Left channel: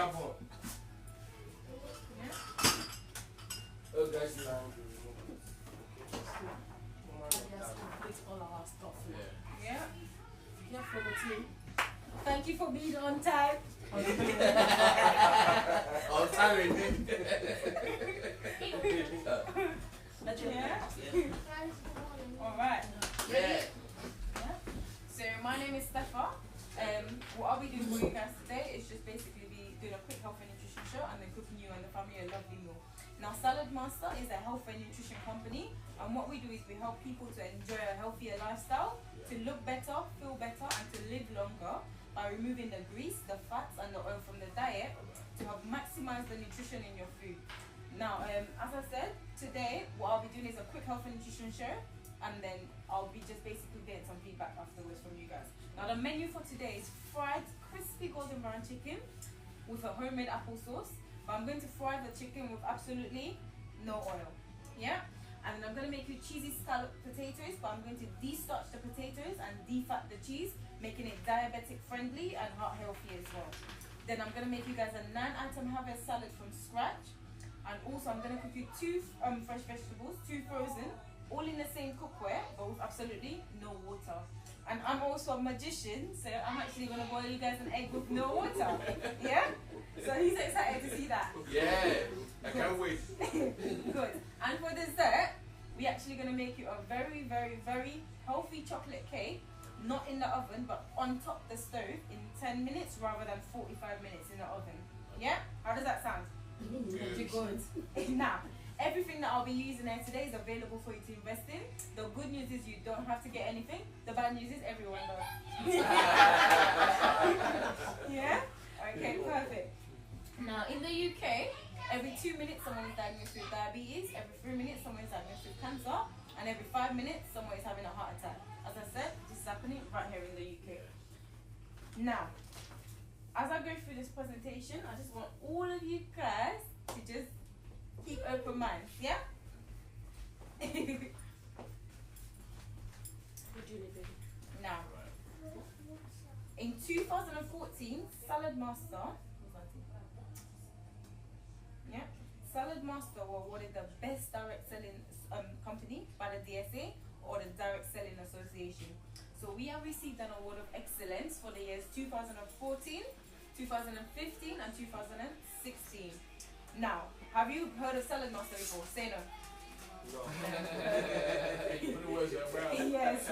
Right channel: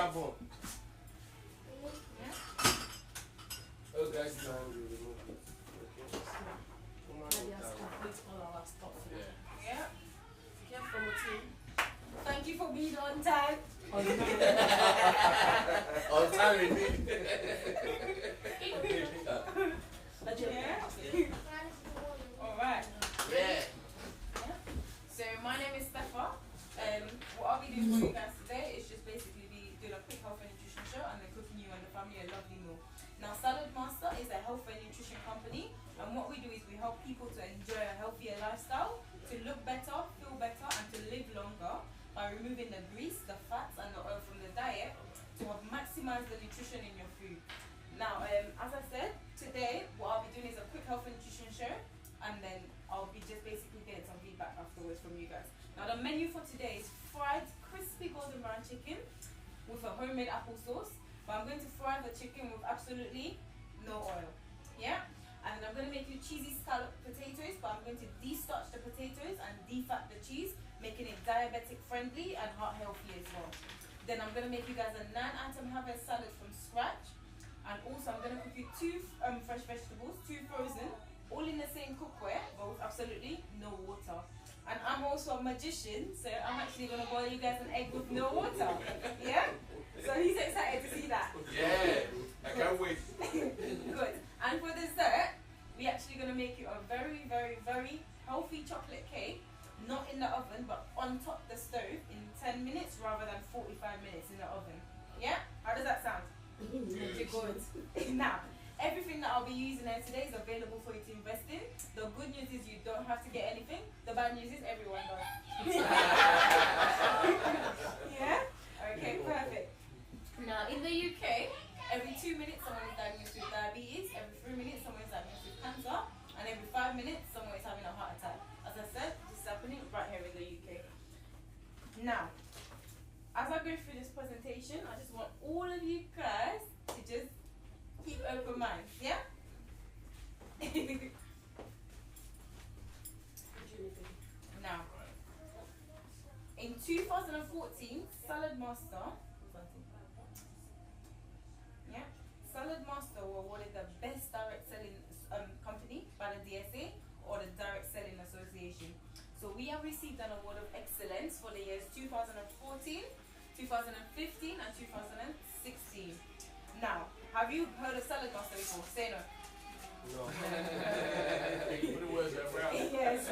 happened? Oh, guys, now. Yeah. Yeah, from the team. Thank you for being on time. On time, indeed. Yeah. Alright. Yeah. So my name is Steffa. What I'll be doing for you guys today is just basically be doing a quick health and nutrition show and then cooking you and the family a lovely meal. Now Saladmaster is a health and nutrition company, and what we do is we help people to enjoy a healthier lifestyle, to look better, feel better, and to live longer by removing the grease, the fats and the oil from the diet to help maximize the nutrition in your food. Now, as I said, today what I'll be doing is a quick health and nutrition show, and then I'll be just basically getting some feedback afterwards from you guys. Now the menu for today is fried crispy golden brown chicken with a homemade apple sauce, but I'm going to fry the chicken with absolutely no oil. Yeah? And then I'm going to make you cheesy scallop potatoes, but I'm going to de-starch the potatoes and defat the cheese, making it diabetic friendly and heart healthy as well. Then I'm going to make you guys a 9-item harvest salad from scratch, and also I'm going to cook you 2 fresh vegetables, 2 frozen, all in the same cookware, but with absolutely no water. And I'm also a magician, so I'm actually going to boil you guys an egg with no water. Yeah? So he's excited to see that. Yeah, I can't wait. Good. And for dessert, we're actually going to make you a very, very, very healthy chocolate cake, not in the oven, but on top the stove in 10 minutes rather than 45 minutes in the oven. Yeah? How does that sound? Good. Now, everything that I'll be using here today is available for you to invest in. The good news is you don't have to get anything. The bad news is everyone does. Yeah? Okay, perfect. Now, in the UK, every 2 minutes someone is diagnosed with diabetes, every 3 minutes someone is diagnosed with cancer, and every 5 minutes someone is having a heart attack. As I said, this is happening right here in the UK. Now, as I go through this presentation, I just want all of you guys to just keep open minds, yeah? Now, in 2014, Saladmaster, yeah, Saladmaster were awarded the best direct selling company by the DSA or the Direct Selling Association. So we have received an award of excellence for the years 2014, 2015, and 2016. Now, have you heard of Saladmaster before? Say no. No. Put the words around. Yes.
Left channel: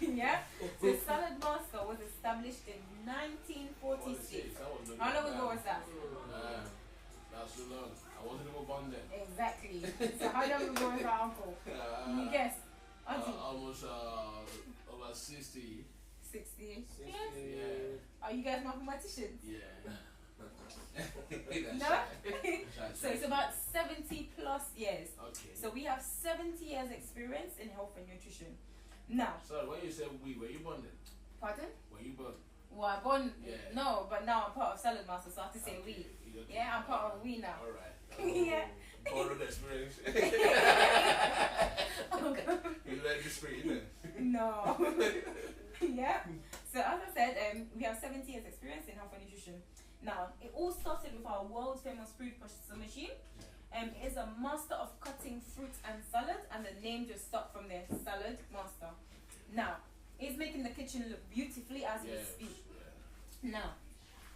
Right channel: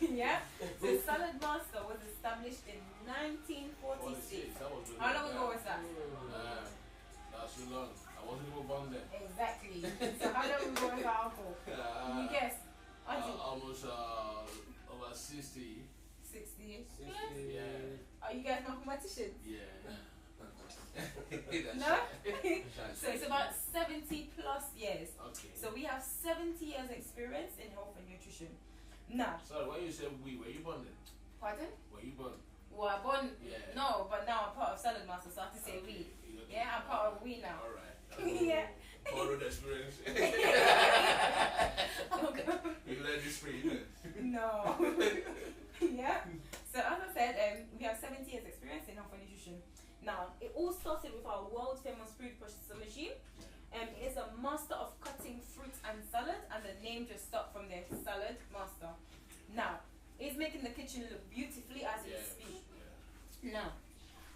Yeah. So Saladmaster was established in 1946. How long ago was that? That's too long. I wasn't even born then. Exactly. So how long ago was that, uncle? Can you guess? Almost over 60. 60. 60, yeah. Are you guys mathematicians? Yeah. No? So it's about 70 plus years. Okay. So we have 70 years experience in health and nutrition. Now. Sorry, when you said we, were you born then? Pardon? Were you born? Well, I'm born. Yeah. No, but now I'm part of Saladmaster, so I have to say we. Okay. Yeah, I'm part of we now. Alright. Yeah. Borrowed experience. You let this free, innit? No. Yeah. So as I said, we have 70 years experience in health and nutrition. Now, it all started with our world famous food processor machine. It is a master of cutting fruit and salad, and the name just stuck from there, Saladmaster. Now, it's making the kitchen look beautifully as we speak. Yeah. Now,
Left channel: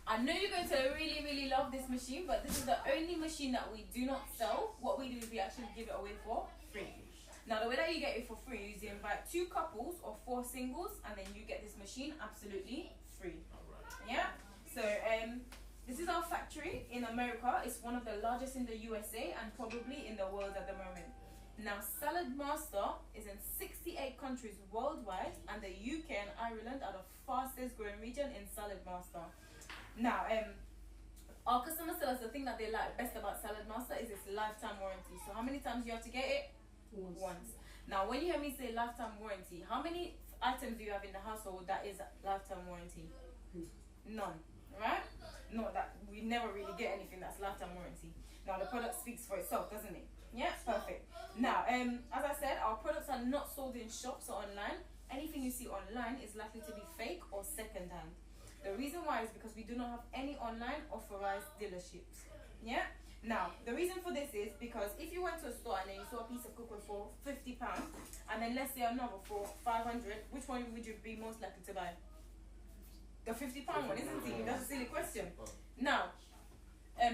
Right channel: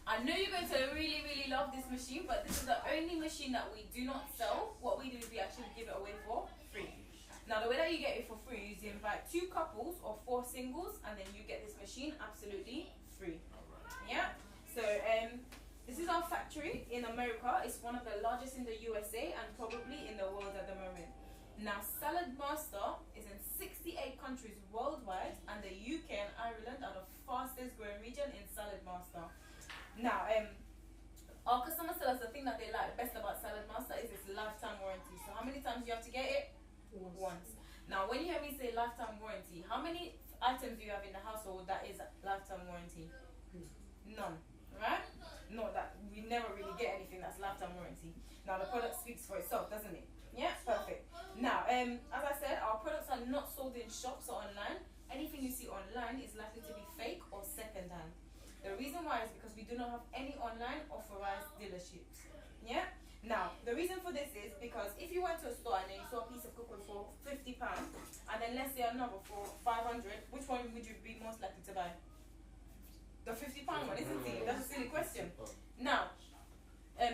I know you're going to really, really love this machine, but this is the only machine that we do not sell. What we do is we actually give it away for free. Now, the way that you get it for free is you invite 2 couples or 4 singles, and then you get this machine absolutely free. Alright. Yeah? So, this is our factory in America. It's one of the largest in the USA and probably in the world at the moment. Now, Saladmaster is in 68 countries worldwide, and the UK and Ireland are the fastest growing region in Saladmaster. Now, our customers tell us the thing that they like best about Saladmaster is its lifetime warranty. So how many times do you have to get it? Once. Now, when you hear me say lifetime warranty, how many items do you have in the household that is lifetime warranty? None. Right? Not that we never really get anything that's lifetime warranty. Now, the product speaks for itself, doesn't it? Yeah, perfect. Now, as I said, our products are not sold in shops or online. Anything you see online is likely to be fake or second-hand. The reason why is because we do not have any online authorized dealerships. Yeah. Now, the reason for this is because if you went to a store and then you saw a piece of cookware for £50, and then let's say another for 500, which one would you be most likely to buy? The £50 one, isn't it? That's a silly question. Now,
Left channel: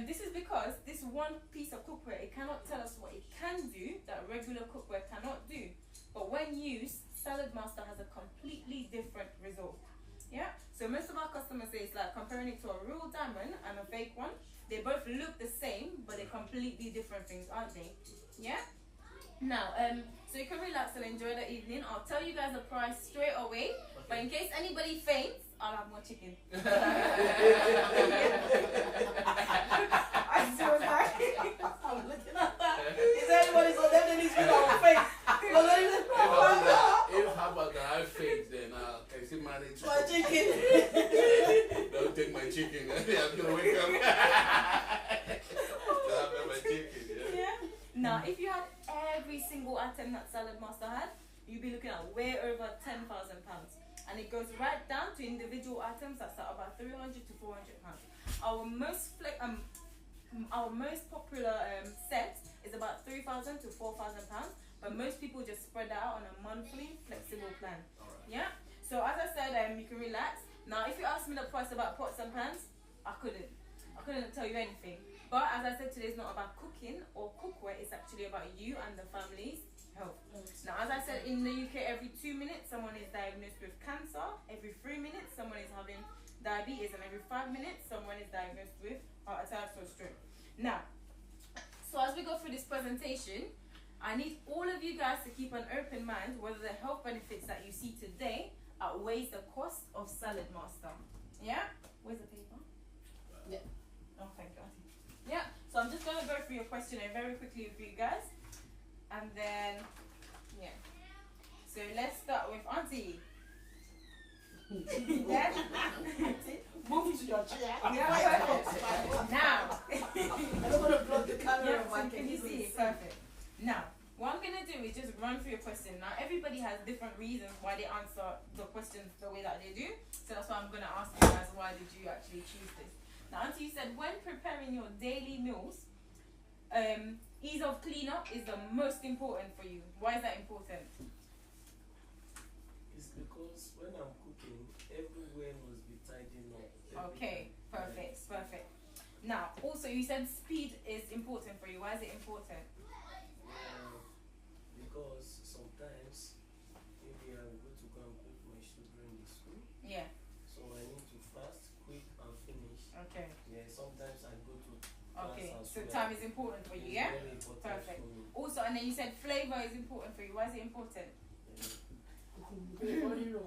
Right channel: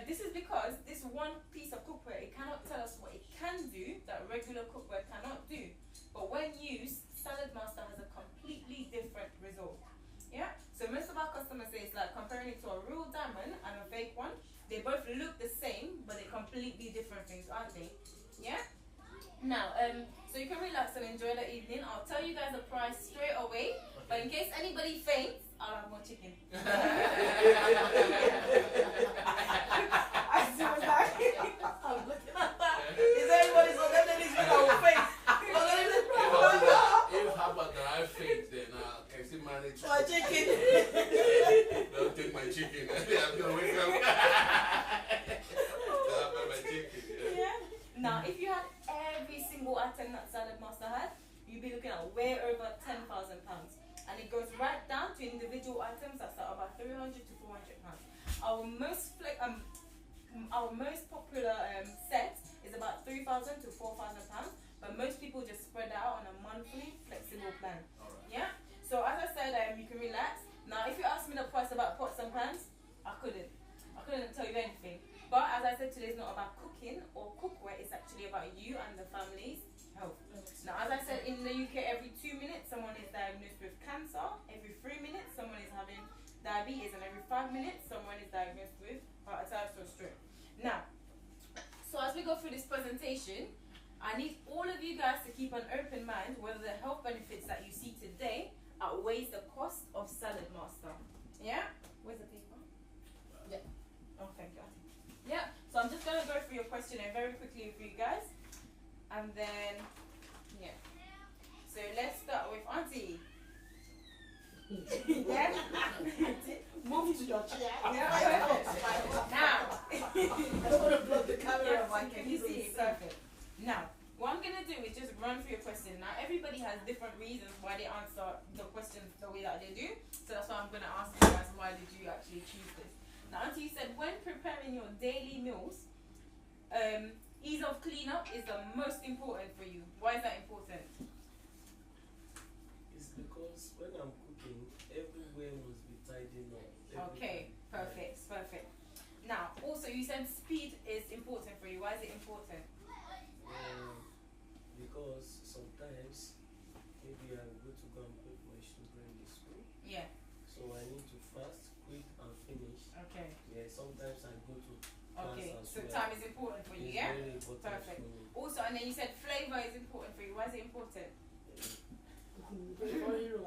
this is because this one piece of cookware, it cannot tell us what it can do that regular cookware cannot do. But when used, Saladmaster has a completely different result. Yeah. So most of our customers say it's like comparing it to a real diamond and a fake one. They both look the same, but they're completely different things, aren't they? Yeah? Now, so you can relax and enjoy the evening. I'll tell you guys the price straight away, but in case anybody faints, I'll have more chicken. I was like, I'm looking at that. Is there anybody so definitely speaking I will faint? If how about that I faint, then I can still manage. My chicken. Don't take my chicken. I'm gonna wake up. My chicken, yeah. Now, if you had every single item that Saladmaster had, you'd be looking at way over £10,000, and it goes right down to individual items that start about £300 to £400. Our most popular set is about £3,000 to £4,000. But most people just spread out on a monthly flexible plan. Alright. Yeah? So as I said, you can relax. Now if you ask me the price about pots and pans, I couldn't tell you anything. But as I said, today is not about cooking or cookware, it's actually about you and the family's health. Now as I said, in the UK every 2 minutes someone is diagnosed with cancer, every 3 minutes someone is having diabetes, and every 5 minutes someone is diagnosed with heart attack or stroke. Now, so as we go through this presentation, I need all of you guys to keep an open mind whether the health benefits that you see today outweighs the cost of Saladmaster. Yeah? Where's the paper? Yeah. Oh, thank God. Yeah. So I'm just going to go through your questionnaire very quickly with you guys. And then, yeah. So let's start with Auntie. Yeah? Move to your chair. Yeah, perfect. Now. I don't want to block the camera. Yeah, so can you see it? Perfect. Now, what I'm going to do is just run through your question. Now, everybody has different reasons why they answer the questions the way that they do. So that's why I'm going to ask you guys, why did you actually choose this? Now, Auntie, you said when preparing your daily meals, ease of cleanup is the most important for you. Why is that important? It's because when I'm cooking, everywhere must be tidied up. Okay, perfect, perfect. Now, also you said speed is important for you. Why is it important? Because sometimes maybe I'm going to go and put my children in school. Yeah. So I need to fast, quick, and finish. Okay. Yeah, sometimes I go to Okay, class as so well. time is important for you, yeah? Very important Perfect. for me. Also, and then you said flavor is important for you. Why is it important? For real,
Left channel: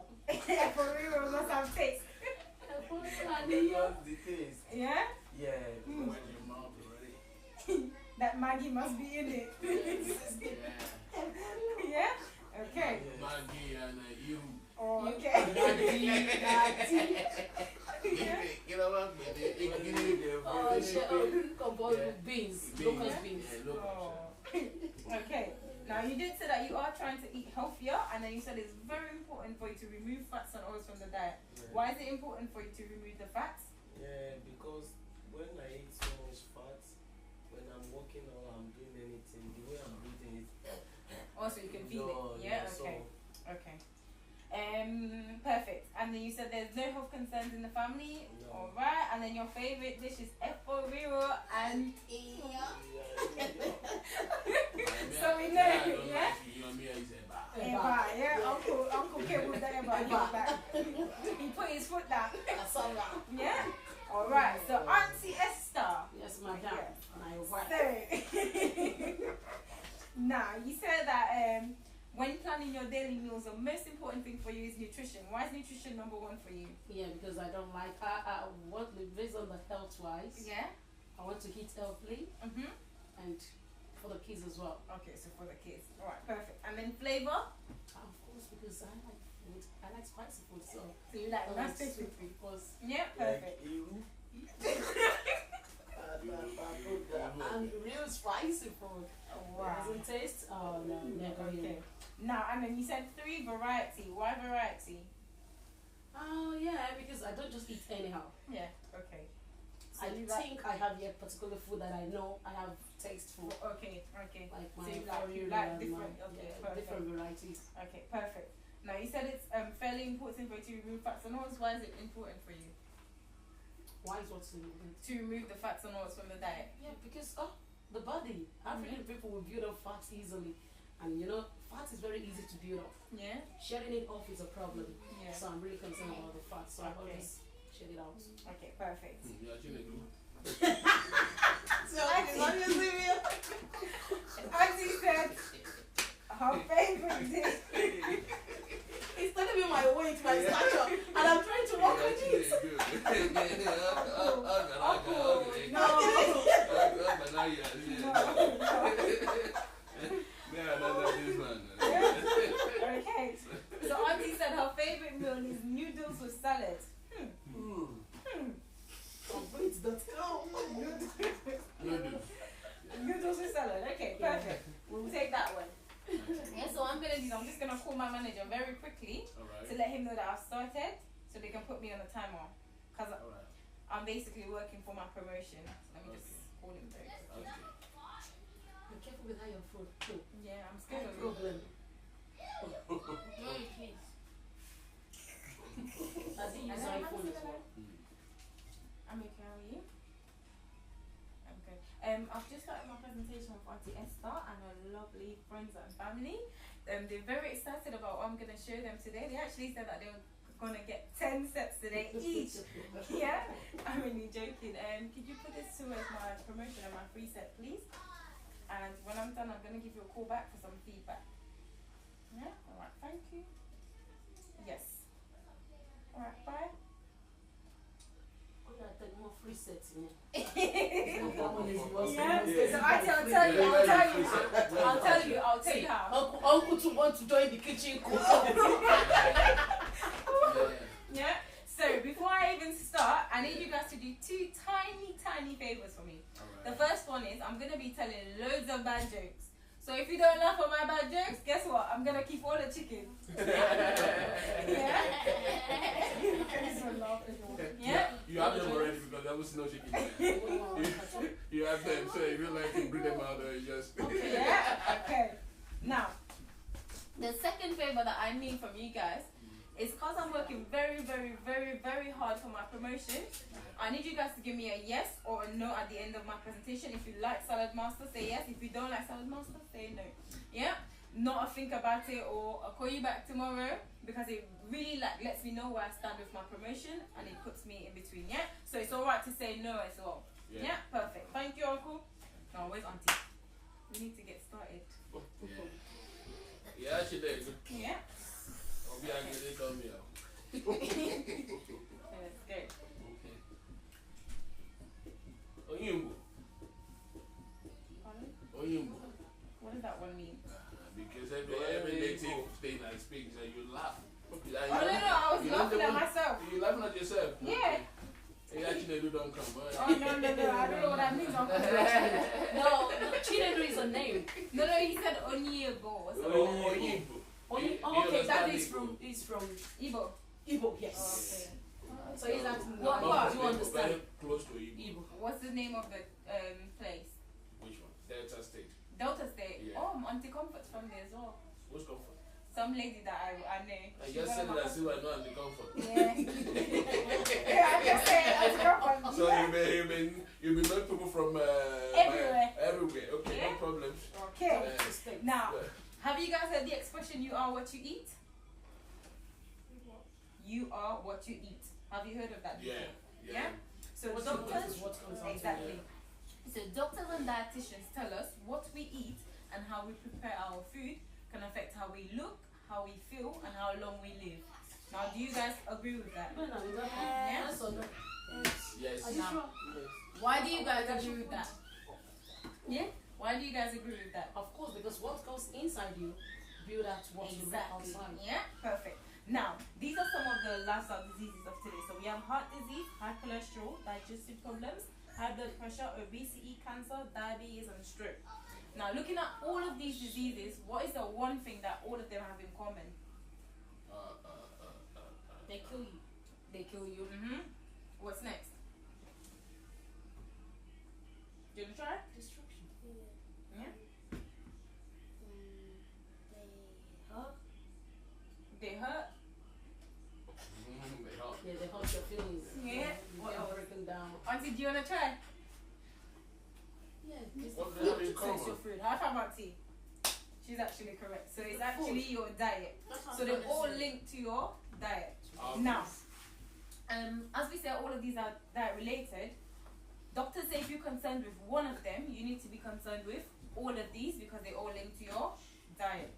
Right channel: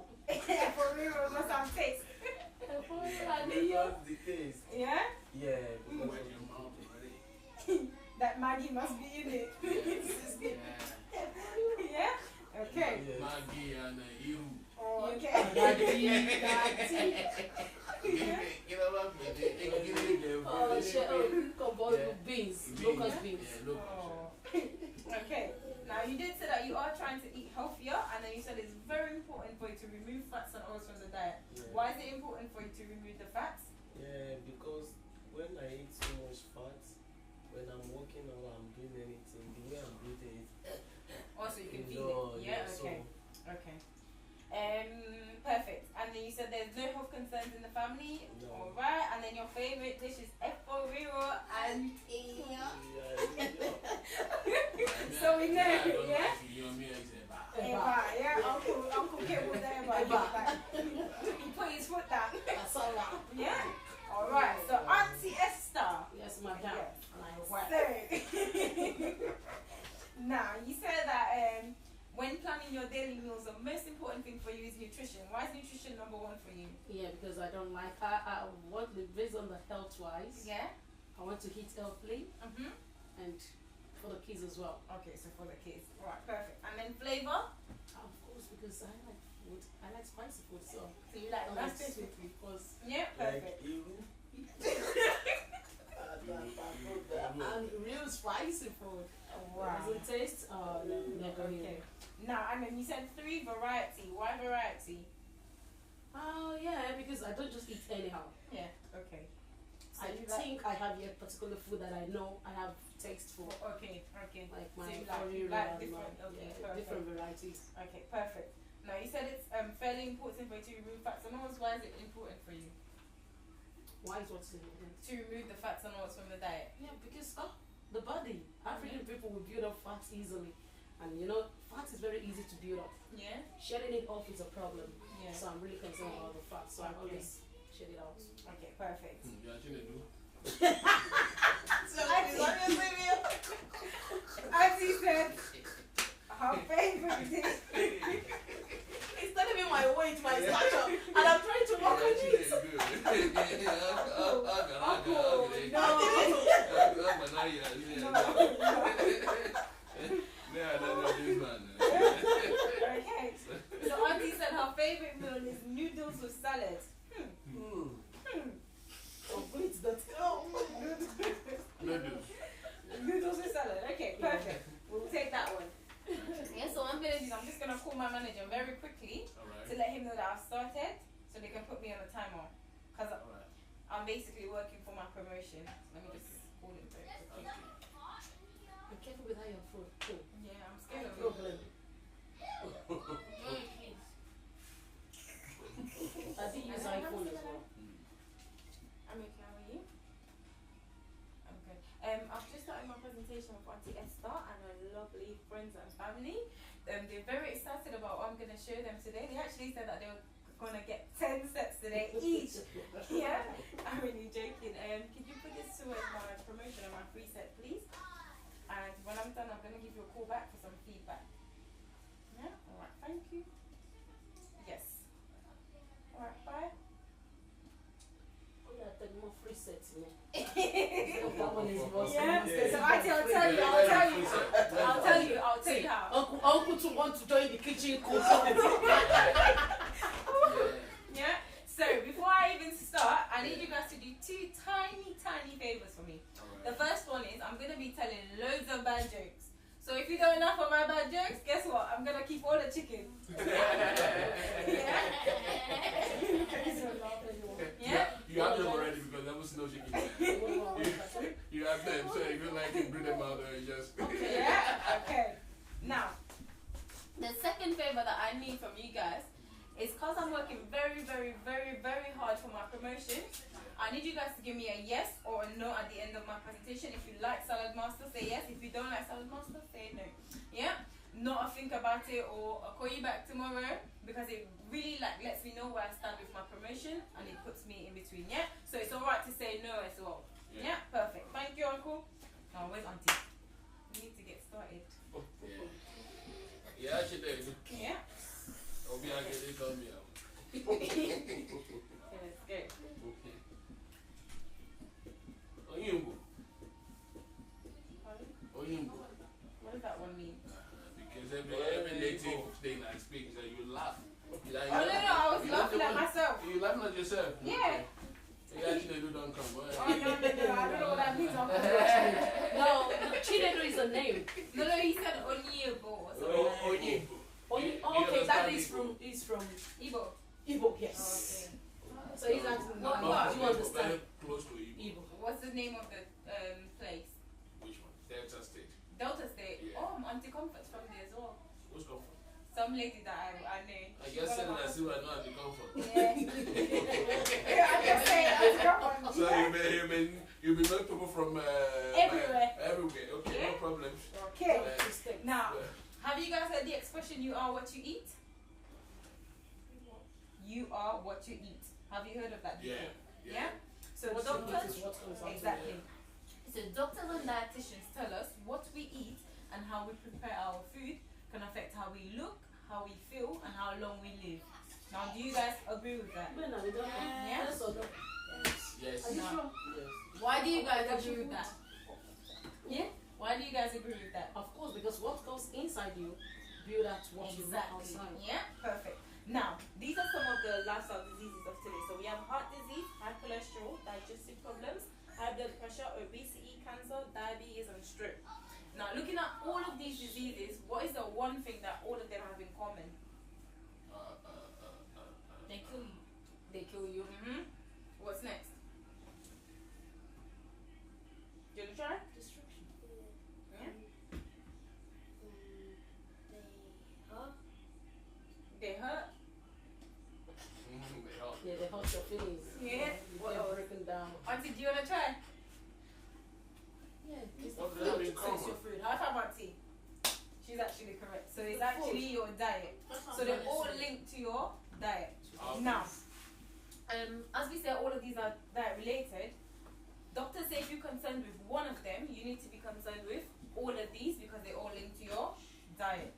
must have taste. Because the taste. Yeah? Yeah. Wet your mouth already. That Maggie must be in it. Yeah. Yeah? Okay. Yes. Maggie and you. Oh, okay. Get over me. Beans. Beans. Locust beans. Yeah, locust, Oh. Okay. Now you did say that you are trying to eat healthier, and then you said it's very important for you to remove fats and oils from the diet. Yeah. Why is it important for you to remove the fats? Yeah, because when I eat so much fat, when I'm walking or I'm doing anything, the way I'm breathing it. Also, you can feel it. Yeah. Okay. Okay. Perfect. And then you said there's no health concerns in the family. No. All right. And then your favorite dish is efforiro and So we know, yeah? Eba, yeah. Uncle Kim with the Eba. He put his foot down. Yeah. All right. So Auntie Esther. Yes, madam. Yes. My wife. So, now you said that when planning your daily meals, the most important thing for you is nutrition. Why is nutrition number one for you? Yeah, because I don't like. I want to based on the health wise. Yeah. I want to eat healthily and for the kids as well. Okay, so for the kids. All right, perfect. And then flavor. Of course, because I like food. I like spicy food, so So you like I like nasty sweet food. food. Because Yeah, perfect. Like Iru. and real spicy food. Wow. Does it taste? Oh no, never. Okay. Now, and then you said 3 variety. Why variety? Oh yeah, because I don't just eat anyhow. Yeah. Okay. So I you like- think I have a particular food that I know I have taste for, Okay. Okay. like So my you like curry and different. my, Okay. yeah, Perfect. different varieties. Okay. Perfect. Now you said it's fairly important for you to remove fats and oils. Why is it important for you Why is what's in it? to remove the fats and oils from the diet? Yeah, because the body, African people will build up fat easily, and you know, fat is very easy to build up. Yeah. Shedding it off is a problem. Yeah. So I'm really concerned about the fat. So I Okay. always shed it out. Okay. Perfect. Yeah, Chinedu. So Auntie said her favorite dish. It's not even my weight, my stature, and I'm trying to walk with it. Okay. So Auntie said her favorite meal is noodles with salad. Noodles with salad. Okay, perfect. We'll take that one. Yeah, so I'm just gonna call my manager very quickly to let him know that I've started, so they can put me on the timer. Cause I'm basically working for my promotion. Let me just call him very quickly. Be careful with how your food. Too. Yeah, I'm No scared of it. problem. Very please. I think use iPhone as well. I'm okay, how are you? I'm good. I've just started my presentation with Auntie Esther and her lovely friends and family. They're very excited about what I'm going to show them today. They actually said that they were going to get 10 sets today each. Yeah? I'm really joking. Could you put this towards my promotion and my free set, please? And when I'm done, I'm going to give you a call back for some feedback. Yeah? Alright, thank you. Yes. Alright, bye. Oh yeah, take more free sets, you know. That one is most Yeah. famous. So I'll tell you how. Uncle to want to join the kitchen cook. Yeah. So before I even start, I need you guys to do two tiny favors for me. The first one is I'm gonna be telling loads of bad jokes. So if you don't laugh at my bad jokes, guess what? I'm gonna keep all the chicken. Yeah. Yeah. You have them already because there was no chicken. You have them, so if you like to bring them out, you just. Yeah. Okay. Now, the second favor that I need from you guys is because I'm working very hard for my promotion. I need you guys to give me a yes or a no at the end of my presentation. If you like Saladmaster, say yes. If you don't like Saladmaster, say no. Yeah? Not a think about it, or I'll call you back tomorrow, because it really lets me know where I stand with my promotion and it puts me in between. Yeah? So it's alright to say no as well. Yeah? Perfect. Thank you, Uncle. Now, where's Auntie? We need to get started. Yeah, she did. Yeah? I'll be angry, they call me out. Let's go. Oyimbo. Pardon? Oyimbo. What does that one mean? Because every native thing I speak, you laugh. No, I was laughing at myself. You laughing at yourself? Yeah. You actually don't come. Oh, no, I don't know what that means. No, Chinedu is a name. No, he said Onyebo or something. Oyimbo. Oh, okay, that is from Igbo. Igbo, yes. Okay. So he's asking, What what part? do you understand? Very close to Igbo. Igbo. What's the name of the place? Which one? Delta State. Delta State. Yeah. Oh, Auntie Comfort's from there as well. What's comfort? Some lady that I know. I guess said that I see what I know and the comfort. Yeah. Yeah, I just say that's a rough one. So you be knowing people from Everywhere. Everywhere. Okay, Yeah. no problem. Okay. Now, have you guys heard the expression "you are what you eat"? You are what you eat. Have you heard of that before? Yeah. So What doctors, is what comes out. exactly. So doctors and dietitians tell us what we eat and how we prepare our food can affect how we look, how we feel, and how long we live. Now, do you guys agree with that? Yeah. Yes. Yes. Are you sure? Why do you guys agree with that? Yeah? Why do you guys agree with that? Of course, because what goes inside you build out what you look Exactly. outside. Yeah, perfect. Now, these are some of the lifestyle diseases of today. So we have heart disease, high cholesterol, digestive problems, high blood pressure, obesity, cancer, diabetes, and stroke. Now, looking at all of these diseases, what is the one thing that all of them have in common? They kill you. What's next? You wanna try? Destruction. Yeah. They hurt. They hurt. Yeah, they hurt your feelings. Yeah. You What get else? broken down. Auntie, do you wanna try? Yeah, it's What the the hell food. in So it's common? your food. High five, Auntie. She's actually correct. So it's The actually food. your diet. So they're all linked to your diet. Now, as we said, all of these are diet related. Doctors say if you're concerned with one of them, you need to be concerned with all of these because they all link to your diet.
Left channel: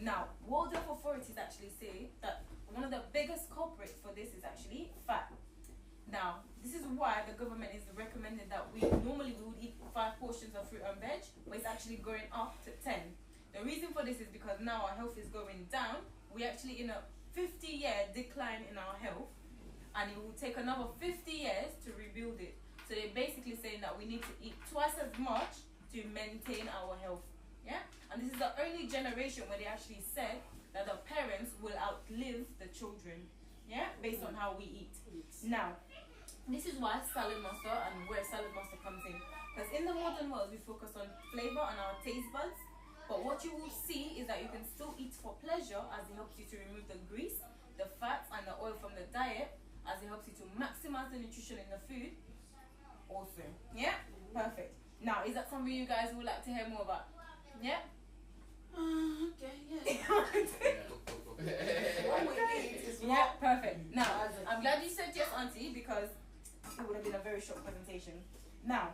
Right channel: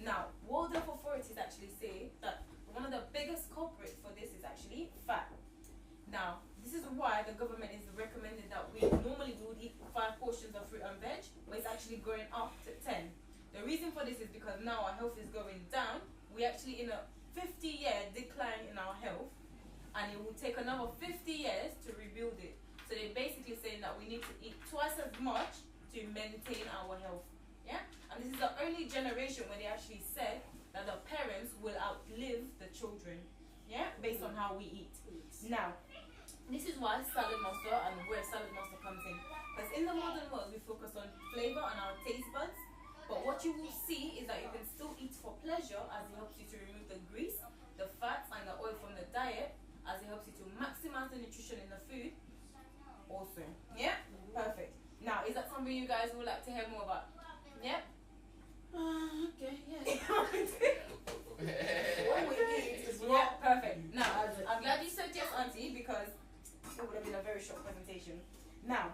Now, World Health authorities actually say that one of the biggest culprits for this is actually fat. Now, this is why the government is recommending that we normally would eat 5 portions of fruit and veg, but it's actually going up to 10. The reason for this is because now our health is going down. We're actually in a 50-year decline in our health, and it will take another 50 years to rebuild it. So they're basically saying that we need to eat twice as much to maintain our health. Yeah? And this is the only generation where they actually said that the parents will outlive the children. Yeah? Based on how we eat. Now, this is why Saladmaster and where Saladmaster comes in. Because in the modern world, we focus on flavor and our taste buds. But what you will see is that you can still eat for pleasure, as it helps you to remove the grease, the fats, and the oil from the diet, as it helps you to maximize the nutrition in the food. Also, yeah, perfect. Now, is that something you guys would like to hear more about? Yeah. Okay, yeah. What we eat is yeah, perfect. Now, I'm glad you said yes, Auntie, because it would have been a very short presentation. Now,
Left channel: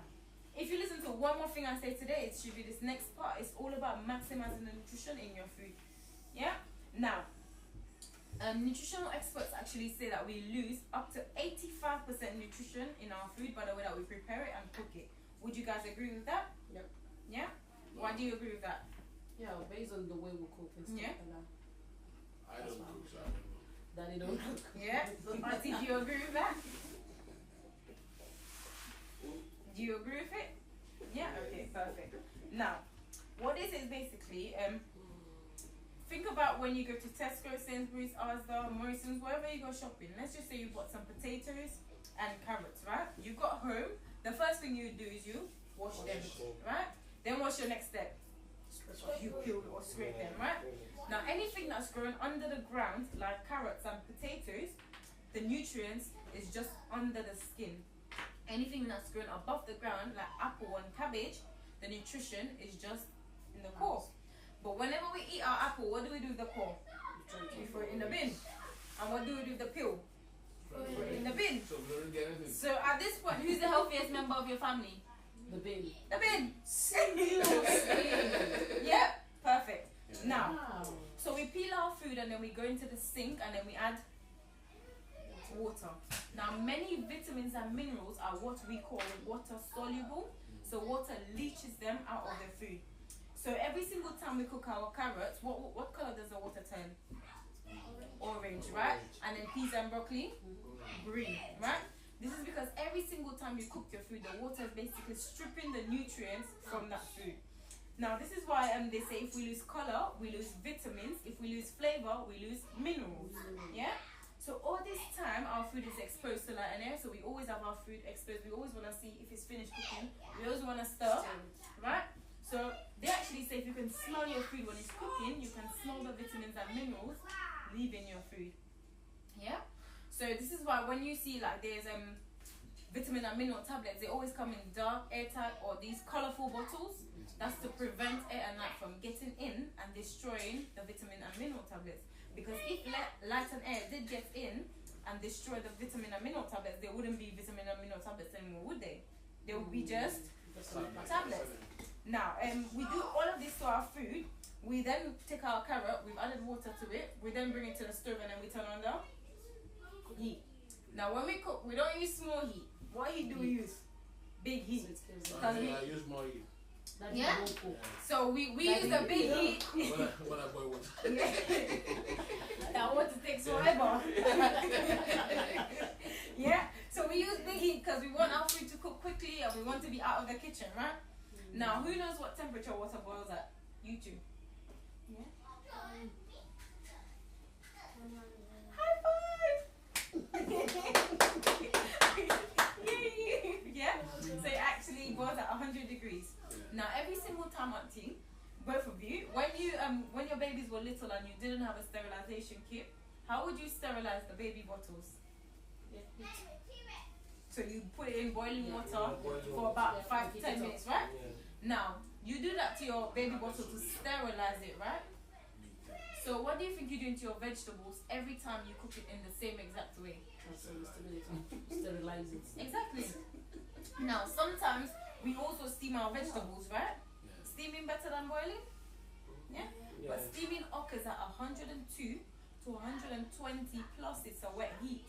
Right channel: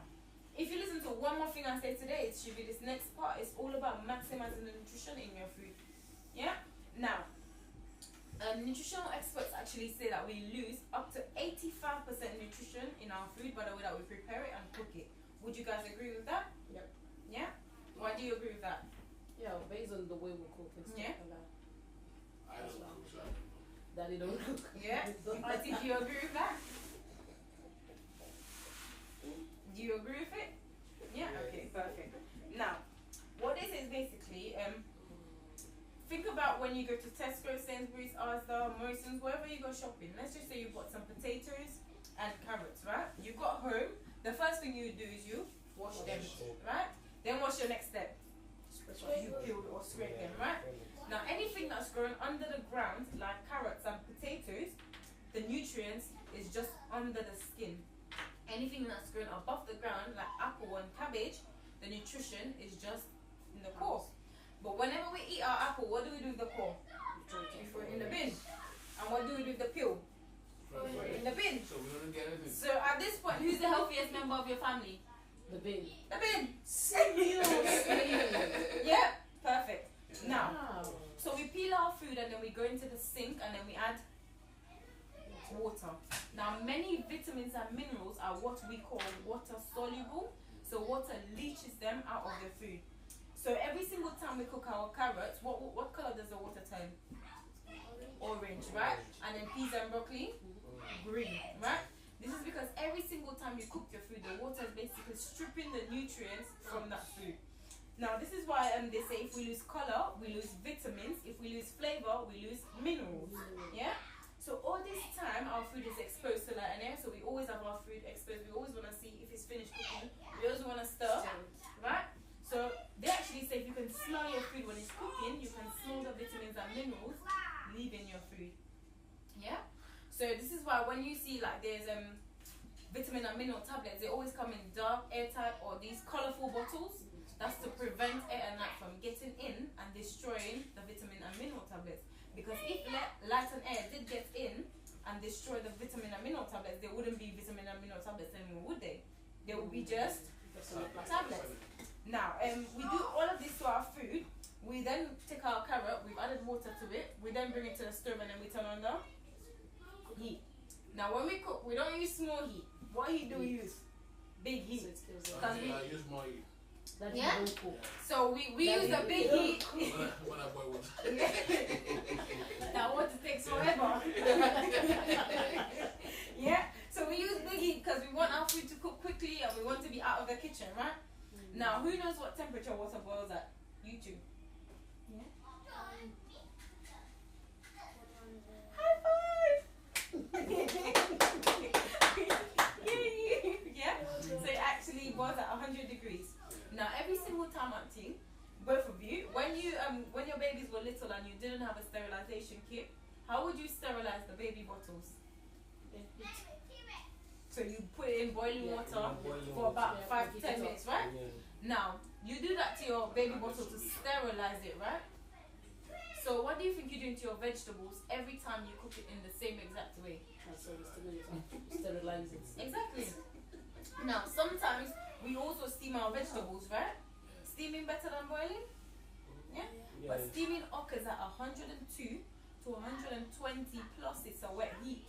if you listen to one more thing I say today, it should be this next part. It's all about maximizing the nutrition in your food. Yeah. Now, nutritional experts actually say that we lose up to 85% nutrition in our food by the way that we prepare it and cook it. Would you guys agree with that? Yep. Yeah? Why do you agree with that? Yeah, based on the way we cook and stuff Yeah. like that. I don't cook, so I don't know. That they don't cook. Yeah? Auntie, do you agree with that? Do you agree with it? Yeah? Okay, perfect. Now, what this is basically, think about when you go to Tesco, Sainsbury's, Asda, Morrison's, wherever you go shopping. Let's just say you bought some potatoes and carrots, right? You got home. The first thing you do is you wash them, right? Then what's your next step? You peel or scrape them, right? Now, anything that's growing under the ground, like carrots and potatoes, the nutrients is just under the skin. Anything that's growing above the ground, like apple and cabbage, the nutrition is just in the core. But whenever we eat our apple, what do we do with the core? We throw it in the bin. And what do we do with the peel? Throw it in the bin. So we don't get anything. So at this point, who's the healthiest member of your family? The bin. The bin. Seriously? Yeah, perfect. Now, Wow. so we peel our food and then we go into the sink and then we add water. Now, many vitamins and minerals are what we call water soluble. So water leaches them out of the food. So every single time we cook our carrots, what color does the water turn? Orange, right? And then peas and broccoli, green, right? This is because every single time you cook your food, the water is basically stripping the nutrients from that food. Now, this is why they say if we lose color, we lose vitamins. If we lose flavor, we lose minerals. Yeah? So all this time, our food is exposed to light and air. So we always have our food exposed. We always want to see if it's finished cooking. We always want to stir, right? So they actually say if you can smell your food when it's cooking, you can smell the vitamins and minerals leaving your food. Yeah? So this is why when you see like there's vitamin and mineral tablets, they always come in dark, airtight, or these colorful bottles. That's to prevent air and light from getting in and destroying the vitamin and mineral tablets. Because if light and air did get in and destroy the vitamin and mineral tablets, there wouldn't be vitamin and mineral tablets anymore, would they? They would be just tablets. Now, we do all of this to our food. We then take our carrot, we've added water to it. We then bring it to the stove and then we turn on the heat. Now, when we cook, we don't use small heat. What heat do we use? Big heat. I use more heat. Yeah? So we use the big heat. When I boil water. That water takes forever. Yeah? So we use big heat because we want our food to cook quickly and we want to be out of the kitchen, right? Now, who knows what temperature water boils at? You two. Yeah? High five! single time, auntie, both of you, when your babies were little and you didn't have a sterilization kit, how would you sterilize the baby bottles? So you put it in boiling water for about 5 to 10 minutes, right? Now, you do that to your baby bottle to sterilize it, right? So what do you think you do to your vegetables every time you cook it in the same exact way? So you sterilize it. Exactly. Now, sometimes we also steam our vegetables, right? Steaming better than boiling? Yeah? But steaming occurs at 102 to 120 plus it's a wet heat.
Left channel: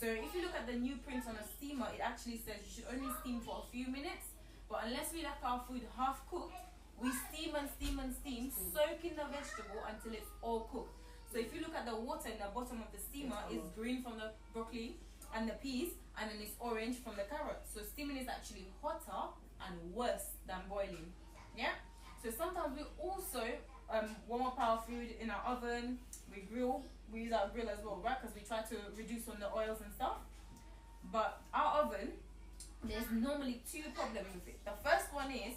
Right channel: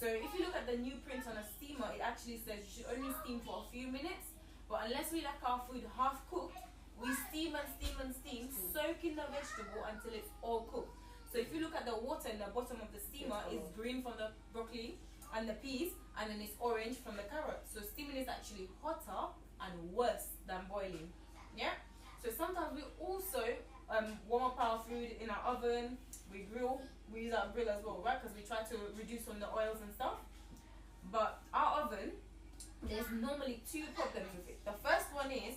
So if you look at the new print on a steamer, it actually says you should only steam for a few minutes. But unless we like our food half cooked, we steam and steam and steam, soaking the vegetable until it's all cooked. So if you look at the water in the bottom of the steamer, it's green from the broccoli and the peas, and then it's orange from the carrot. So steaming is actually hotter and worse than boiling. Yeah? So sometimes we also warm up our food in our oven, we grill, we use our grill as well, right? Because we try to reduce on the oils and stuff. But our oven, there's normally 2 problems with it. The first one is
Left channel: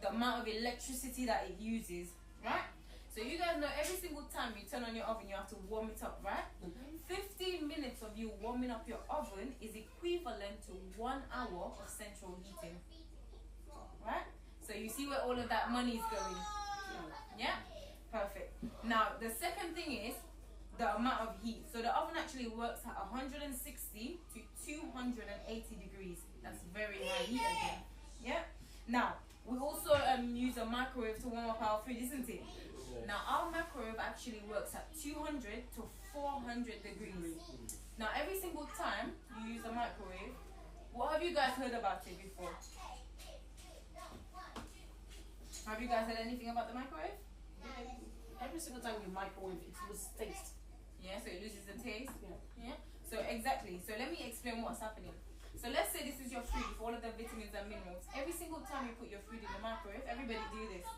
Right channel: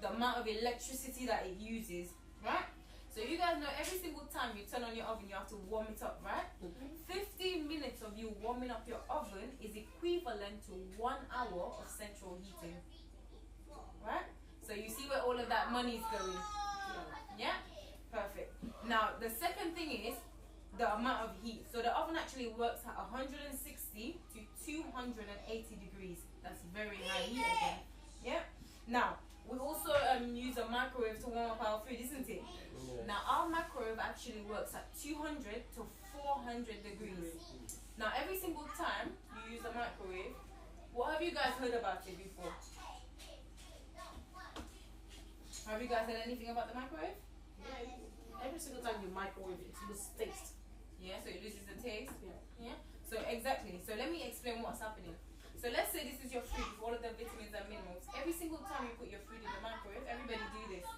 the amount of electricity that it uses, right? So you guys know every single time you turn on your oven, you have to warm it up, right? 15 minutes of you warming up your oven is equivalent to 1 hour of central heating, right? So you see where all of that money is going. Yeah? Perfect. Now, the second thing is the amount of heat. So the oven actually works at 160 to 280 degrees. That's very high heat again. Yeah? Now, we also use a microwave to warm up our food, isn't it? Now, our microwave actually works at 200 to 400 degrees. Now, every single time you use a microwave, what have you guys heard about it before? Have you guys heard anything about the microwave? Yeah, every single time you microwave it, loses taste. Yeah, so it loses the taste. Yeah. Yeah. So exactly. So let me explain what's happening. So let's say this is your food with all of the vitamins and minerals. Every single time you put your food in the microwave, everybody do this.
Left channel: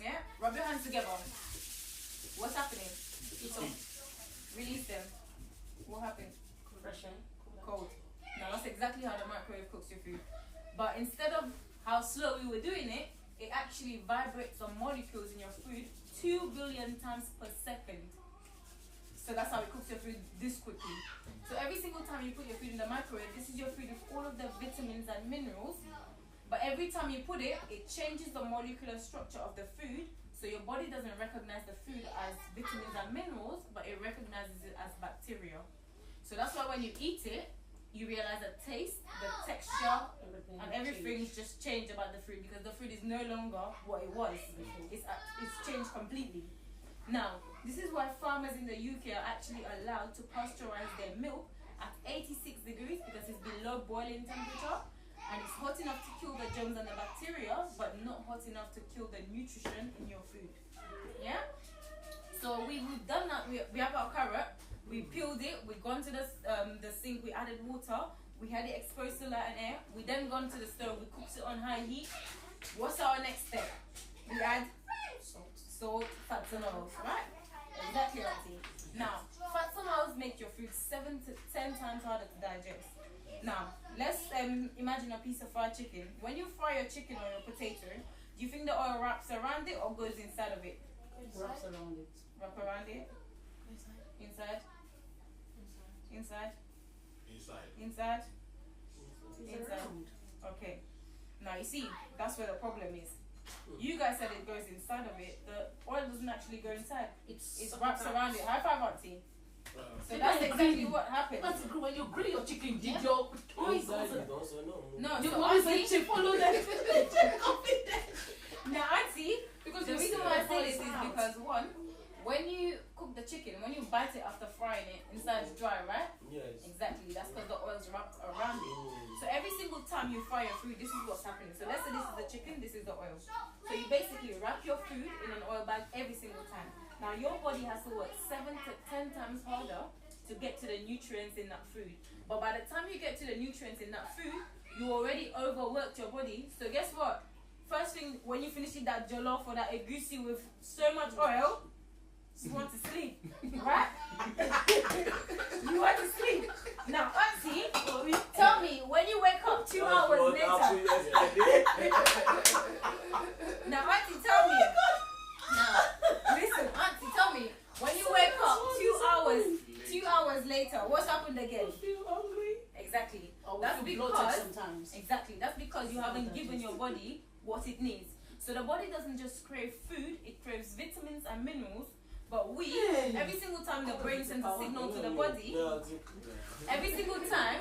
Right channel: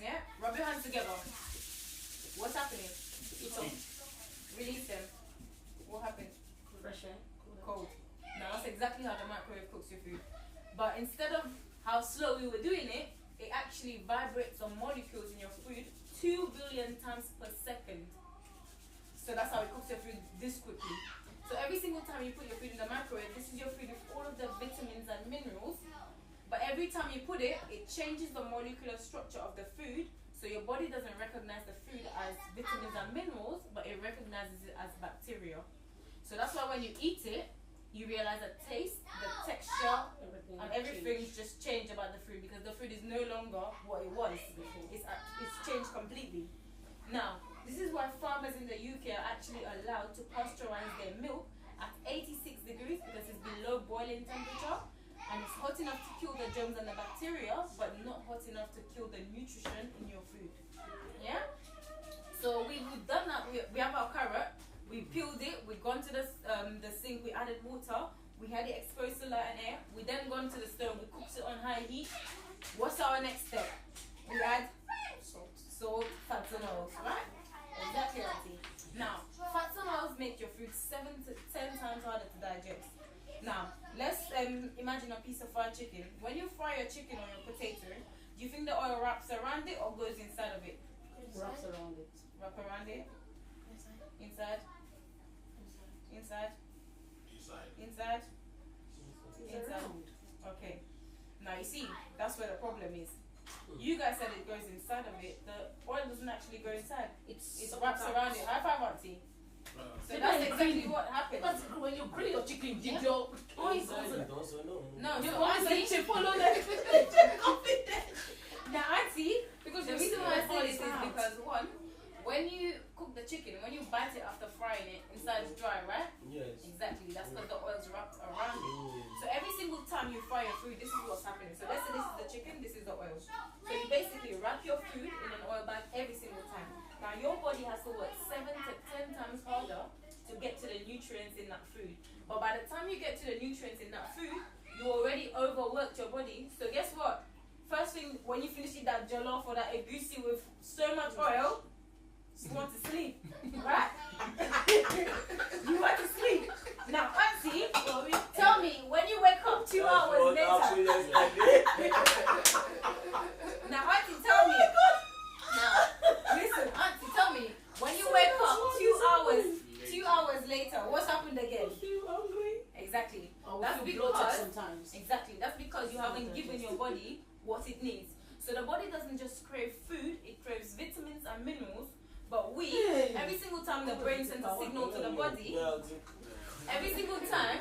Yeah? Rub your hands together. What's happening? It's on. Release them. What happens? Fresh air. Cold. Now that's exactly how the microwave cooks your food. But instead of how slow we were doing it, it actually vibrates some molecules in your food 2 billion times per second. So that's how it cooks your food this quickly. So every single time you put your food in the microwave, this is your food with all of the vitamins and minerals. But every time you put it, it changes the molecular structure of the food. So your body doesn't recognize the food as vitamins and minerals, but it recognizes it as bacteria. So that's why when you eat it, you realize the taste, the texture, and everything's just changed about the food, because the food is no longer what it was. It's changed completely. Now, this is why farmers in the UK are actually allowed to pasteurize their milk at 86 degrees, because it's below boiling temperature, and it's hot enough to kill the germs and the bacteria, but not hot enough to kill the nutrition in your food. Yeah? So we've done that. We have our carrot. We peeled it, we gone to the sink, we added water, we had it exposed to light and air, we then gone to the stove, we cooked it on high heat. What's our next step? We add salt, fats and oils, right? Exactly, Auntie. Now, fats and oils make your food 7 to 10 times harder to digest. Now, let's imagine a piece of fried chicken. When you fry your chicken or your potato, do you think the oil wraps around it or goes inside of it? Wraps around it. Wrap around it? Inside? Inside? Inside? Inside? Okay. Now you see, that's where the problem is. You guys said it goes inside of it. The oil doesn't actually go inside. It wraps around it. High five, Auntie. So that's exactly what happened. When you grill your chicken, did your oil No, you so always Auntie, say follow that. now Auntie, because the reason why I say this is because one, when you cook the chicken, when you bite it after frying it, inside it's dry, right? Yes. Exactly, that's because the oil's wrapped around it. So every single time you fry your food, this is what's happening. So let's say this is the chicken, this is the oil. So you basically wrap your food in an oil bag every single time. Now your body has to work 7 to 10 times harder to get to the nutrients in that food. But by the time you get to the nutrients in that food, you already overworked your body. So guess what? First thing, when you finish eating that jollof or that egusi with so much oil, you want to sleep, right? You want to sleep. Now, Auntie, tell me, when you wake up 2 hours later, That's feel bloated because sometimes. exactly. That's because you haven't Sometimes given it's- your body what it needs. So the body doesn't just crave food; it craves vitamins and minerals. But we, every single time the brain sends a signal to the body, every single time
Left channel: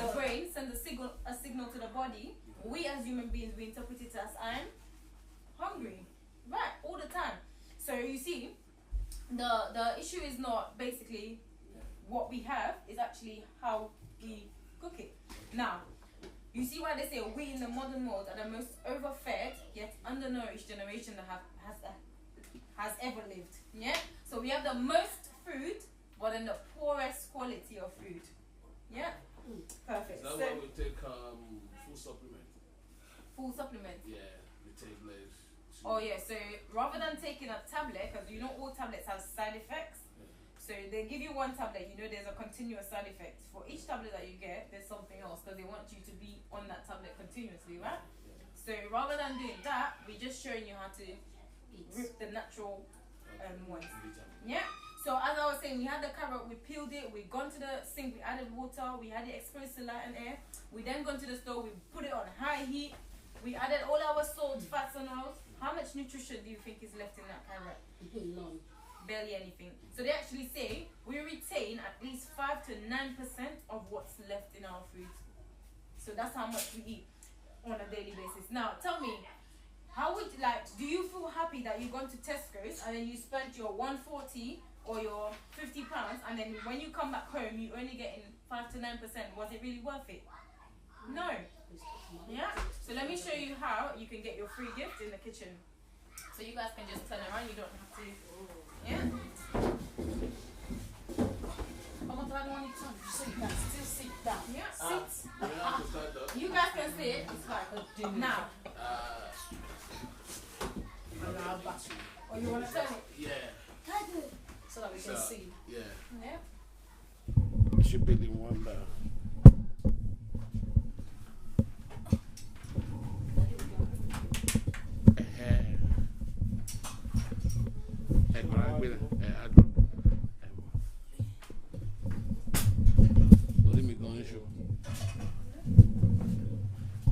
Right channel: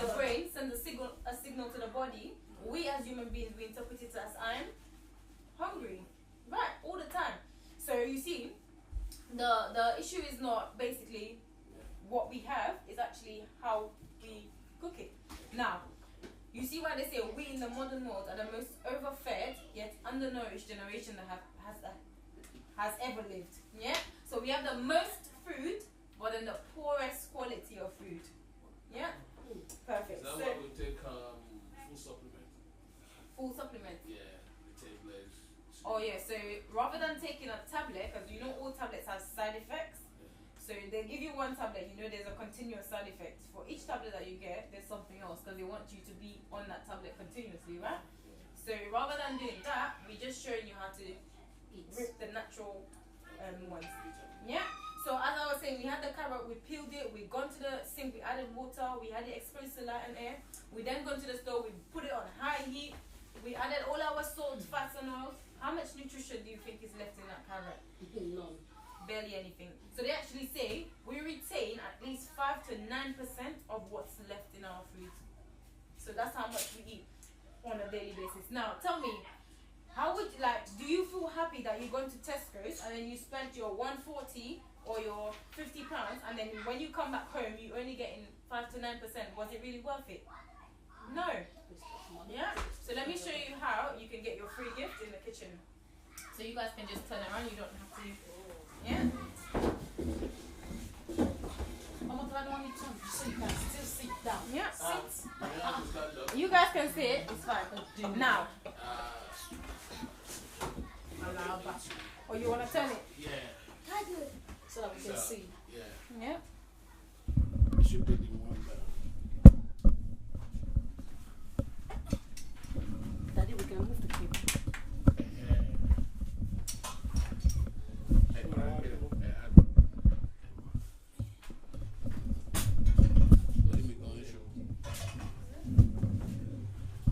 the brain sends a signal to the body, we as human beings, we interpret it as I'm hungry, right, all the time. So you see, the issue is not basically what we have, it's actually how we cook it. Now, you see why they say we in the modern world are the most overfed yet undernourished generation that has ever lived. Yeah. So we have the most food, but then the poorest quality of food. Yeah. Perfect. That's So why we take full supplement. full supplement. Yeah, we take legs. Oh yeah. So rather than taking a tablet, because you know all tablets have side effects. So they give you one tablet, you know there's a continuous side effect. For each tablet that you get, there's something else because they want you to be on that tablet continuously, right? So rather than doing that, we're just showing you how to rip the natural ones. Yeah. So as I was saying, we had the carrot, we peeled it, we gone to the sink, we added water, we had it exposed to light and air. We then gone to the stove, we put it on high heat, we added all our salt, fats and oils. How much nutrition do you think is left in that carrot? None. Barely anything. So they actually say we retain at least 5 to 9% of what's left in our food. So that's how much we eat on a daily basis. Now tell me, how would do you feel happy that you're going to Tesco's and then you spent your 140 or your £50 and then when you come back home you only getting 5 to 9%? Was it really worth it? No. Yeah. So let me show you how you can get your free gift in the kitchen. So you guys can just turn around. You don't have to. Yeah. I'm not the one so you can still sit down. Yeah. Sit. You have to stand up. You guys can sit. It's fine. Now. Or you want to turn it? Yeah. So that we can see. Yeah. Yeah. It should be the one that. Daddy, we can move the table.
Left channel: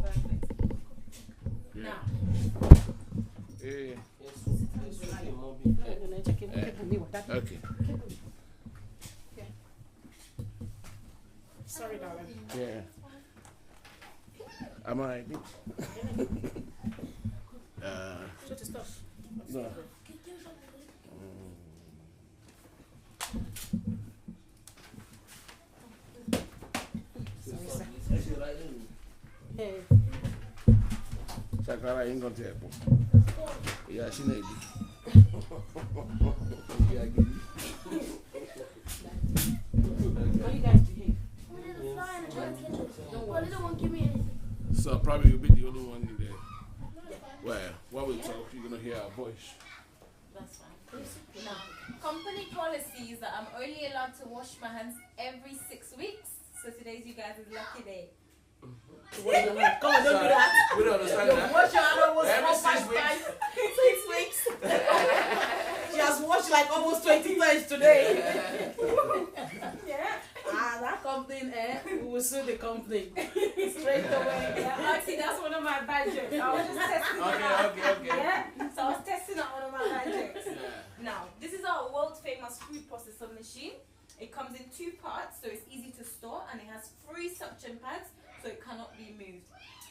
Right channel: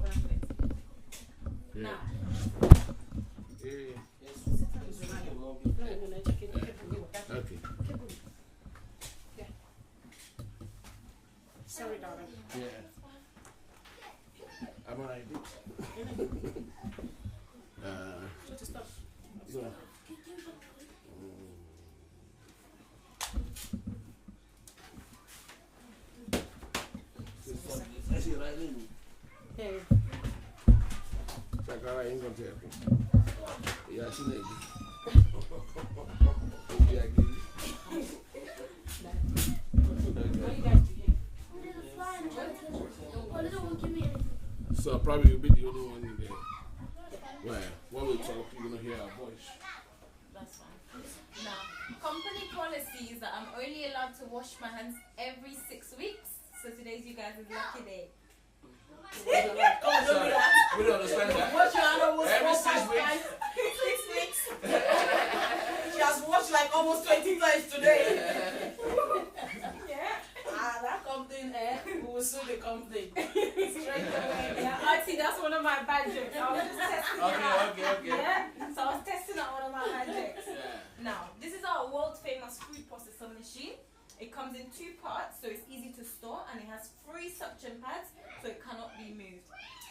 Perfect. Yeah. Now. Okay. Sorry, darling. Yeah. Am I right? Just stop. No. Hey. Sakara ain't gonna tell me. Yeah, snake. Yeah, How you guys behave? so probably you'll be the only one in there. Well, while we talk, you're gonna hear our voice. That's fine. Now, company policy is that I'm only allowed to wash my hands every 6 weeks. So today's you guys' lucky day. Come on, don't do that. We don't understand that. Wash your hand almost Every 4, 6 5 weeks. times. 6 weeks. She has washed like almost 20 times today. Yeah. That company, we will sue the company. Straight away. Yeah, actually, that's one of my bad jokes. I was just testing it out. Okay. Yeah. So I was testing out one of my bad jokes. Yeah. Now, this is our world famous food processor machine. It comes in 2 parts, so it's easy to store, and it has 3 suction pads, so it cannot be moved.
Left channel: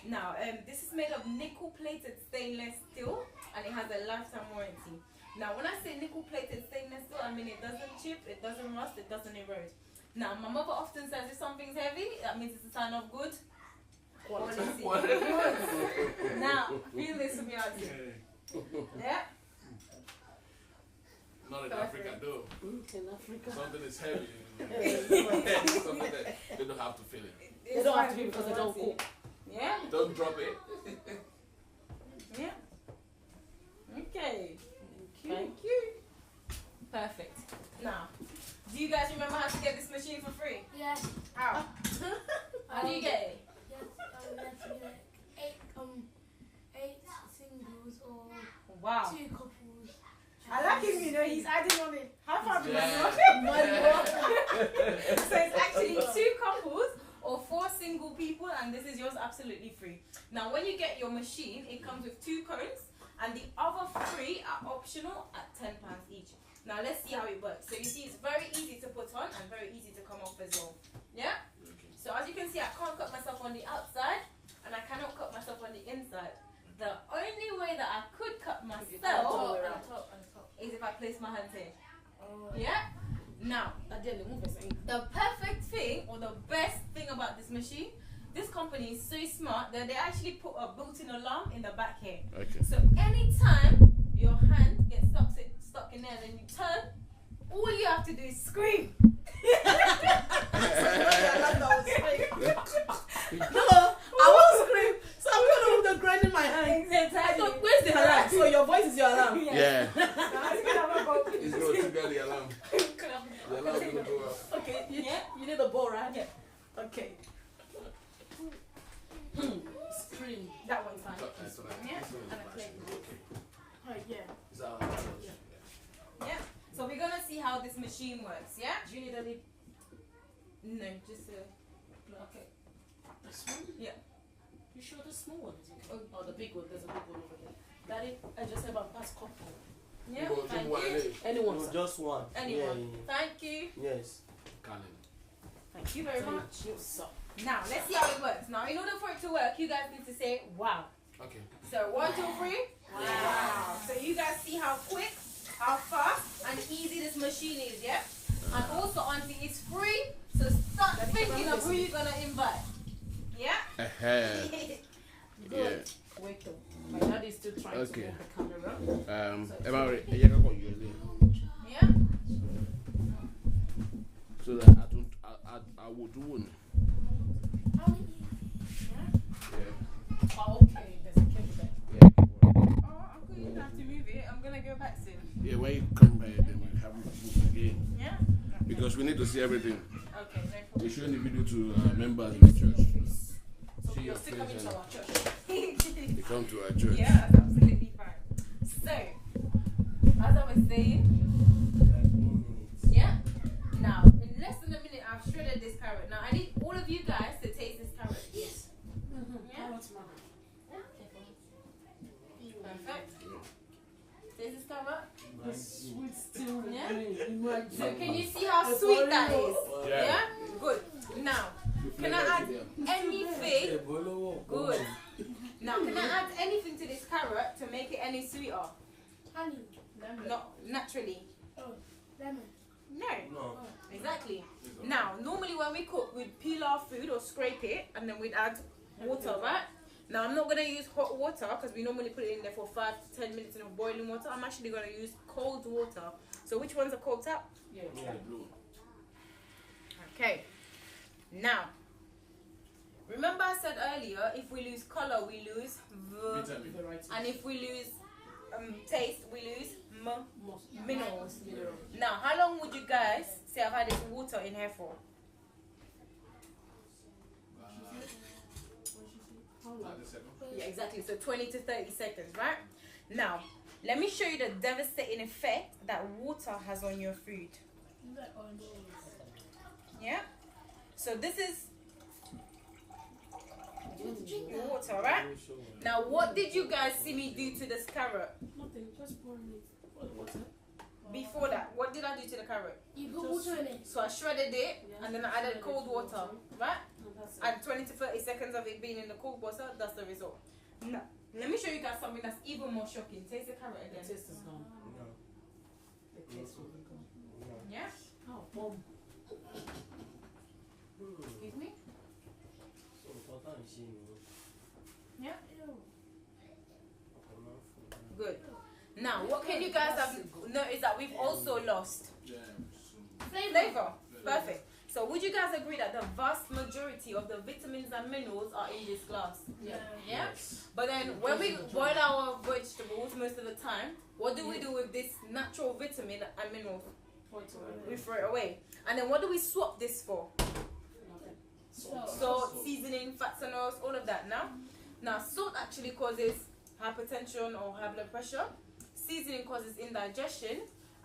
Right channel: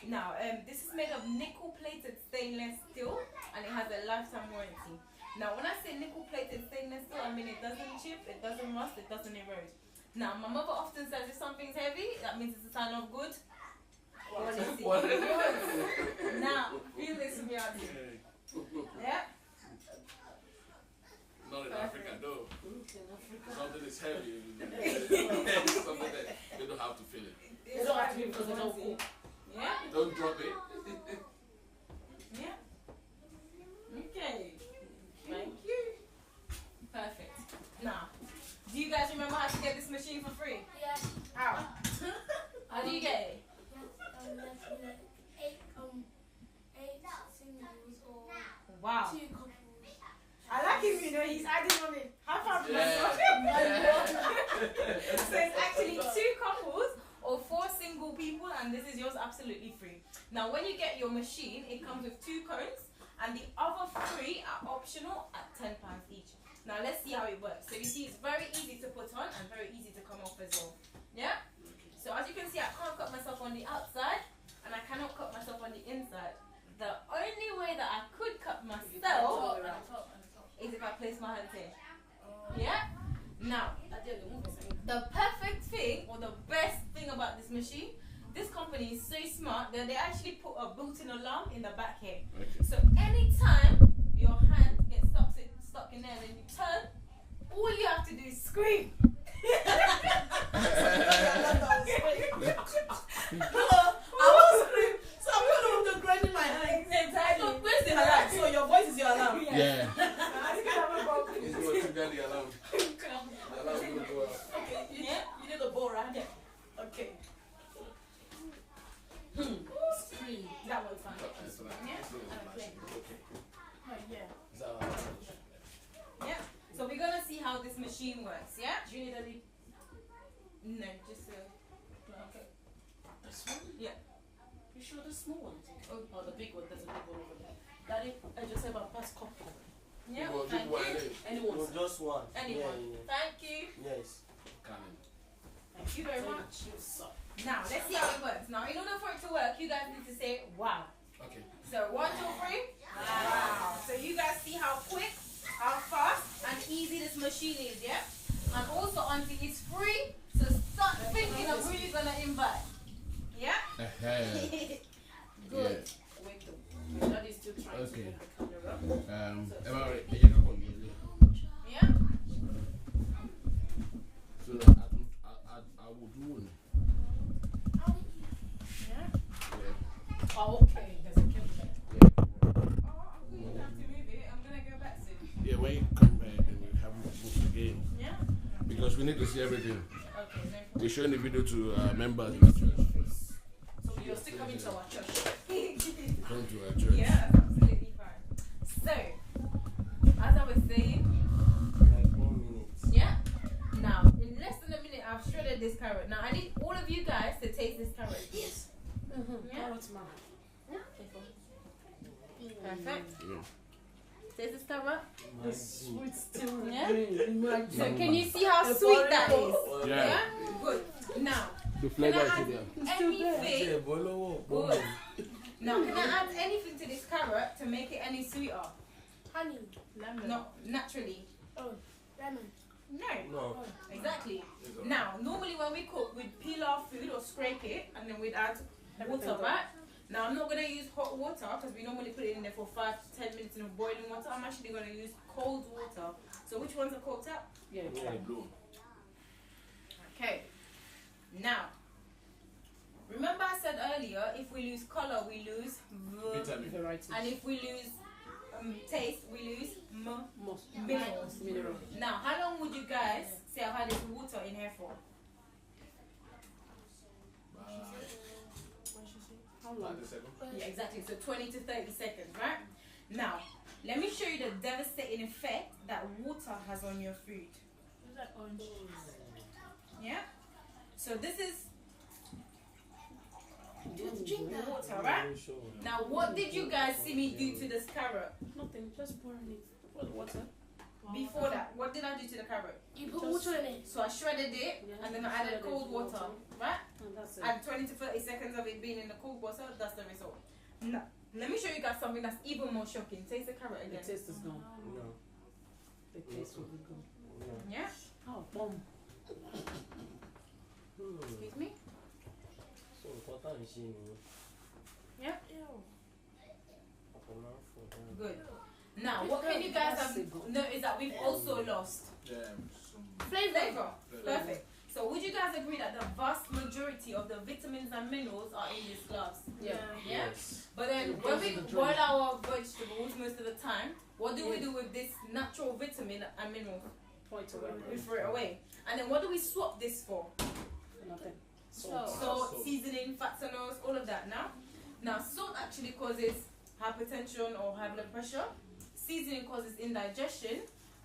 Now, this is made of nickel-plated stainless steel, and it has a lifetime warranty. Now, when I say nickel-plated stainless steel, I mean it doesn't chip, it doesn't rust, it doesn't erode. Now, my mother often says if something's heavy, that means it's a sign of good quality. Good. Now, feel this from your auntie. Yeah. Not in Africa, though. In Africa. Something is heavy. Something that they don't have to feel it. They don't have to be because they don't cook. Yeah. Don't drop it. Yeah. Okay. Thank you. Perfect. Now, do you guys remember how to get this machine for free? Yeah. How? How do you get it? Eight singles or Wow. 2 couples. I like him, you know, he's adding on it. High five, Yeah. So it's actually 2 couples or 4 single people and this is yours absolutely free. Now when you get your machine, it comes with 2 cones, and the other 3 are optional at £10 each. Now let's see how it works. So you see it's very easy to put on and very easy to come off as well. Yeah? So as you can see, I can't cut myself on the outside and I cannot cut myself on the inside. The only way that I could cut myself is if I place my hand here. Yeah? Now, the perfect thing or the best thing about this machine, this company is so smart that they actually put a built-in alarm in the back here. Okay. So anytime your hand gets stuck in there and then you turn, all you have to do is scream. I won't scream. So I'm going to with the grind in my hand. Exactly. So where's the alarm? So your voice is your alarm. Yeah. You can have a bowl, please. It's going to get the alarm. The alarm will go off. Okay, Yeah. you need a ball, right? Yeah. Okay. Scream. That one's fine. That's all right. Yeah. It's good. And a plate. Oh, yeah. It's all right. Yeah. So we're gonna see how this machine works. Yeah. Do you need any? No, just okay. This one? Yeah. You sure the small one? Oh. The big one. There's a big one over there. Daddy, I just have a pass cup. Yeah. Go Thank to one you. day. Anyone? No, just one. Anyone. Thank you. Yes. Cannon. Thank you very much. You suck. Now let's see how it works. Now in order for it to work, you guys need to say wow. Okay. So 1, 2, 3. Wow. So you guys see how quick, how fast, and easy this machine is, yeah? And also, auntie, it's free. So start thinking of who you're gonna invite. Yeah? Good. Wait though. My daddy's still trying Okay. to move the camera. Am I ready? Yeah, go use it. Yeah? So that I would do one. Yeah? Yeah. Oh, okay. There's a camera there. Yeah. Oh, Uncle, you don't have to move it. I'm gonna go back soon. Yeah, when you come back, then we have to move again. Yeah? Because we need to see everything. Okay, no We're problem. showing the video to members in the church. So you're still coming to our church. They come to our church. Yeah, that's absolutely fine. So, as I was saying, Like 1 minute. yeah? Now, in less than a minute, I've shredded this carrot. Now, I need all of you guys to taste this carrot. Yes. Yeah? Carrot man. Perfect. Yeah. Taste this carrot. The sweet still Yeah? remains. So, can you see how sweet that is? Yeah. Yeah? Good. Now, The can I flavor add is there. anything? Good. Good. Now, can I add anything to this carrot to make it any sweeter? Honey. Lemon. No, naturally. Oh, lemon. No. No. Exactly. Now, normally when we cook, we'd peel our food or scrape it, and then we'd add water, right? Now, I'm not going to use hot water because we normally put it in there for 5 to 10 minutes in boiling water. I'm actually going to use cold water. So, which one's a cold tap? Yeah. Yeah, blue. Okay. Now, remember I said earlier, if we lose color, we lose the, Vitamin. Variety. and if we lose taste, we lose Most minerals. mineral. Now, how long would you guys say I've had this water in here for? How long? 30 seconds. Yeah, exactly. So 20 to 30 seconds, right? Now, let me show you the devastating effect that water has on your food. Is that orange? Yeah? So this is Drink that. water, right? Now, what did you guys see me do to this carrot? Nothing. Just pouring it. What's that? Before that, what did I do to the carrot? You put water in it. So I shredded it, and then I added cold water, right? And that's it. And 20 to 30 seconds of it being in the cold water, that's the result. Now, let me show you guys something that's even more shocking. Taste the carrot The again. taste is gone. No. The taste will be gone. No. Yeah? Oh, bomb. Excuse me? So important is she, you know. Yeah? I'm not for that. Good. Now, what can you guys have noticed that we've also lost? Flavor. Perfect. So, would you guys agree that the vast majority of the vitamins and minerals are in this glass? Yeah. Yeah? Yes. But then, when we boil our vegetables most of the time, what do we do with this natural vitamin and minerals? Point away. We throw it away. And then, what do we swap this for? Nothing. Salt, seasoning, fats and oils, all of that. Now, salt actually causes hypertension or high blood pressure. Seasoning causes indigestion,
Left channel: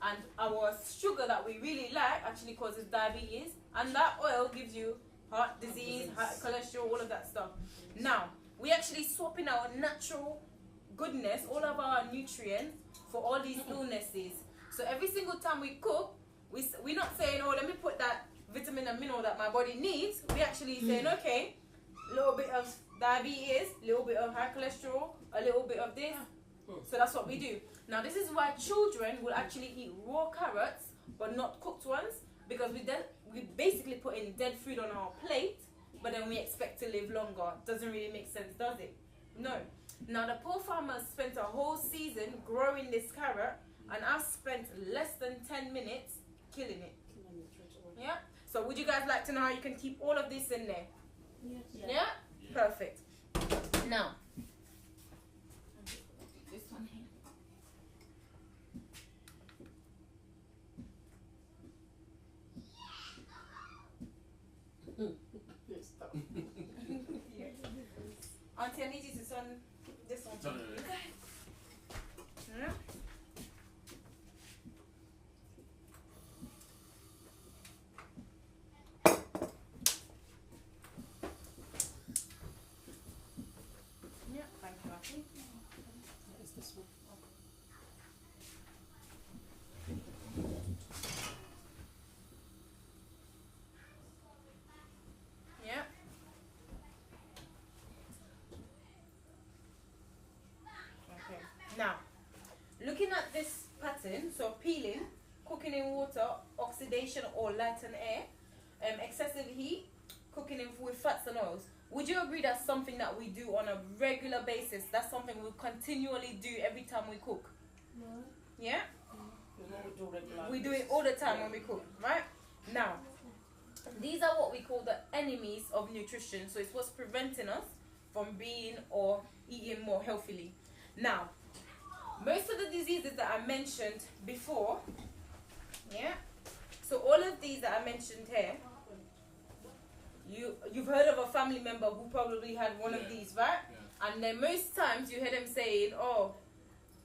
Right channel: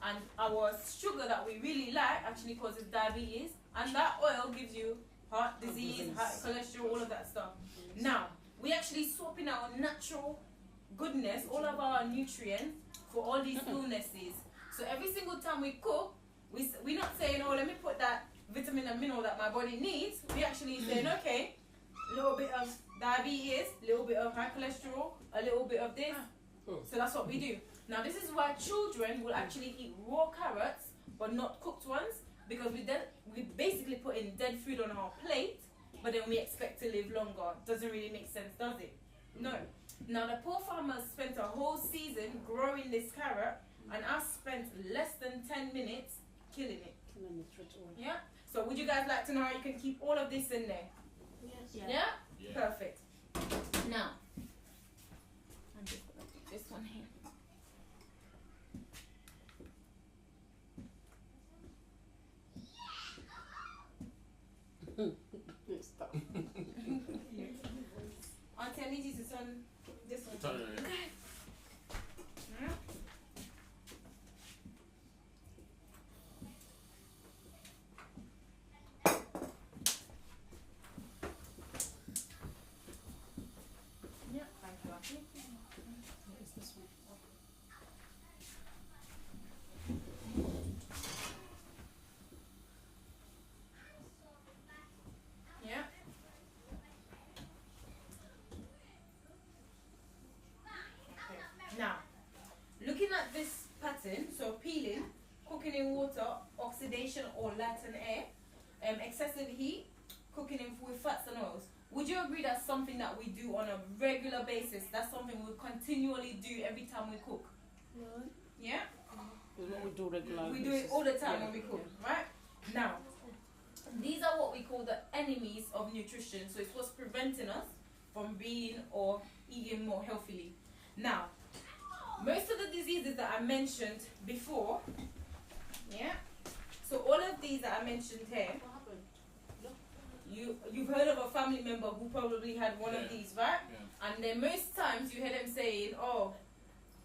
and our sugar that we really like actually causes diabetes, and that oil gives you heart disease, high cholesterol, all of that stuff. Now, we actually swapping our natural goodness, all of our nutrients for all these illnesses. So every single time we cook, we're not saying, oh, let me put that vitamin and mineral that my body needs. We actually saying, okay, a little bit of diabetes, a little bit of high cholesterol, a little bit of this. So that's what we do. Now this is why children will actually eat raw carrots but not cooked ones, because we basically put in dead food on our plate, but then we expect to live longer. Doesn't really make sense, does it? No. Now the poor farmers spent a whole season growing this carrot, and I've spent less than 10 minutes killing it. Yeah? So would you guys like to know how you can keep all of this in there? Yes. Yeah? Perfect. Now, I'm just gonna put this one here. Auntie, I need you to turn this one. Turn it. Yeah? Yeah, thank you, Auntie. It's this one. Yeah. Okay. Now, looking at this pattern, so peeling, cooking in water, oxidation or light and air, excessive heat, cooking in with fats and oils. Would you agree that's something that we do on a regular basis? That's something we continually do every time we cook. Yeah? You know we do regular. We do it all the time when we cook, right? Now, these are what we call the enemies of nutrition. So it's what's preventing us from being or eating more healthily. Now, most of the diseases that I mentioned before, yeah? So all of these that I mentioned here, What happened? you've heard of a family member who probably had one of Yeah. these, right? Yeah. And then most times you hear them saying, oh,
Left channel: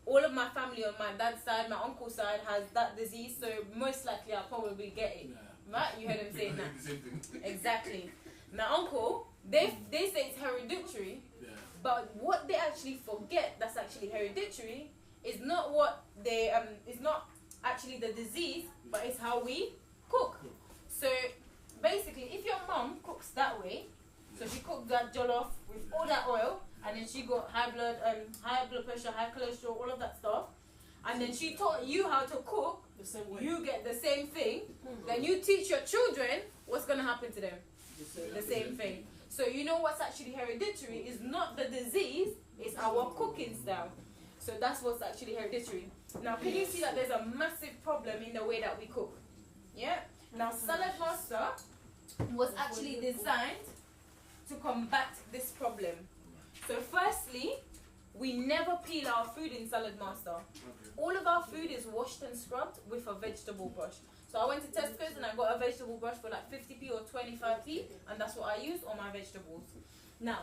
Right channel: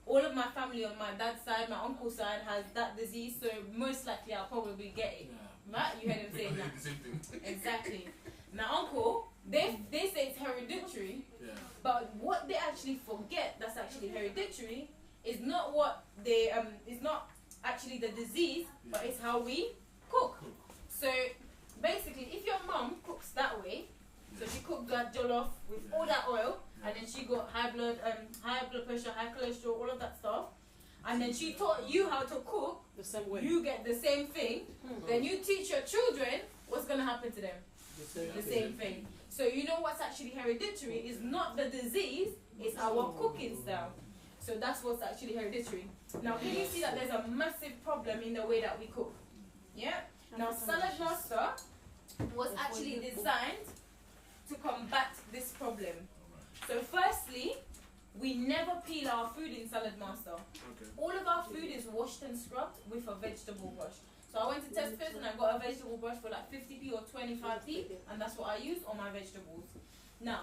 all of my family on my dad's side, my uncle's side has that disease, so most likely I'll probably get it. Yeah. Right? You hear them saying that. The same thing. Exactly. My uncle, they say it's hereditary, Yeah. but what they actually forget that's actually hereditary is not what they it's not actually the disease, but it's how we cook. So basically, if your mom cooks that way, so she cooked that jollof with all that oil, and then she got high blood pressure, high cholesterol, all of that stuff, and then she taught you how to cook, The same way. you get the same thing. Then you teach your children, what's gonna happen to them? The same thing. So you know what's actually hereditary is not the disease, it's our cooking style. So that's what's actually hereditary. Now can you see that there's a massive problem in the way that we cook? Yeah? Now Saladmaster was actually designed to combat this problem. So firstly, we never peel our food in Saladmaster. Okay. All of our food is washed and scrubbed with a vegetable brush. So I went to Tesco's and I got a vegetable brush for like 50p or 25p, and that's what I use on my vegetables. Now,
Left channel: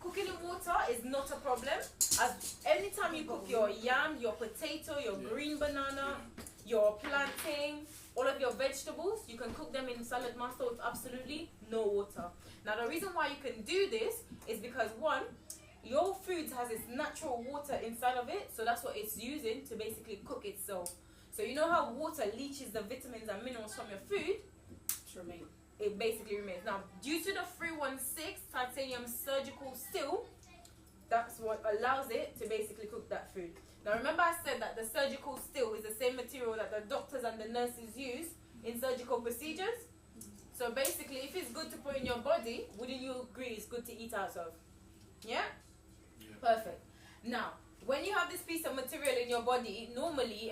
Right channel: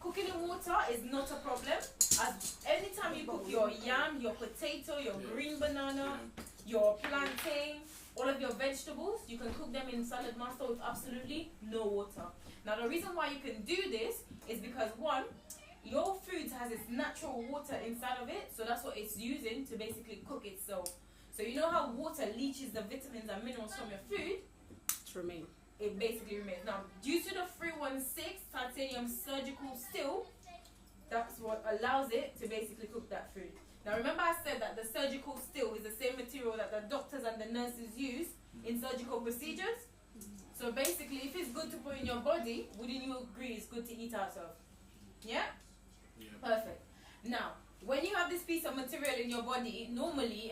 cooking in water is not a problem, as anytime you cook your yam, your potato, your green banana, your plantain, all of your vegetables, you can cook them in Saladmaster with absolutely no water. Now the reason why you can do this is because one, your food has its natural water inside of it, so that's what it's using to basically cook itself. So you know how water leaches the vitamins and minerals from your food? Remain. It basically remains. Now, due to the 316 titanium surgical steel, that's what allows it to basically cook that food. Now, remember I said that the surgical steel is the same material that the doctors and the nurses use in surgical procedures? So basically, if it's good to put in your body, wouldn't you agree it's good to eat out of? Yeah? Yeah. Perfect. Now, when you have this piece of material in your body, normally,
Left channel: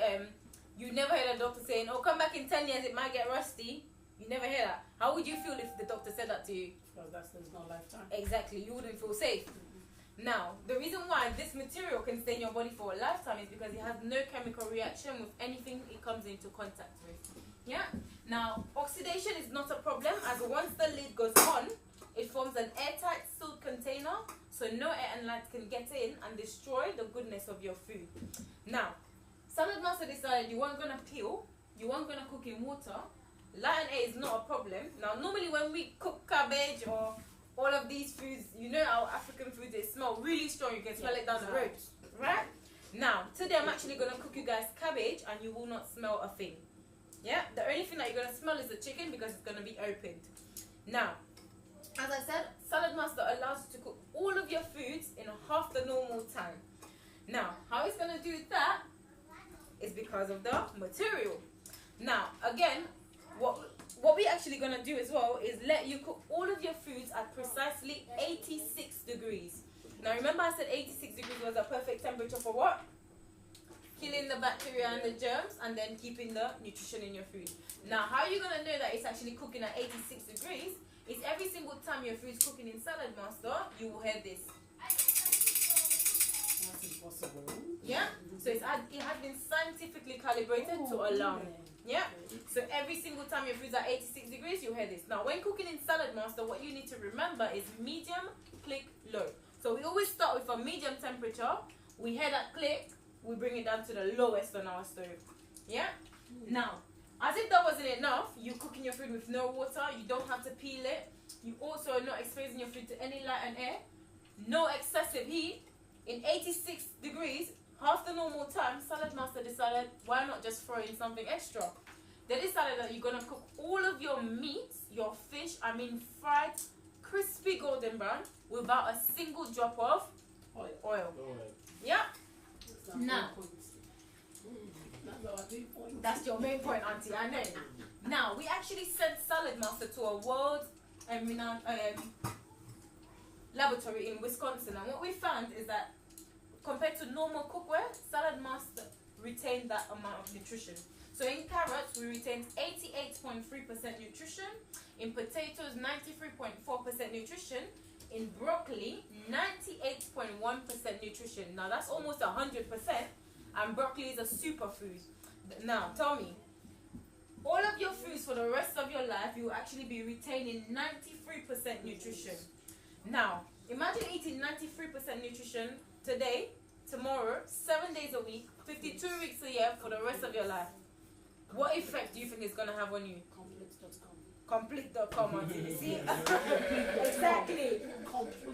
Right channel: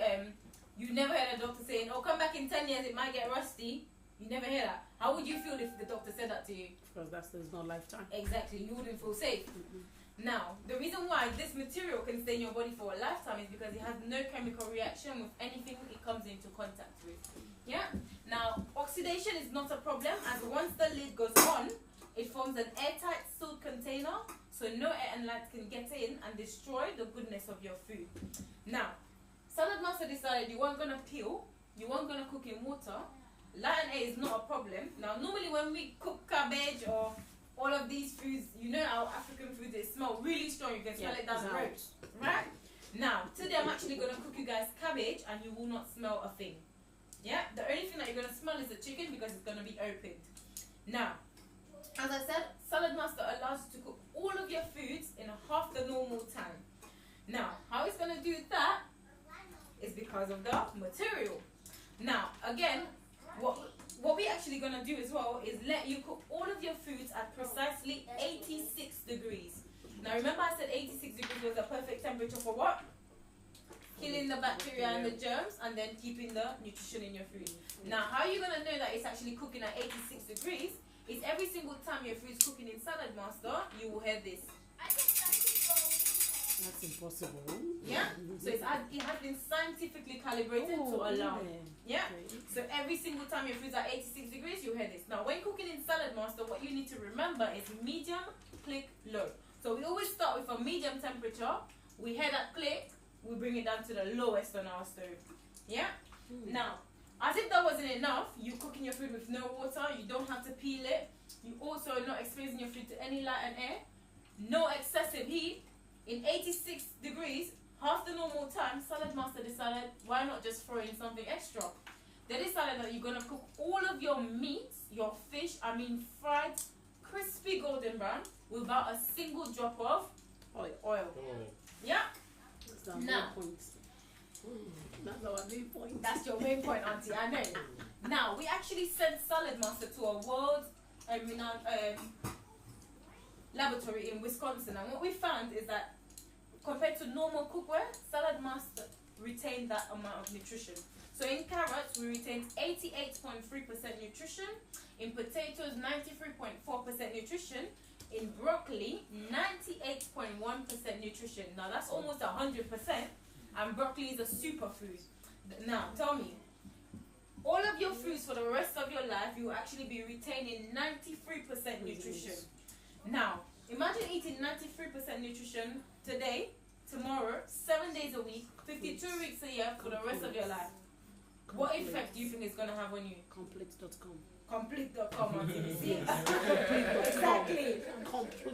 you never hear a doctor saying, oh, come back in 10 years, it might get rusty. You never hear that. How would you feel if the doctor said that to you? Because there's no lifetime. Exactly, you wouldn't feel safe. Now, the reason why this material can stay in your body for a lifetime is because it has no chemical reaction with anything it comes into contact with. Yeah? Now, oxidation is not a problem, as once the lid goes on, it forms an airtight sealed container, so no air and light can get in and destroy the goodness of your food. Now, Saladmaster decided you weren't going to peel, you weren't going to cook in water. light and A is not a problem. Now, normally when we cook cabbage or all of these foods, you know our African foods, they smell really strong. You can smell it down the road, right? Now, today I'm actually going to cook you guys cabbage and you will not smell a thing. Yeah? The only thing that you're going to smell is the chicken because it's going to be opened. Now, as I said, Saladmaster allows you to cook all of your foods in half the normal time. Now, how it's going to do that is because of the material. Now, again, what we actually going to do as well is let you cook all of your foods at precisely 86 degrees. Now, remember I said 86 degrees was a perfect temperature for what? Killing the bacteria and the germs and then keeping the nutrition in your food. Now, how are you going to know that it's actually cooking at 86 degrees? Is every single time your food's cooking in Saladmaster, you will hear this. That's impossible. Yeah? So it has been scientifically calibrated to allow. Yeah? So every single time your food's at 86 degrees, you'll hear this. Now, when cooking in Saladmaster, what you need to remember is medium, click, low. So we always start with a medium temperature. We hear that click, we bring it down to the lowest on our stove. Yeah? Now, as if that wasn't enough, you're cooking your food with no water, you don't have to peel it. You also are not exposing your food to any light and air. No excessive heat. In 86 degrees, half the normal time, Saladmaster decided, why not just throw in something extra? They decided that you're going to cook all of your meats, your fish, fried, crispy golden brown, without a single drop of oil. Yeah? Now, That's our main point. that's your main point, Auntie, I know. Now, we actually sent Saladmaster to a world renowned laboratory in Wisconsin, and what we found is that compared to normal cookware, Saladmaster retained that amount of nutrition. So in carrots, we retained 88.3% nutrition. In potatoes, 93.4% nutrition. In broccoli, 98.1% nutrition. Now that's almost 100%, and broccoli is a superfood. Now tell me, all of your foods for the rest of your life, you will actually be retaining 93% nutrition. Now, imagine eating 93% nutrition today, tomorrow, 7 days a week, 52 weeks a year for the rest of your life. What effect do you think it's going to have on you? Complete.com. Complete.com, Auntie. You see?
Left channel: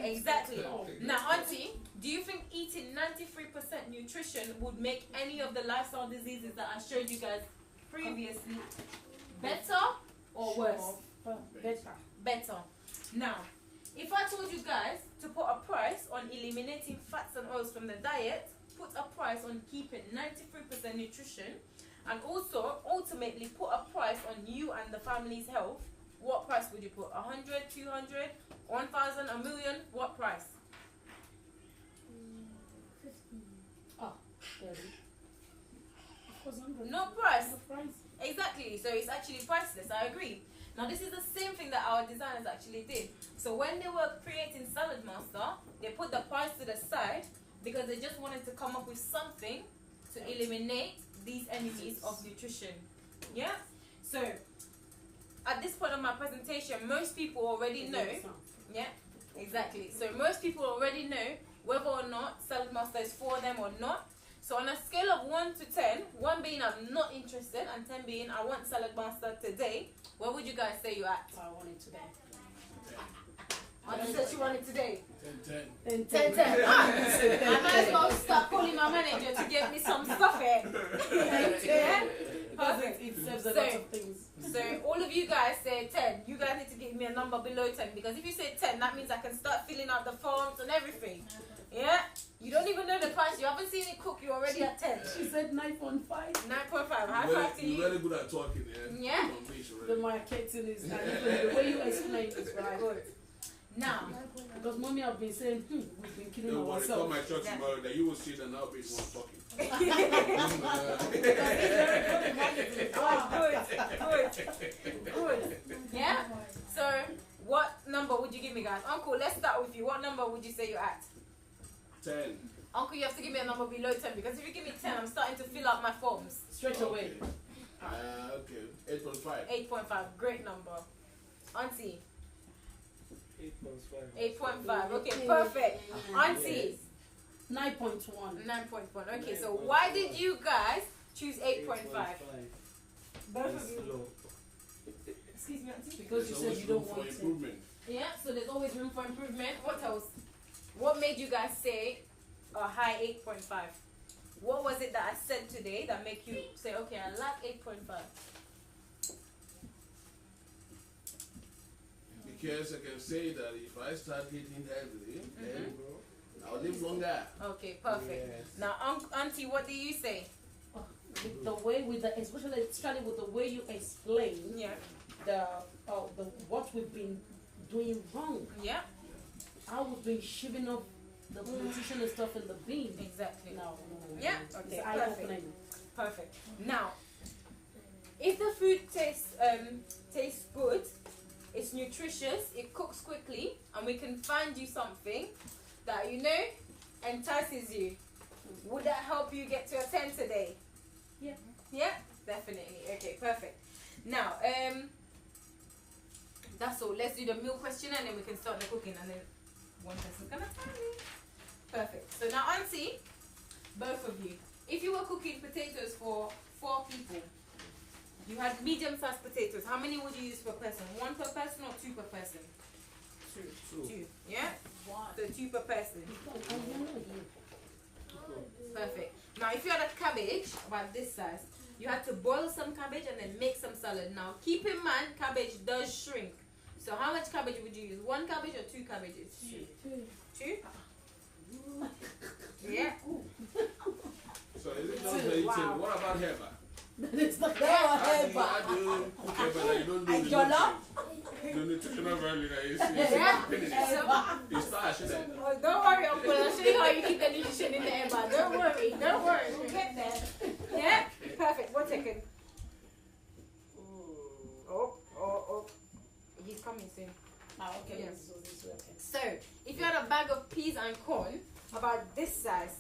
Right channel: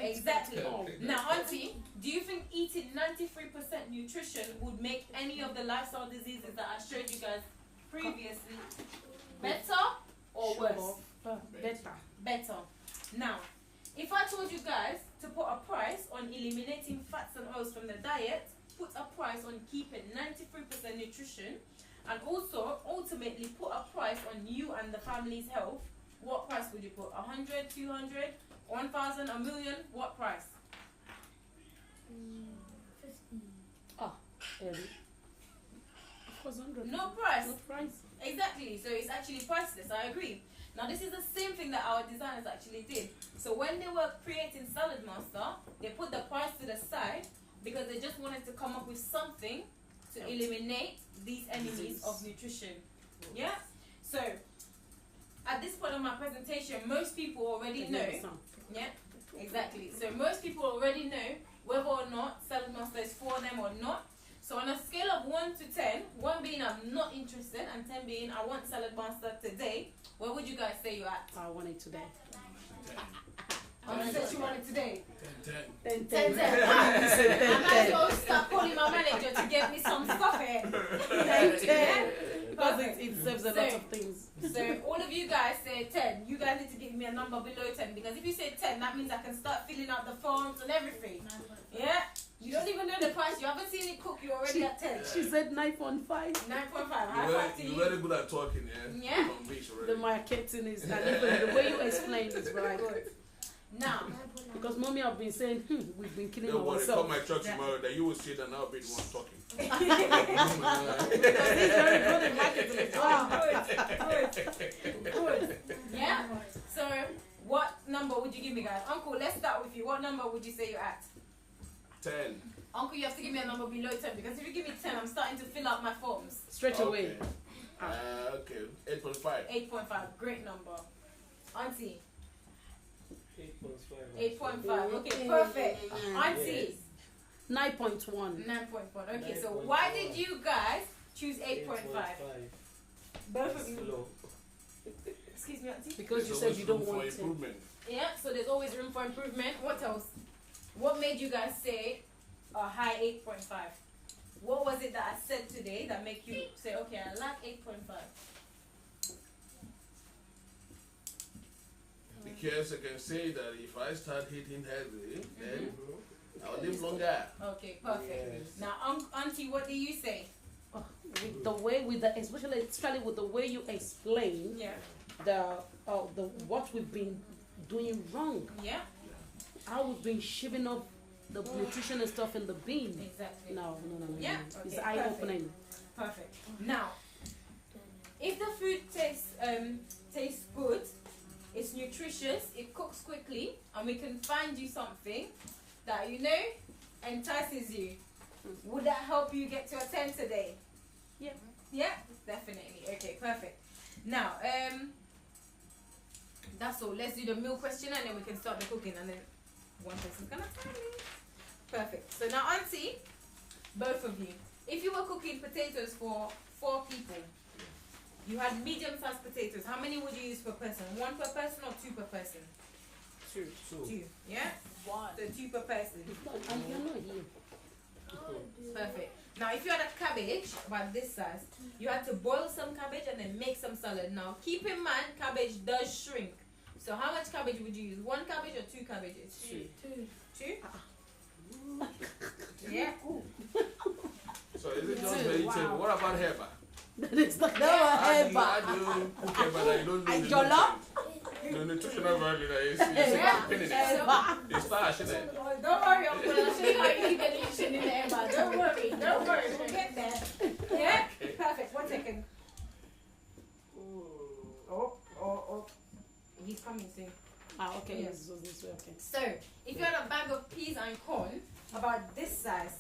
Exactly. Now, Auntie, do you think eating 93% nutrition would make any of the lifestyle diseases that I showed you guys previously better or worse? Better. Now, if I told you guys to put a price on eliminating fats and oils from the diet, put a price on keeping 93% nutrition, and also ultimately put a price on you and the family's health, what price would you put? 100, 200, 1,000, a million? What price? 50. No price. Exactly. So it's actually priceless. I agree. Now this is the same thing that our designers actually did. So when they were creating Saladmaster, they put the price to the side because they just wanted to come up with something to eliminate these enemies of nutrition. Yeah? So at this point of my presentation, most people already know. Yeah? Exactly. So most people already know whether or not Saladmaster is for them or not. So on a scale of 1 to 10, 1 being I'm not interested and 10 being I want Saladmaster today, where would you guys say you're at? I want it today. I said you want it today. 10. 10. I might as well start calling my manager to get me some stuff here. 10. Perfect. It serves a lot of things. So all of you guys say 10. You guys need to give me a number below 10 because if you say 10, that means I can start filling out the forms and everything. Yeah? You don't even know the price. You haven't seen it cook. You're already at 10. She said 9.5. 9.5. High five to you. You're very good at talking, yeah? Yeah. The marketing is, and the way you explain is very good. Now, Because mommy have been saying, we've been killing Don't worry, come ourselves. my church tomorrow that you will sit and I'll be the one talking. good. Yeah? So, what number would you give me, guys? Uncle, let's start with you. What number would you say you're at? 10. Uncle, you have to give me a number below 10 because if you give me 10, I'm starting to fill out my forms. Straight away. Okay. 8.5. 8.5. Great number. Auntie? 8.5. 8.5. Okay, perfect. Auntie? 9.1. 9.1. Okay, so why did you guys choose 8.5? Both of you. Low. Excuse me, auntie. Because you There's said always you don't room for want to. improvement. Yeah, so there's always room for improvement. What else? What made you guys say a high 8.5? What was it that I said today that make you say, okay, I like 8.5? Because I can say that if I start hitting heavily, then I'll live longer. Okay, perfect. Yes. Now, auntie, what do you say? With the way, especially with the way you explain Yeah. the what we've been doing wrong, Yeah, how we've been shoving up the nutritional stuff in the bin. exactly. No. Yeah, It's okay, eye-opening. Perfect. Now, if the food tastes good, it's nutritious, it cooks quickly, and we can find you something that entices you, would that help you get to a 10 today? Yeah. Yeah, definitely. Okay, perfect. Now, that's all. Let's do the meal question and then we can start the cooking, and then one person's gonna tell me. Perfect. So now, auntie, both of you, if you were cooking potatoes for 4 people, you had medium-sized potatoes, how many would you use per person? 1 per person or 2 per person? 2. 2. Yeah? Why? So 2 per person. I'm not here. Perfect. Now, if you had a cabbage about this size, you had to boil some cabbage and then make some salad. Now, keep in mind, cabbage does shrink. So, how much cabbage would you use? 1 cabbage or 2 cabbages? 2? Yeah. So is it just vegetable? What about herba? It's not How do you cook herba that you don't know the Jollof? nutrients? The nutritional value that is in it. It's starch, isn't it? Oh, don't worry, Uncle. I'll show you how you keep the nutrition in the ember. Don't worry. Don't worry. We'll get there. Yeah? Perfect. 1 second. Oh. He's coming soon. Okay. Yes. So this way, okay. So, if you had a bag of peas and corn, about this size,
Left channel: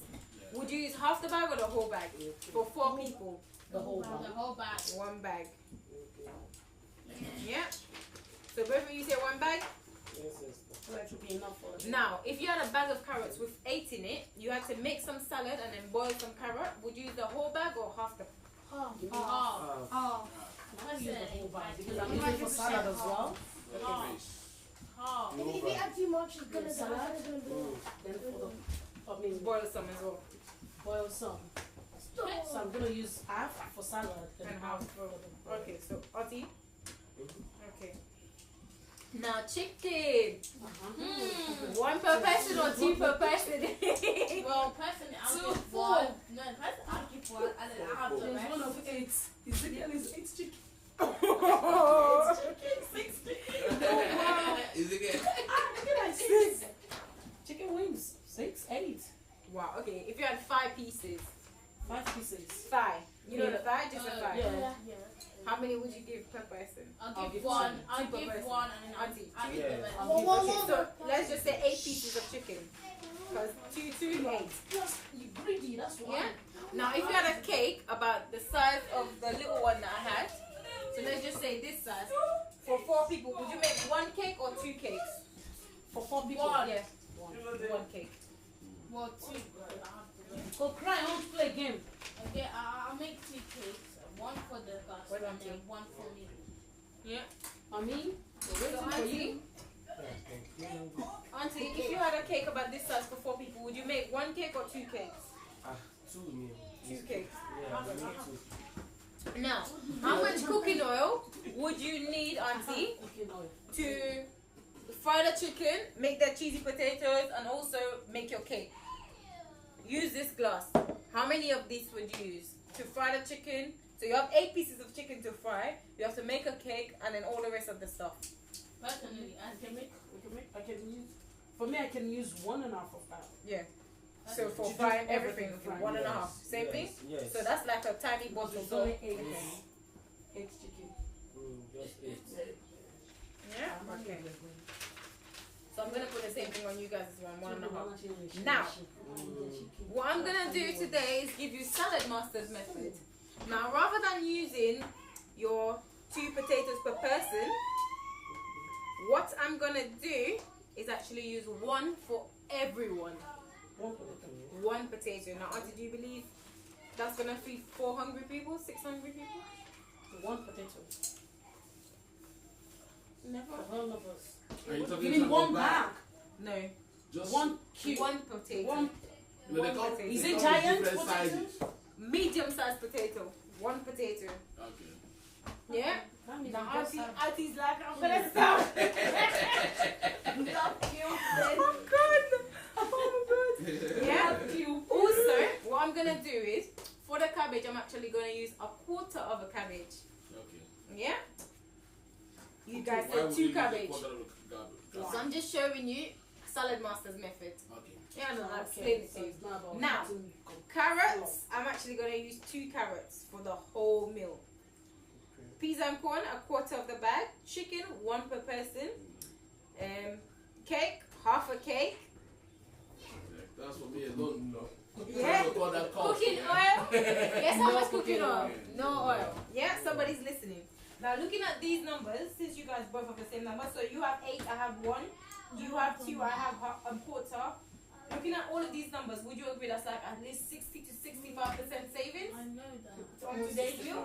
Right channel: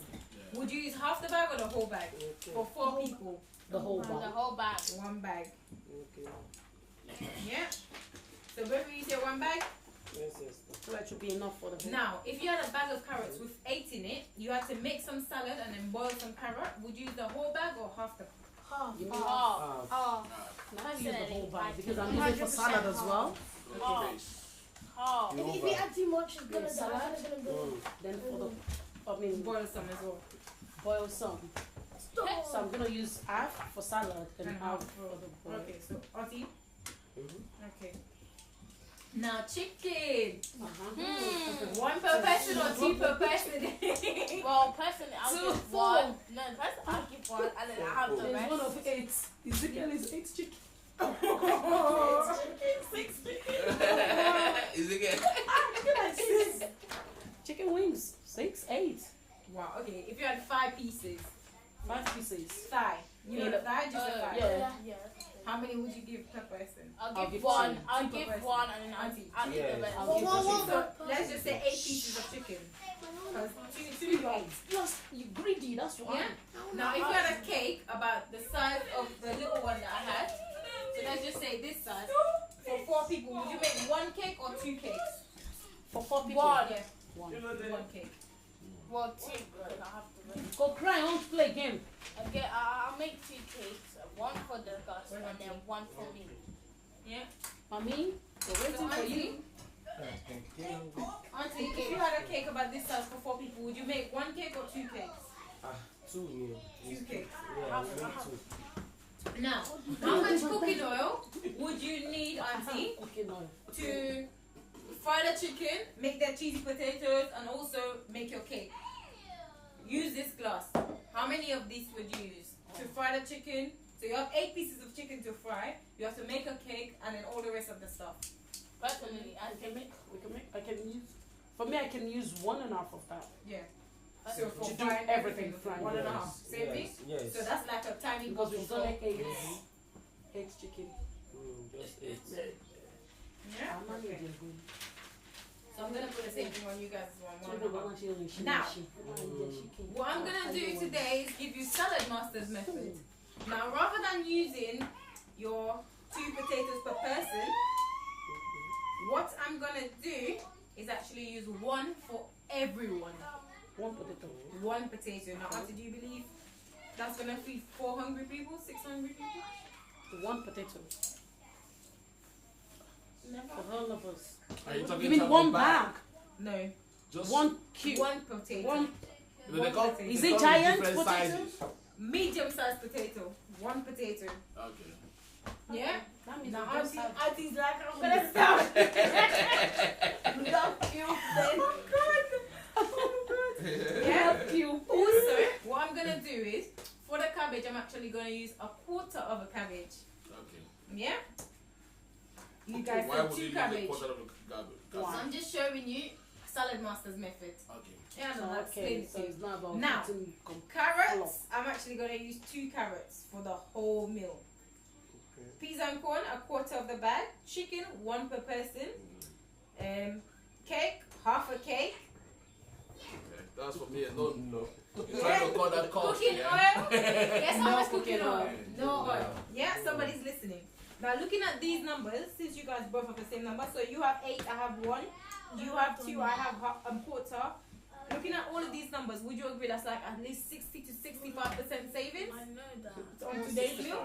would you use half the bag or the whole bag? For 4 people, The whole The bag. whole bag. 1 bag. Okay. Yeah? So both of you say 1 bag? Yes. So that should be enough for the. Now, if you had a bag of carrots with 8 in it, you had to make some salad and then boil some carrot, would you use the whole bag or half the? Half. You Half. Half. I use the whole bag because I'm using for salad as well. Not the base. Half. If you add too much, it's gonna Salad. die. It's gonna go. Then for the Boil some as well. boil some. So I'm gonna use half for salad and And half half for the boil. Okay, so Auntie? Mhm. Okay. Now chicken. Uh-huh. 1 per person or 2 per person? Well, personally, I'll Two, give four. 1. No, personally, I'll give 1 and then I'll have the There's rest. one of 8. Ezekiel is 8 chicken. Is it good? Look at 6. Chicken wings. 6, 8. Wow, okay. If you had 5 pieces. 5 pieces. Thigh. You know the thigh? Just a thigh. Yeah. How many would you give per person? I'll give give 1. two. I'll Two per give person. 1 and then Auntie. I'll give the rest. I'll give the Okay, chicken. so let's just say 8 pieces of chicken. Because 2 is 8. Plus, you greedy, that's why. Yeah? Now, if you had a cake about the size of the little one that I had, so let's just say this size, for 4 people, would you make 1 cake or 2 cakes? For 4 people. 1. Yeah, One. 1 cake. Well, 2. Because I have the rest. Go cry, I want to play a game. Okay, I'll make 2 cakes. 1 for the girls What and about then you? 1 for me. Yeah. Mommy, we're So, waiting for you. Auntie, if you had a cake about this size for 4 people, would you make 1 cake or 2 cakes? 2, yeah. 2 cakes. Yeah, I'll make 2. Now, how much cooking oil would you need, Auntie, Okay, no. to fry the chicken, make the cheesy potatoes, and also make your cake? Use this glass. How many of these would you use to fry the chicken? So you have 8 pieces of chicken to fry. You have to make a cake and then all the rest of the stuff. Personally, I can make. I can use, for me, I can use 1.5 of that. Yeah. So for You do frying everything, everything frying. 1.5. Same thing. Yes. So that's like a tiny Because bottle. it's So only 8 chicken. Just 8. yeah. I'm not Okay. really good. So I'm gonna put the same thing on you guys as well. 1.5. Chicken. Now, Chicken. what I'm gonna do today is give you Saladmaster's method. Now, rather than using your 2 potatoes per person, what I'm gonna do is actually use 1 for everyone. 1 potato. 1 potato. Now, Auntie, do you believe that's gonna feed 4 hungry people, 6 hungry people? 1 potato. For all of us. Are you talking Give me about one the bag. No. Just One cube. One potato. One. No, they One come- potato. Is they it come in giant different potato? sizes. Medium-sized potato. One potato. Okay. Yeah. That means Now we just have- auntie's like, I'm gonna stop. Love you. Oh God. Oh God. Yeah. Love you. Also, what I'm gonna do is, for the cabbage, I'm actually gonna use a quarter of a cabbage. Okay. Yeah. You guys Why said would you two use a cabbage. quarter of the cabbage? So I'm just showing you Saladmaster's method. Okay. Yeah, I don't know. Explain Okay, it so to you. it's not about Now, putting Carrots, I'm actually going to use 2 carrots for the whole meal. Peas and corn, a quarter of the bag. Chicken, 1 per person. Cake, half a cake. Okay. That's for me alone. No. Yeah. Call that cost, Cooking yeah. oil. Guess how much cooking cooking oil? oil. No oil. Yeah, somebody's listening. Now, looking at these numbers, since you guys both have the same number, so you have 8, I have 1. You have 2, I have a quarter. Looking at all of these numbers, would you agree that's like at least 60 to 65% savings I know that. on today's meal?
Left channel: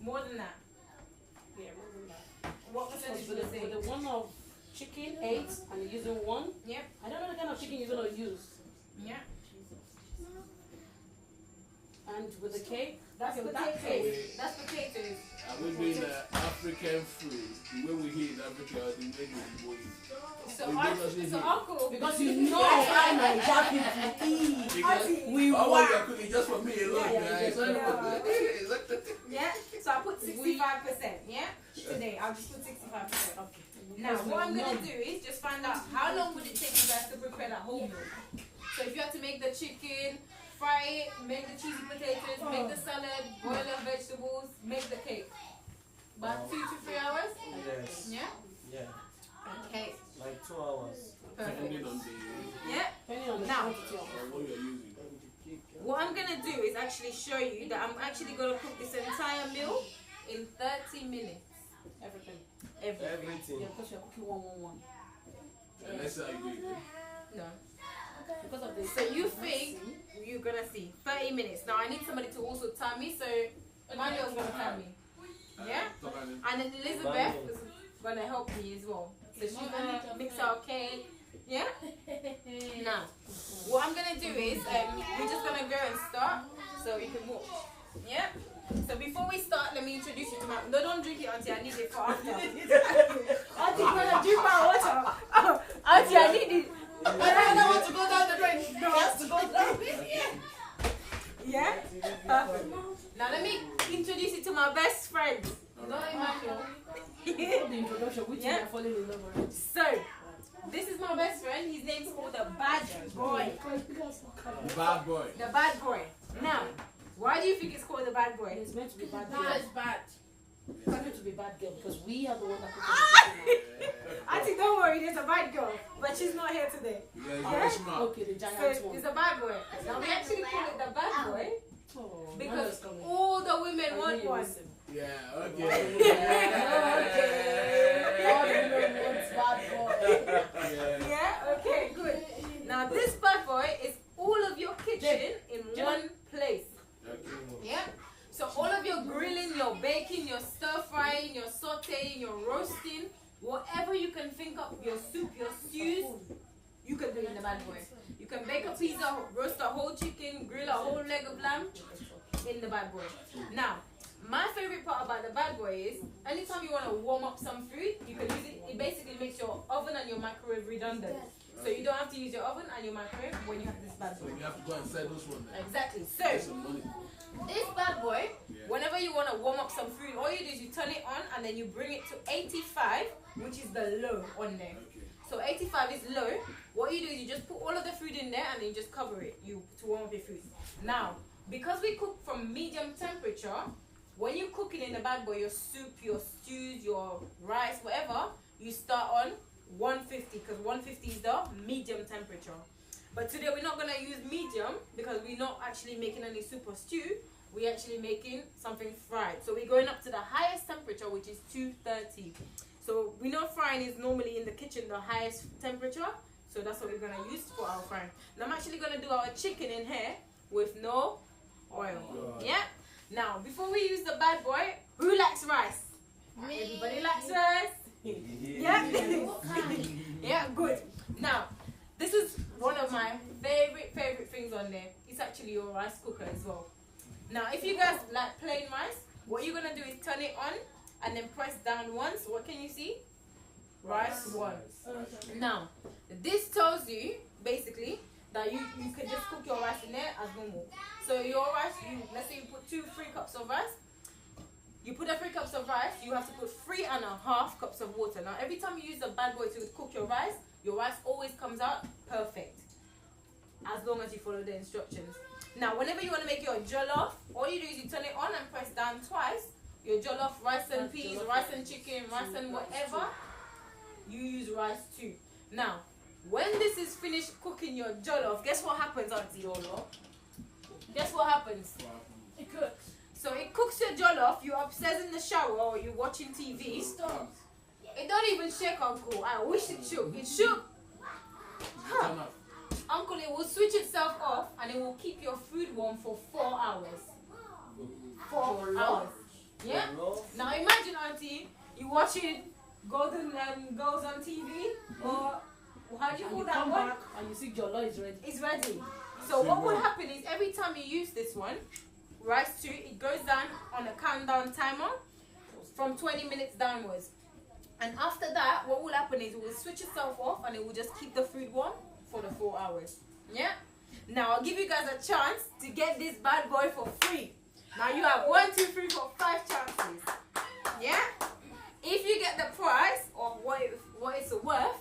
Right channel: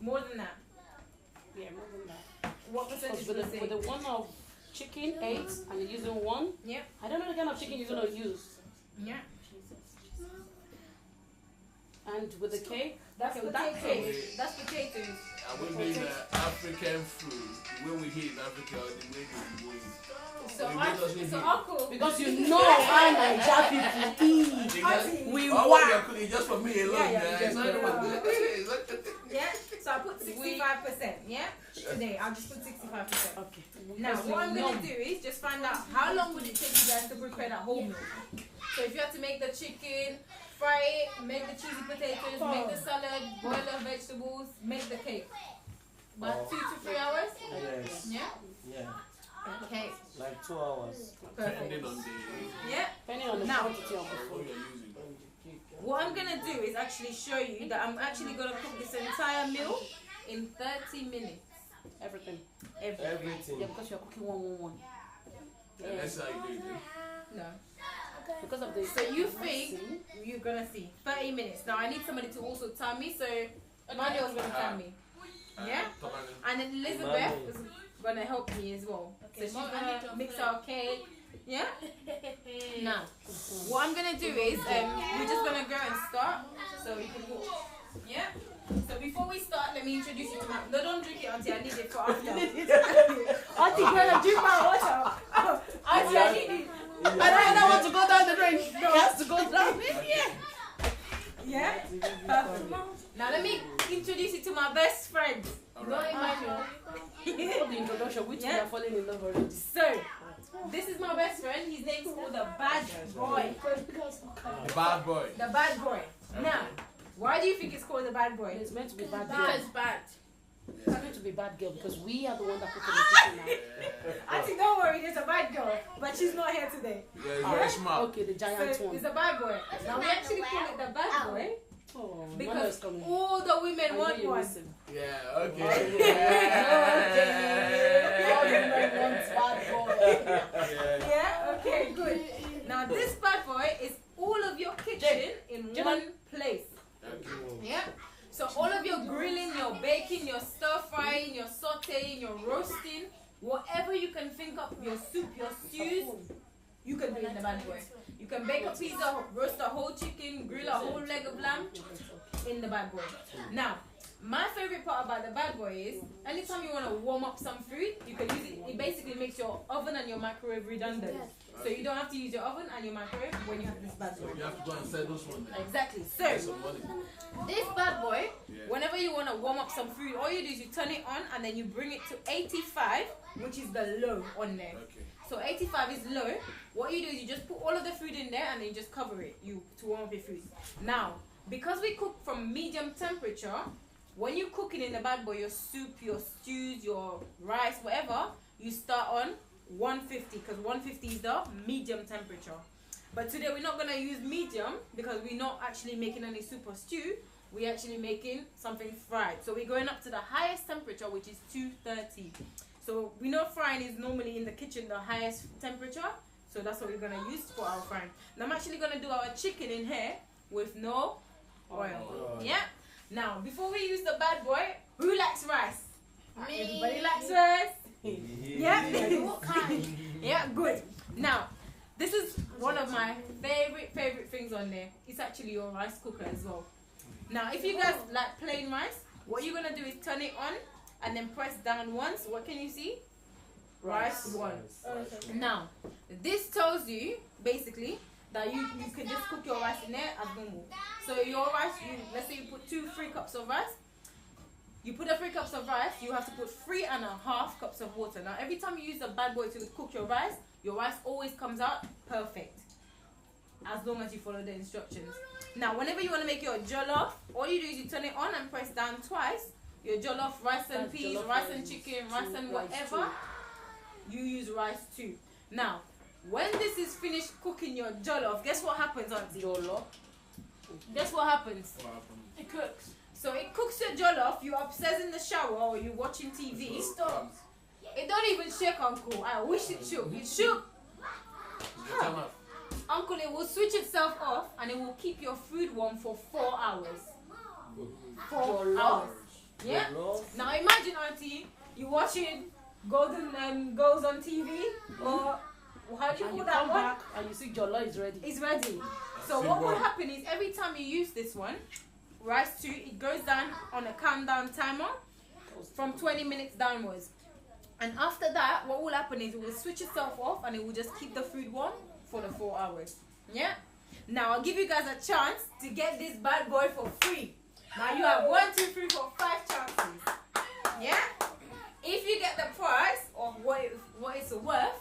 More than that. Yeah, more than that. What percentage would you say? With the one of chicken, 8, and you're using 1. Yep. I don't know the kind of chicken you're gonna use. Yeah. And with the cake, That's okay, with that potatoes. cake, That's potatoes. And we're doing African food. The way we hear in Africa, the way we go. So, We get us in here. uncle. because you know I and Javi eat. Because We all want. you're cooking just for me alone. Yeah, Yeah, yeah, it's not yeah. about Yeah. So I put 65%. Yeah. Today I'll just put 65%. Okay. Now what I'm gonna do is just find out how long would it take you guys to prepare that whole meal. So if you have to make the chicken, fry it, make the cheesy potatoes, make the salad, boil the vegetables, make the cake. About 2 to 3 hours. Yes. Yeah. Yeah. Okay. Like 2 hours. Perfect. depending on the Yeah. Depending on the Now. quantity of what you're using. What I'm gonna do is actually show you that I'm actually gonna cook this entire meal in 30 minutes. everything. Everything. Everything. Yeah, because you're cooking one. Yeah, that's how you do it. No. Because of the So you think you're gonna see 30 minutes. Now I need somebody to also time me, so Manuel's gonna time me. Yeah? And then Elizabeth is gonna help me as well. So she's gonna mix our cake. Yeah? Now, what I'm gonna do is we're just gonna go and start so you can watch. Yeah? So before we start, let me introduce you to my. No, don't drink it, Auntie. I need it for after. Auntie, girl, drink my water. Oh, Auntie, I need it. I don't want to go down the drain. No. It has to go down. Yeah? Perfect. Now let me introduce you to my best friend. Not Emmanuel. The introduction, which Yeah. we are falling in love already. So, this is my best friend. His name's called the Bad Boy. Bad boy. The Bad Boy. Now, why do you think it's called the Bad Boy? It's meant to be bad That girl. is bad. It's meant to be bad girl because we are the one that put the kitchen Auntie, don't worry, there's a bad girl, but she's not here today. Yeah, it's very out. smart. Okay, the So, giant one. it's a bad boy. Now, we actually call it the Bad Boy Oh, because Manuel's coming. all the women I want know you one. listen. Yeah, All okay. the women want bad boy. Yeah. Yeah? Okay, good. Now, this Bad Boy is all of your kitchen in one place. Okay. Yeah. So all of your grilling, your baking, your stir frying, your sauteing, your roasting, whatever you can think of, your soup, your stews, you can do in the Bad Boy. You can bake a pizza, roast a whole chicken, grill a whole leg of lamb in the Bad Boy. Now, my favorite part about the Bad Boy is anytime you want to warm up some food, you can use it. It basically makes your oven and your microwave redundant. So you don't have to use your oven and your microwave when you have this Bad So Boy. you have to go and sell those ones. Exactly. Get So some money. this Bad Boy, Yeah. whenever you want to warm up some food, all you do is you turn it on and then you bring it to 85, which is the low on there. Okay. So 85 is low. What you do is you just put all of the food in there and then you just cover it to warm up your food. Now, because we cook from medium temperature, when you're cooking in the Bad Boy, your soup, your stews, your rice, whatever, you start on 150 because 150 is the medium temperature. But today we're not going to use medium because we're not actually making any soup or stew. We're actually making something fried. So we're going up to the highest temperature, which is 230. So we know frying is normally in the kitchen the highest temperature. So that's what we're going to use for our frying. Now I'm actually going to do our chicken in here with no oil. Yeah? Now, before we use the Bad Boy, who likes rice? Everybody likes rice. Yeah? Yeah, good. Now, this is one of my favorite things on there. It's actually your rice cooker as well. Now, if you guys like plain rice, what you're gonna do is turn it on and then press down once. What can you see? Rice 1. Now, this tells you basically that you can just cook your rice in there as normal. So your rice, let's say you put 3 cups of rice. You put the 3 cups of rice, you have to put 3.5 cups of water. Now, every time you use the bad boy to cook your rice always comes out perfect, as long as you follow the instructions. Now, whenever you want to make your jollof, all you do is you turn it on and press down twice. Your jollof, rice and peas, rice and chicken, rice and whatever, you use rice 2. Now, when this is finished cooking your jollof, guess what happens, auntie? Guess what happens? It cooks. So it cooks your jollof, you're upstairs in the shower or you're watching TV. Stop. It don't even shake, Uncle. I wish it shook. It shook. Huh. Uncle, it will switch itself off and it will keep your food warm for 4 hours. 4 hours. Yeah? Now imagine, auntie, you watching Golden Girls on TV, or how do you call that one? And you see jollof is ready. It's ready. So what will happen is every time you use this one, rice 2, it goes down on a countdown timer from 20 minutes downwards. And after that, what will happen is it will switch itself off and it will just keep the food warm for the 4 hours. Yeah? Now I'll give you guys a chance to get this bad boy for free. Now you have 1, 2, 3, 4, 5 chances. Yeah? If you get the price of what it's worth,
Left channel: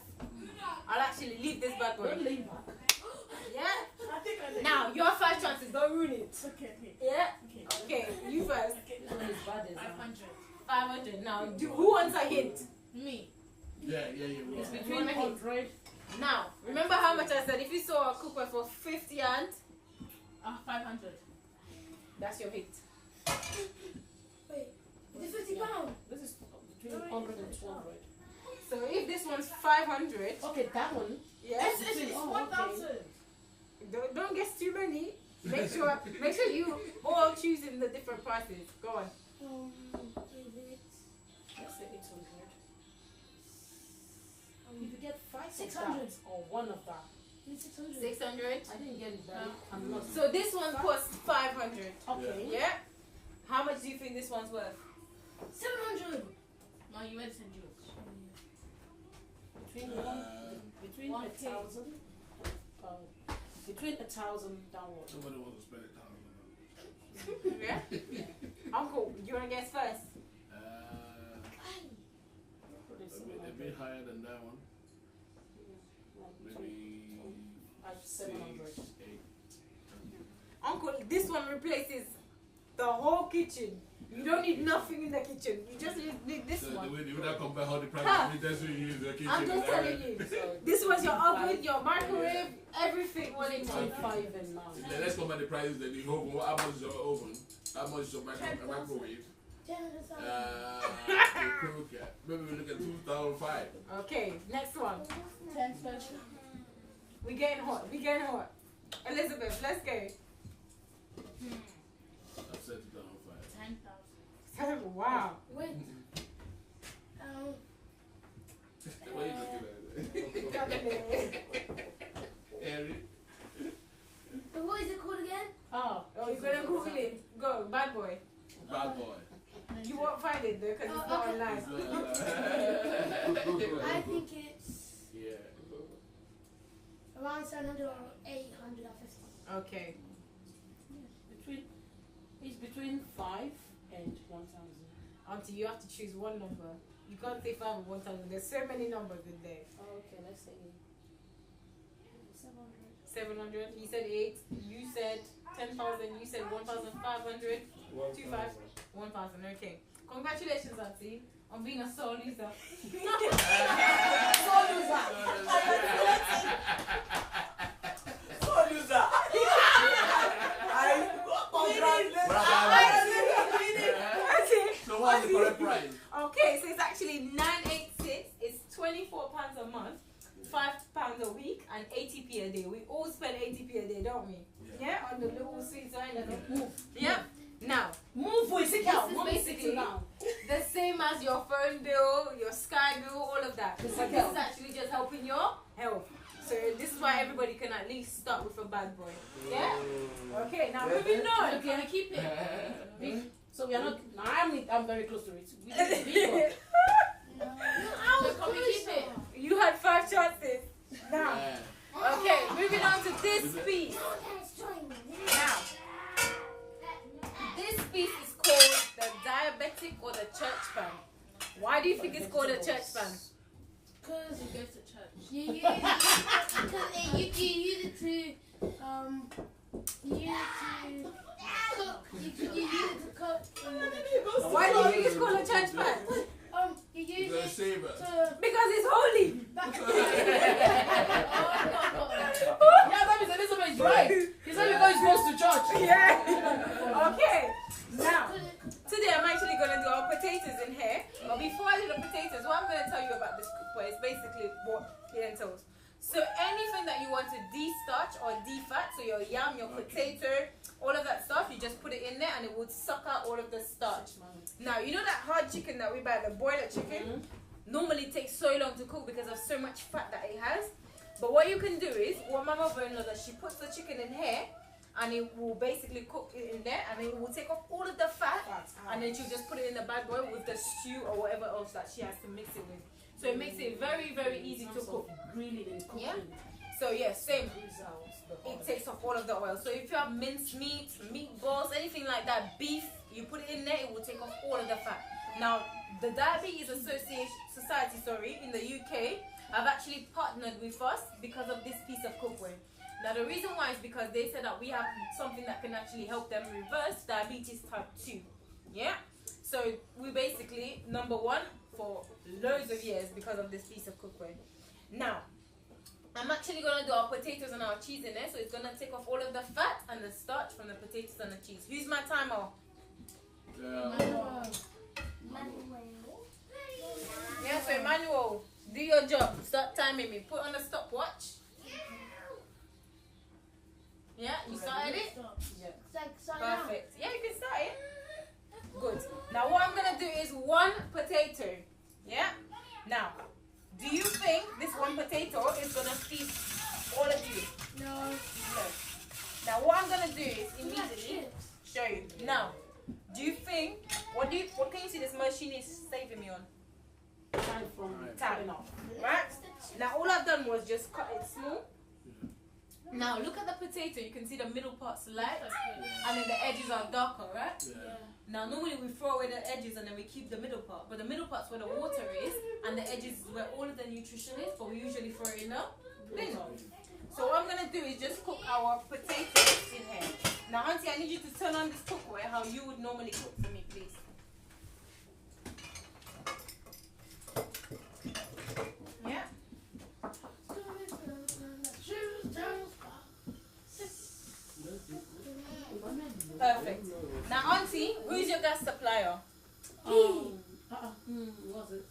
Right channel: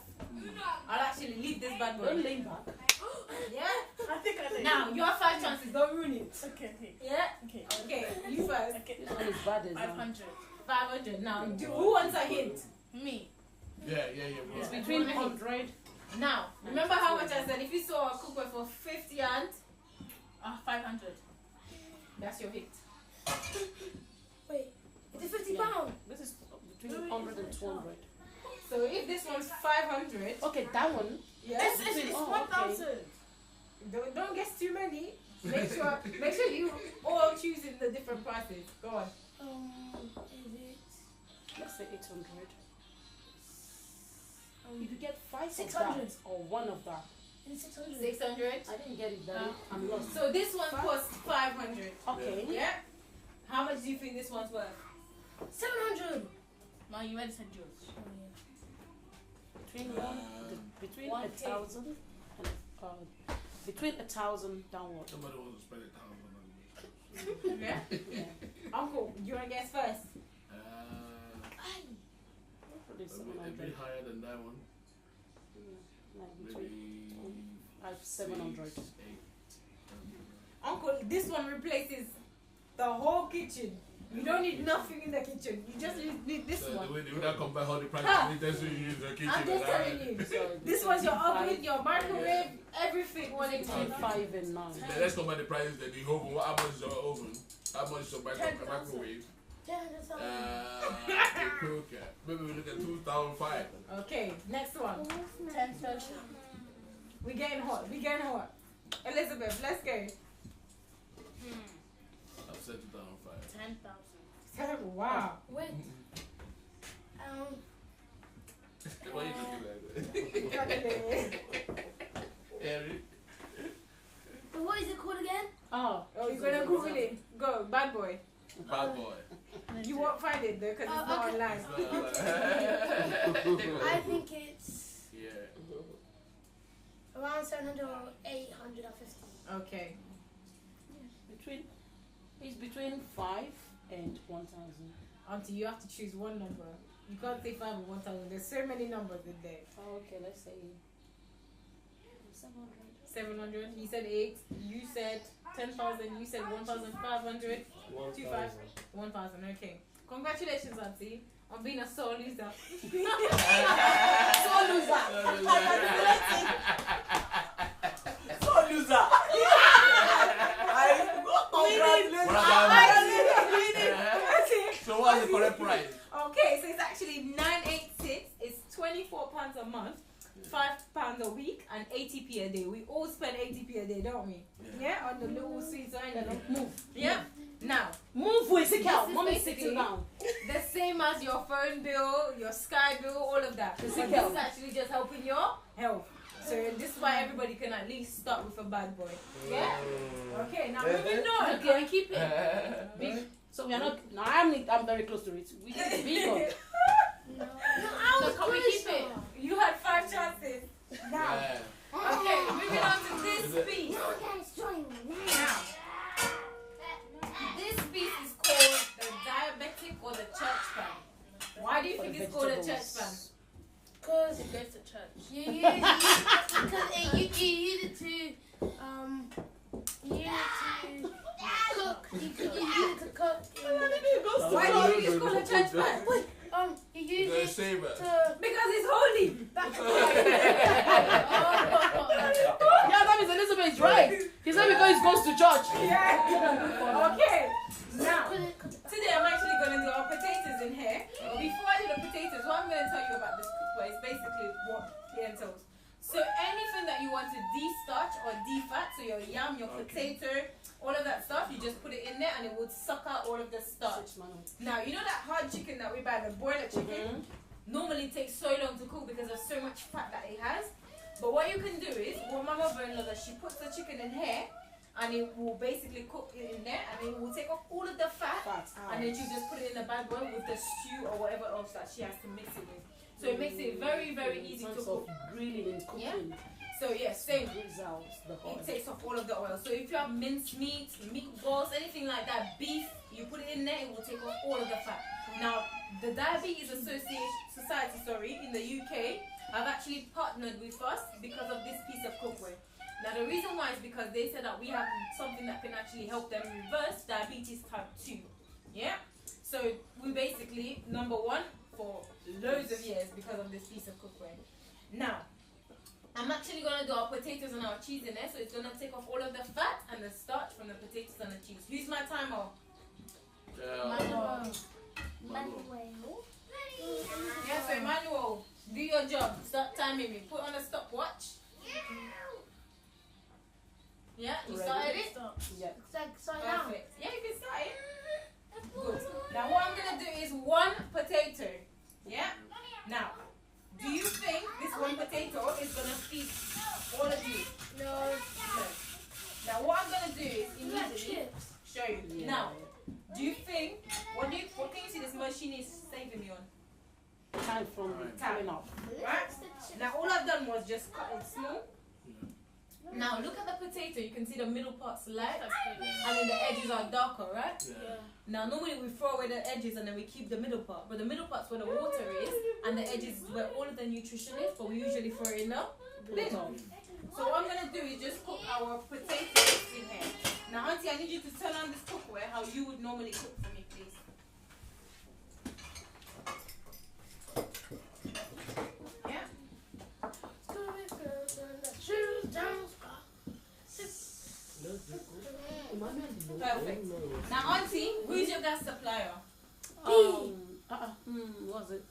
I'll actually leave this bad boy. Don't lean back. Yeah? I think I did. Now, your 5 chances, don't ruin it. Okay. Yeah? Okay. Okay, you first. Okay. This one is bad as 500. 500. Now, who wants a hint? Me. Yeah. It's between 100. Now, remember how much I said? If you saw a cooker for 50 and 500. that's your hit. Wait. Is it £50? This is between 100 and 200. So if this one's 500, Okay, that one. yes. It's Oh, 1,000. Don't guess too many. Make sure you all choosing the different prices. Go on. Is it Let's say 800. If you get 5 600. of that, or one of that. 600. 600. I didn't get it, Daddy. I'm lost. So this one costs 500. Okay. Yeah. How much do you think this one's worth? 700. No, you already said yours. Between 1K. 1,000 and between 1,000 downward. Somebody wants to spend $1,000. Yeah. Uncle, you wanna guess first? A bit higher than that one. Maybe 700. Uncle, this one replaces the whole kitchen. You don't need nothing in the kitchen. You just need this So one. the way they would have compare all the Huh. prices, that's what you use the kitchen. I'm just telling you. This was your oven, your microwave, everything was in one. 5 and 9. Let's compare the prices. Then the oven. How much is your oven? How much is your microwave? The cooker. Maybe we look at 2005. Okay, next one. 10,000. We getting hot. Elizabeth, let's go. I said 2005. 10,000. Wow. Wait. Why you looking like that? Eric. What is it called again? Oh, you're gonna Google it. Go, bad boy. Bad boy. You won't find it though, because it's not okay. online. I think it's Yeah. around 700 or 850. Okay. It's between 5 and 1,000. Auntie, you have to choose one number. You can't say 5 or 1,000. There's so many numbers in there. Oh, okay, let's say 700. He said 8. You said 10,000. You said 1,500. 25. 1,000. Okay. Congratulations, Auntie, on being a sore loser. Sore loser. Sore loser. So what's the correct price? Okay, so it's actually 986. It's £24 a month, £5 a week, and 80p a day. We all spend 80p a day, don't we? Yeah, on the little sweets or anything. Yeah. Now, Move with it out. This is Mommy, sit basically- down. the same as your phone bill, your Sky bill, all of that. But this is actually just helping your health. So this is why everybody can at least start with a bad boy. Yeah? Okay, now moving on. Okay, keep it. So we are not. No, I'm very close to it. We need to be good. No. So can we keep it? You had 5 chances. Now, okay, moving on to this piece. Now, this piece is called the diabetic or the church fan. Why do you think it's called a church fan? Because you go to church. You use it, you use it to cook. You use it to cook. Why do you think it's called a church fan? You use it Save it. to. Because it's holy. Yeah, that means Elizabeth is right. He said because he goes to church. Yeah. Okay. Now, today I'm actually going to do our potatoes in here. But before I do the potatoes, what I'm going to tell you about this cookware is basically what it entails. So anything that you want to de-starch or de-fat, so your yam, your potato, all of that stuff, you just put it in there and it would suck out all of the starch. Now, you know that hard chicken that we buy, the broiler chicken? Normally takes so long to cook because of so much fat that it has. But what you can do is, what my mother-in-law does, she puts the chicken in here and it will basically cook it in there and it will take off all of the fat and then she'll just put it in the bad boy with the stew or whatever else that she has to mix it with. So it makes it very, very easy to cook. Grilling and cooking. Yeah. So yeah, same. Results, the oil. It takes off all of the oil. So if you have minced meat, meatballs, anything like that, beef, you put it in there, it will take off all of the fat. Now, the Diabetes Society, in the UK, have actually partnered with us because of this piece of cookware. Now, the reason why is because they said that we have something that can actually help them reverse diabetes type 2. Yeah? So, we basically, number one, for loads of years because of this piece of cookware. Now, I'm actually going to do our potatoes and our cheese in there, so it's going to take off all of the fat and the starch from the potatoes and the cheese. Who's my timer? Yeah, so Emmanuel, do your job. Start timing me. Put on the stopwatch. Yeah, you started it? Yeah. Perfect. Yeah, you can start it. Good. Now what I'm going to do is 1 potato. Yeah? Now, do you think this 1 potato is going to feed all of you? No. No. Now what I'm going to do is immediately show you. Now, do you think, what can you see this machine is saving me on? Time from Time. off. Right? Now all I've done was just cut it small. Now look at the potato, you can see the middle part's light and then the edges are darker, right? Now normally we throw away the edges and then we keep the middle part, but the middle part's where the water is and the edges is where all of the nutrition is, but we usually throw it in the bin. So what I'm going to do is just cook our potatoes in here. Now Auntie, I need you to turn on this cookware how you would normally cook for me, please. Yeah? Perfect. Now Auntie, who's your gas supplier? What's it?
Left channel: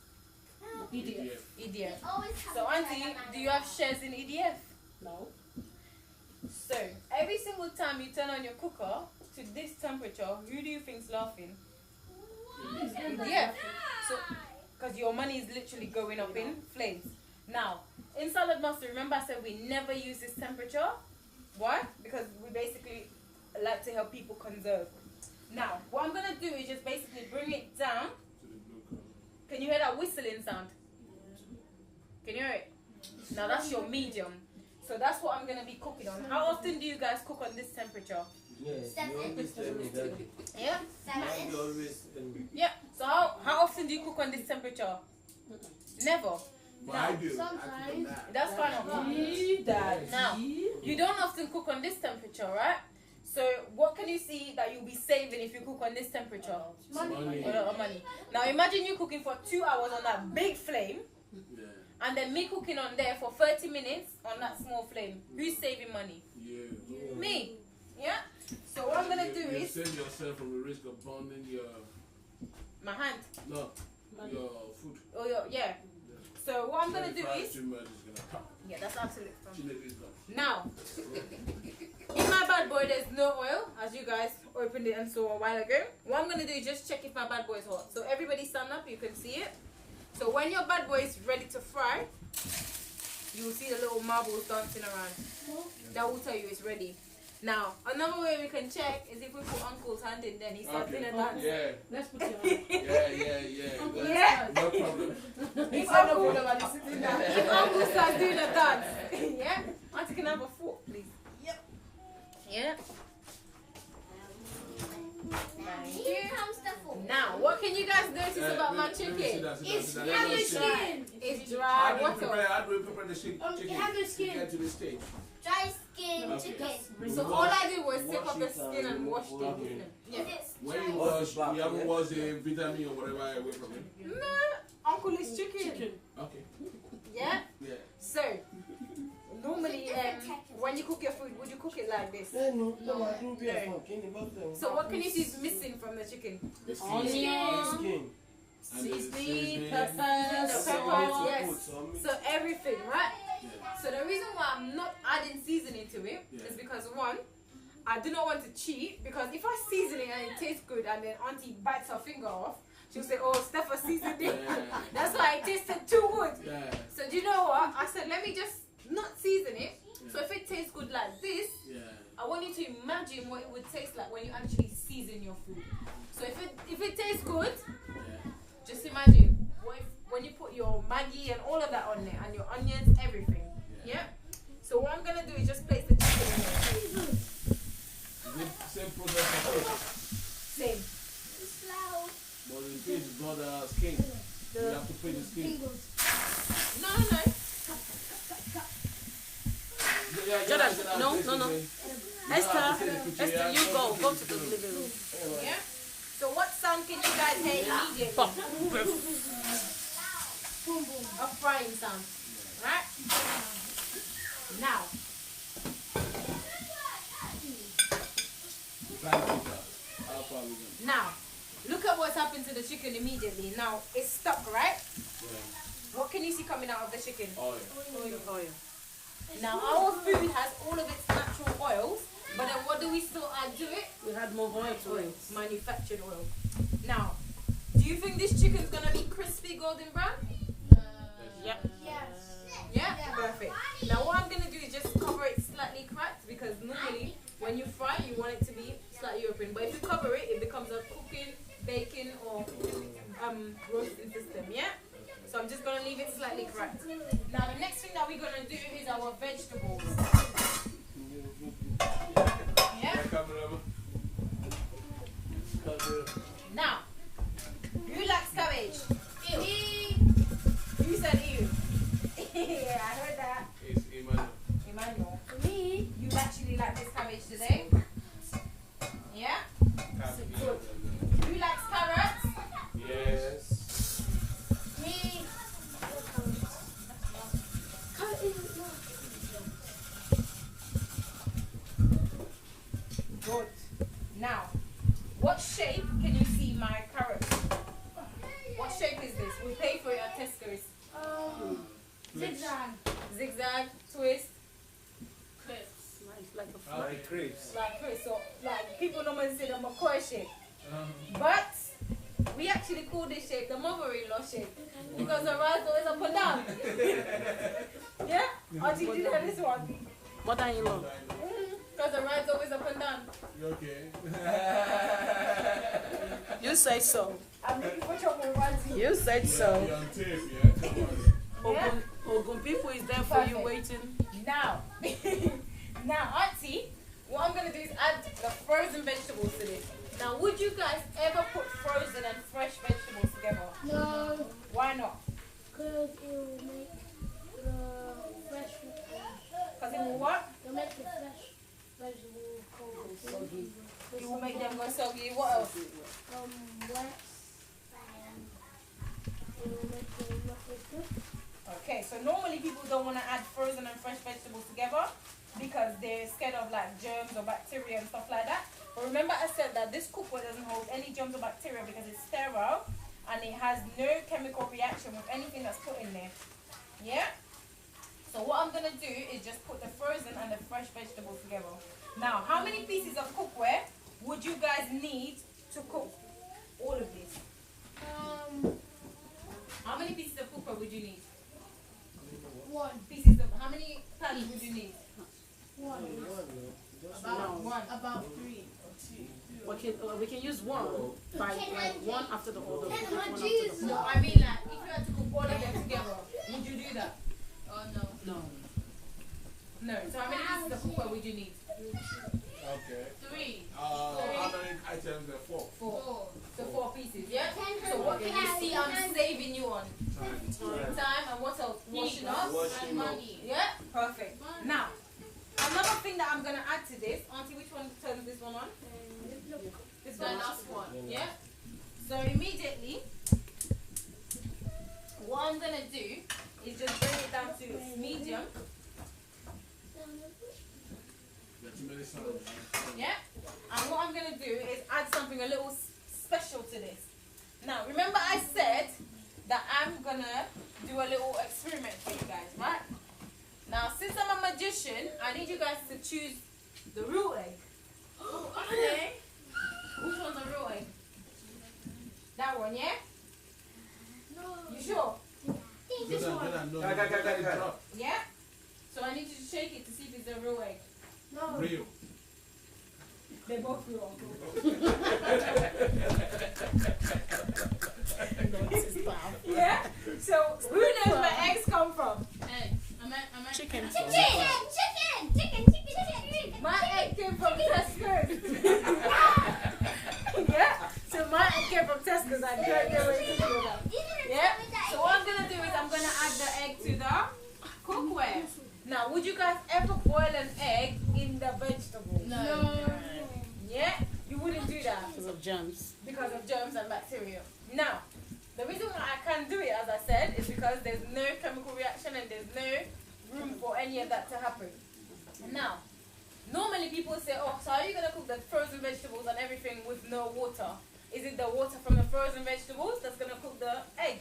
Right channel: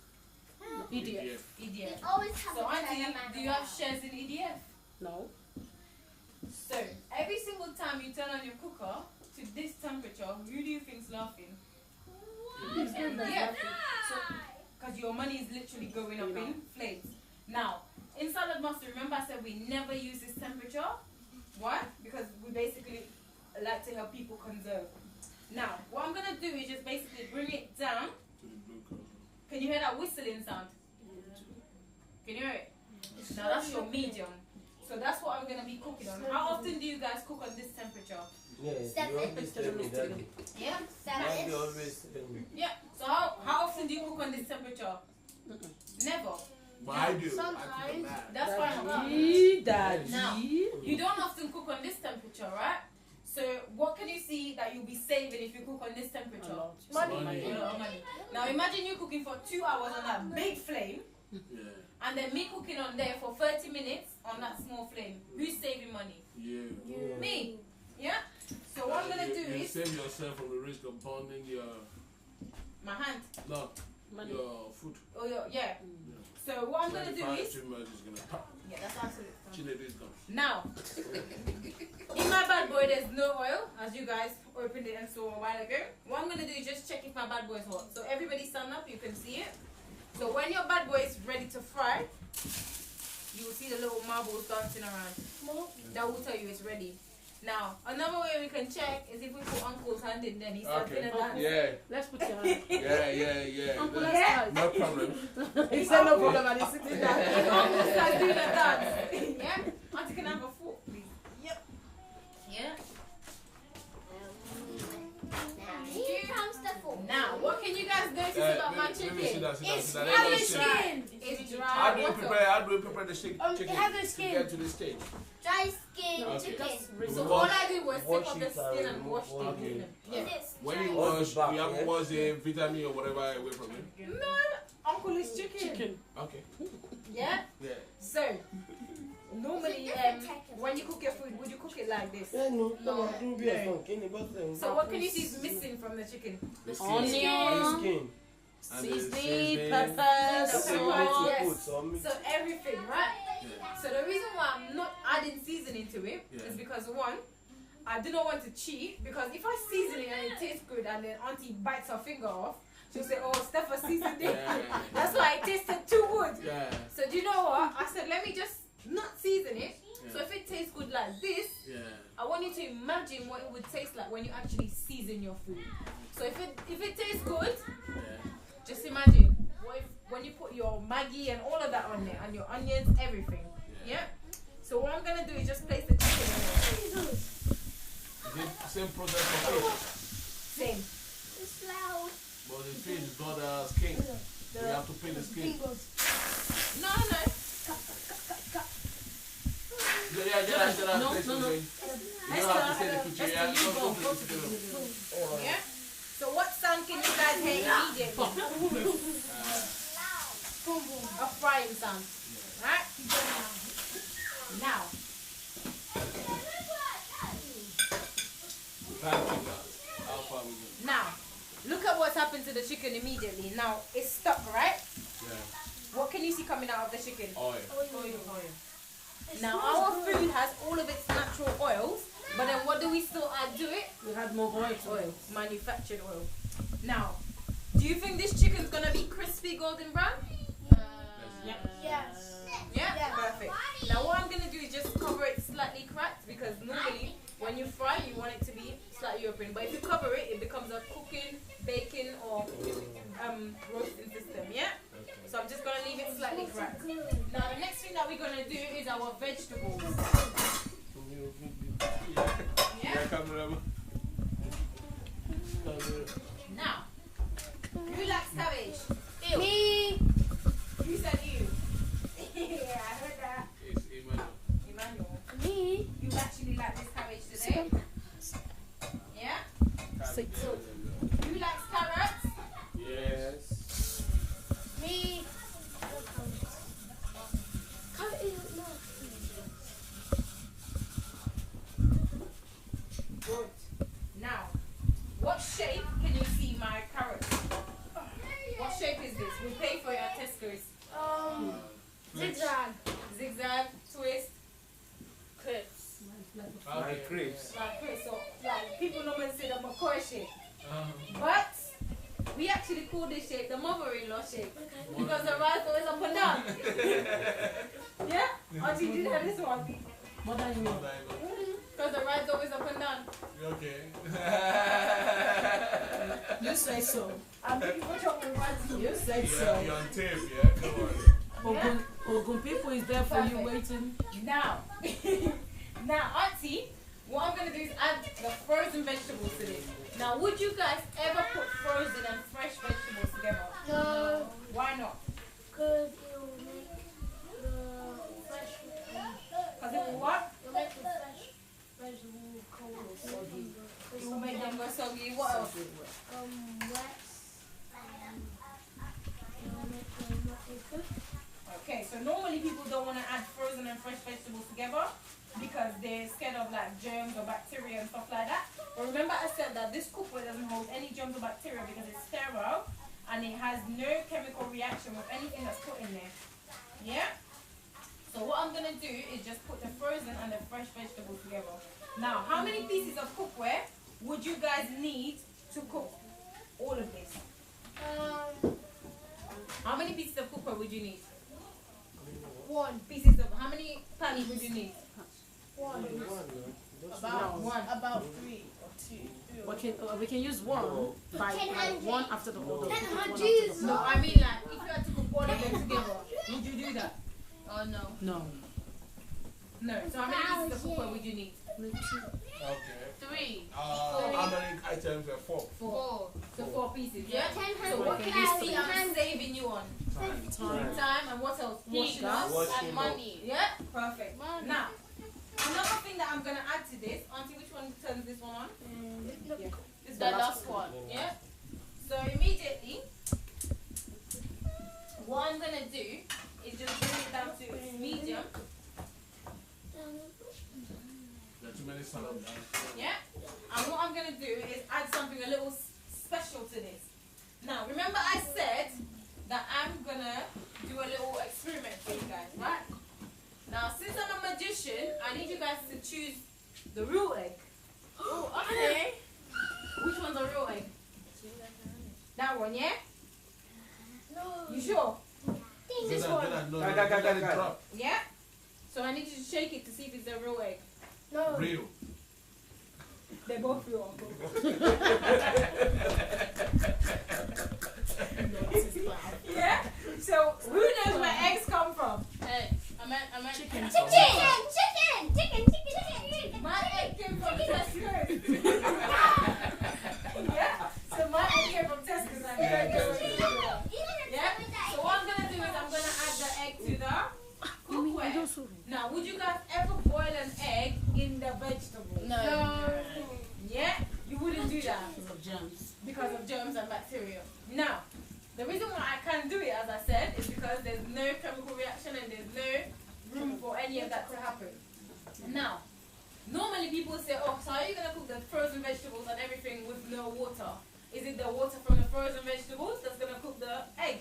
EDF. EDF. Always have So Auntie, do you have shares in EDF? No. So, every single time you turn on your cooker to this temperature, who do you think's laughing? EDF. So, because your money is literally going up in flames. Now, in Saladmaster, remember I said we never use this temperature? Why? Because we basically like to help people conserve. Now, what I'm going to do is just basically bring it down. Can you hear that whistling sound? Can you hear it? Now that's your medium. So that's what I'm going to be cooking on. How often do you guys cook on this temperature? Yes, Seven. you always tell me that. Yeah? Mommy always tell me. Yeah. So how often do you cook on this temperature? Never. But I do. Sometimes. I cook on that. That's fine. Now, you don't often cook on this temperature, right? So what can you see that you'll be saving if you cook on this temperature? Money. A lot of money. Now imagine you cooking for 2 hours on that big flame, Yeah. and then me cooking on there for 30 minutes on that small flame. Who's saving money? Yeah. Me. Yeah? So what I'm going to do You is, save yourself from the risk of burning your, my hand. no, Money. your food. Oh, yeah. So what I'm going to do is, Too much is gonna pop. yeah, that's absolutely fine. Chile is gone. Now, in my bad boy, there's no oil, as you guys opened it and saw a while ago. What I'm gonna do is just check if my bad boy is hot. So everybody stand up, you can see it. So when your bad boy is ready to fry, you will see the little marbles dancing around. That will tell you it's ready. Now, another way we can check is if we put Uncle's hand in, then he starts in a dance. Yeah. Let's put your hand. Yeah. Uncle, That's Yeah. no problem. If Uncle starts doing a dance, yeah? Auntie, can I have a fork, please? Yep. Yeah. Here comes the food. Now, what can you guys notice about my chicken? It's Have have a a skin. skin. It's How dry. do you What else? prepare? How do we prepare the chicken It have a to skin. get to this stage? Dry skin Okay. chicken. So all I did was Wash take off the it skin and and wash remove it. all the- Yeah. Is it When you dry? Wash wash, the back, you haven't yeah? washed the vitamin or whatever away from it. No, Uncle is chicken. Okay. Yeah. Yeah. So normally, when you cook your food, would you cook it like this? Yeah, no. I do be a fun. Can you both them? So what can you see is missing from the chicken? The skin. Onion, Skin. And the seasoning, seasoning. pepper, The Seasoning pepper, to yes. put, so mix. So everything, right? Yeah. So the reason why I'm not adding seasoning to it Yeah. is because one, I do not want to cheat, because if I season it and it tastes good and then Auntie bites her finger off, she'll say, oh, Steffa seasoned it. Yeah. That's why it tasted too good. Yeah. So do you know what? I said, let me just not season it. Yeah. So if it tastes good like this, Yeah. I want you to imagine what it would taste like when you actually season your food. So if it tastes good, Yeah. just imagine when you put your Maggi and all of that on there and your onions, everything. Yeah? So what I'm gonna do is just place the chicken in there. Is it same process for fish? Same. It's loud. But the fish is not skin. You have to peel the skin. No. Jordan, no. Esther, you go to the living living room. Yeah? So what sound can you guys hear immediately? Pop. A frying sound. Right? Now, look at what's happened to the chicken immediately. Now, it's stuck, right? What can you see coming out of the chicken? Oil. Oil. Now, our food has all of its natural oils, but then what do we still add to it? We had more oil. Manufactured oil. Now, do you think this chicken's gonna be crispy golden brown? Yep. Yes. Yeah? Perfect. Now, what I'm gonna do is just cover it slightly cracked, because normally when you fry, you want it to be slightly open. But if you cover it, it becomes a cooking, baking, or roasting system. Yeah? So I'm just gonna leave it slightly cracked. Now, the next thing that we're gonna do is our vegetables. Yeah? Now, who likes cabbage? Ew. Me. You said ew. Yeah, I heard that. It's Emmanuel. Emmanuel, Me. you actually like this cabbage today? Yeah? Who likes carrots? Yes. Me. Carrot isn't enough. Good. Now, what shape can you see my carrot? What shape is this? We pay for it at Tesco's. Zigzag. Zigzag, twist, Crisps. Like crepes. like twist. So, like people normally say the McCoy shape. But we actually call this shape the mother-in-law shape because the rice always up and down. Yeah? Or did you know this one? Mother-in-law. Because the rice always up and down. Okay. You say so. I'm looking for chocolate party. You said You're so. on tape, yeah? Come on. Ogun people is there for you Perfect. waiting. Now, Auntie, what I'm going to do is add the frozen vegetables to this. Now, would you guys ever put frozen and fresh vegetables together? No. Why not? Because it will make the fresh Because it will what? It will make the fresh vegetable cold. Soggy. It will make them go soggy. What else? Wet. And it will make them not taste good. Okay, so normally people don't want to add frozen and fresh vegetables together because they're scared of like germs or bacteria and stuff like that. But remember I said that this cookware doesn't hold any germs or bacteria because it's sterile and it has no chemical reaction with anything that's put in there. Yeah? So what I'm going to do is just put the frozen and the fresh vegetables together. Now, how many pieces of cookware would you guys need to cook all of this? How many pieces of cookware would you need? 1. Pieces of, how many pans would you need? 1. About One. About 3 or 2. We can use one by one after the other. No, I mean like, if you had to cook all of them together, would you do that? Oh no. No. No. So how many pieces of cookware would you need? Okay. 3. How many items are 4? 4. So 4 pieces, yeah? Yeah. So what can you see I'm saving you on? Time and what else? Washing up And money. Yeah? Perfect. Money. Now, another thing that I'm going to add to this, Auntie, which one turns this one on? This The one. last one. Yeah? So immediately, what I'm going to do is just bring it down to medium. There are too many salads. Yeah? And what I'm going to do is add something a little special to this. Now, remember I said that I'm going to do a little experiment for you guys, right? Now, since I'm a magician, I need you guys to choose the real egg. Okay. Which one's a real egg? That one, yeah? No. You sure? This one. Yeah? So I need you to shake it to see if it's a real egg. No. Real. They're both real. Yeah? So, who knows where eggs come from? Hey, I meant Chicken. My egg came from Tesco's. Yeah? So my egg came from Tesco's. I didn't know where it came from. Yeah? So what I'm going to do is I'm going to add the egg to the cookware. Now, would you guys ever boil an egg in the vegetable? No. Yeah? You wouldn't do that Because of germs. because of germs and bacteria. Now, the reason why I can do it, as I said, is because there's no chemical reaction and there's no room for any of that to happen. Now, normally people say, oh, so are you going to cook the frozen vegetables and everything with no water? Is it the water from the frozen vegetables that's going to cook the egg?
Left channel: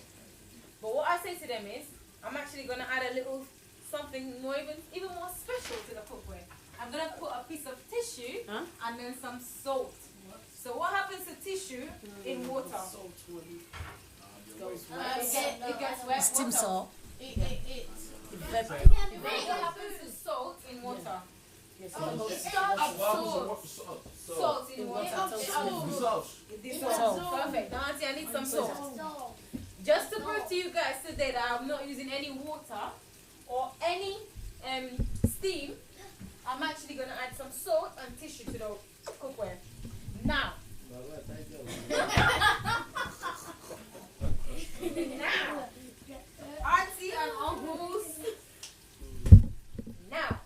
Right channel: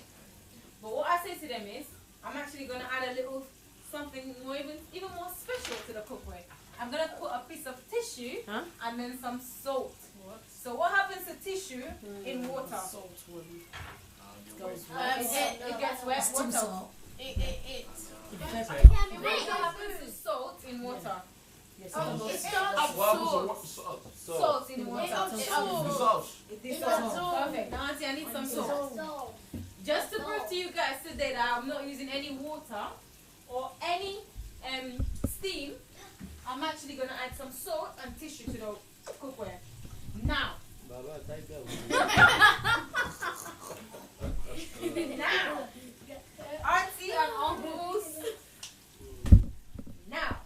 But what I say to them is, I'm actually going to add a little something more, even more special to the cookware. I'm going to put a piece of tissue and then some salt. So what happens to tissue in water? Salt will goes It gets wet. Steam What salt. else? What happens to salt in water? Yes, Salt in water. It dissolves. Perfect. Now, Auntie, I need some salt. Just to prove to you guys today that I'm not using any water or any steam, I'm actually going to add some salt and tissue to the cookware. Now, auntie and uncles. Now,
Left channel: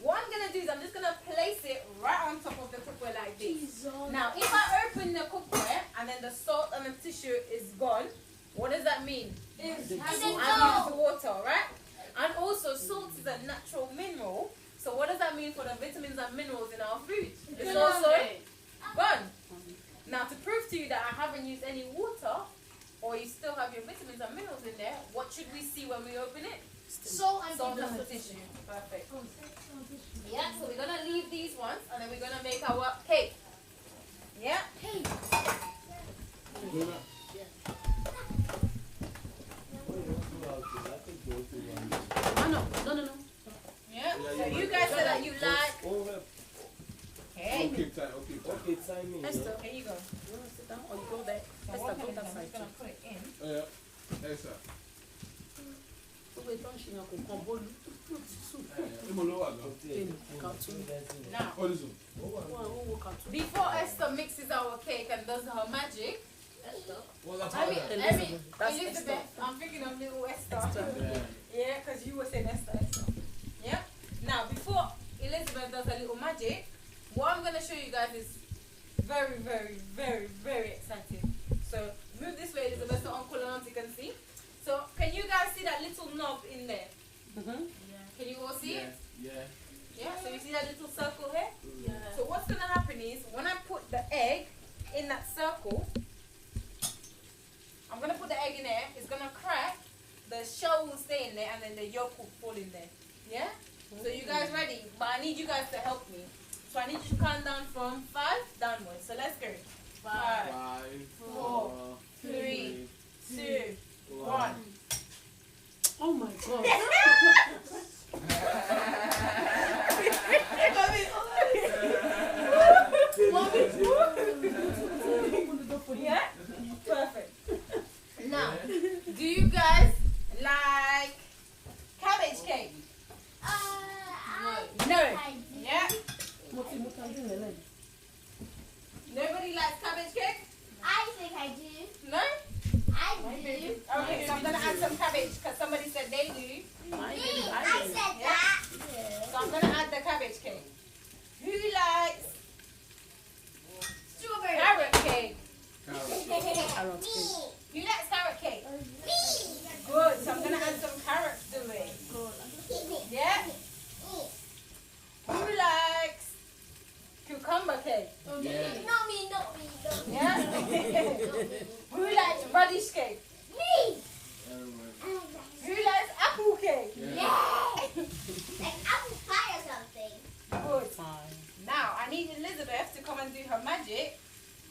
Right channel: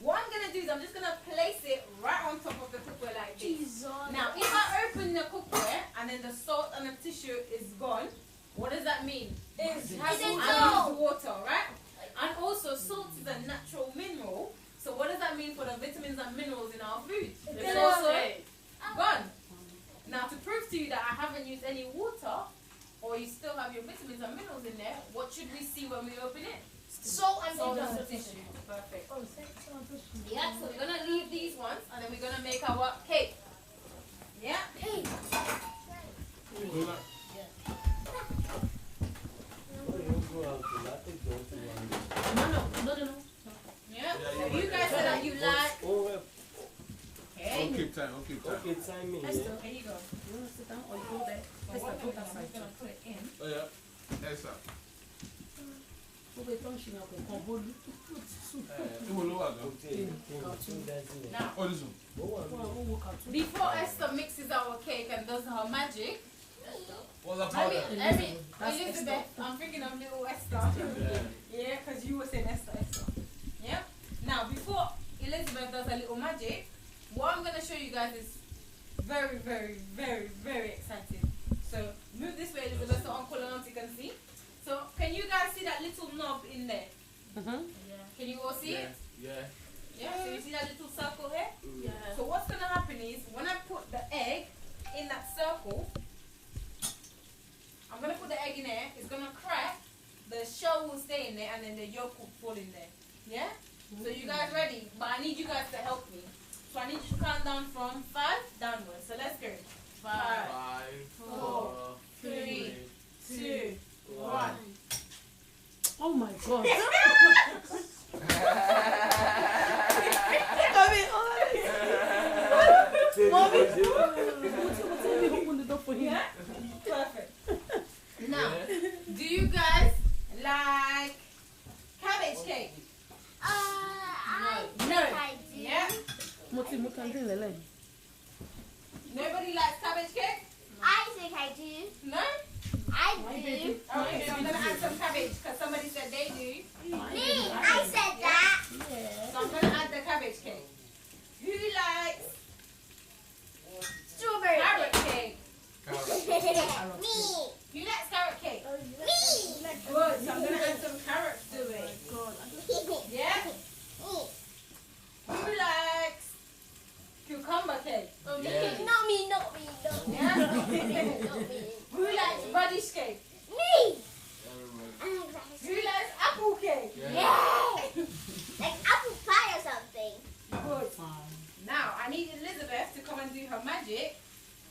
what I'm going to do is I'm just going to place it right on top of the cookware like this. Now, if I open the cookware and then the salt and the tissue is gone, what does that mean? I've used water, right? And also, salt is a natural mineral. So what does that mean for the vitamins and minerals in our food? It's also gone. Now, to prove to you that I haven't used any water, or you still have your vitamins and minerals in there, what should we see when we open it? Salt and Salt and tissue. Perfect. Yeah, so we're going to leave these ones, and then we're going to make our cake. Yeah? No. Yeah? So you guys said that you like... Okay. Okay, time. Esther, Here you go. you want to sit down or you go there? So Esther, what I'm go going that to do, I'm side. just going to put it in. Oh, yeah. Yes, sir. So wait, don't she have a combo? Now, Oh, this one. before Esther mixes our cake and does her magic, What's that I powder? mean, That's Elizabeth, I'm thinking of little Esther. Yeah, because you were saying Esther. Yeah? Now, before Elizabeth does her little magic, what I'm going to show you guys is very, very, very, very exciting. So, move this way, Elizabeth, so Uncle and Auntie can see. So, can you guys see that little knob in there? Can you all see it? Yeah, so you see that little circle here? Yeah. So what's going to happen is, when I put the egg in that circle, I'm going to put the egg in there, it's going to crack, the shell will stay in there, and then the yolk will fall in there. Yeah? So you guys ready? But I need you guys to help me. So I need you to count down from 5 downwards. So let's go. 5, 5, 4, 3, 2, 1. Oh my God. Yeah? Perfect. Now, do you guys like cabbage cake? No. Yeah? Nobody likes cabbage cake? I think I do. No? I do. Okay, so I'm going to add some cabbage because somebody said they do. I said that. So I'm going to add the cabbage cake. Who likes Strawberry. carrot cake? Me. Who likes carrot cake? Me. Good. So I'm going to add some carrots to it. Yeah? Who likes cucumber cake? Not me, not me, not me. Yeah? Who likes radish cake? Me. Who likes apple cake? Yeah. Like apple pie or something. Good. Now, I need Elizabeth to come and do her magic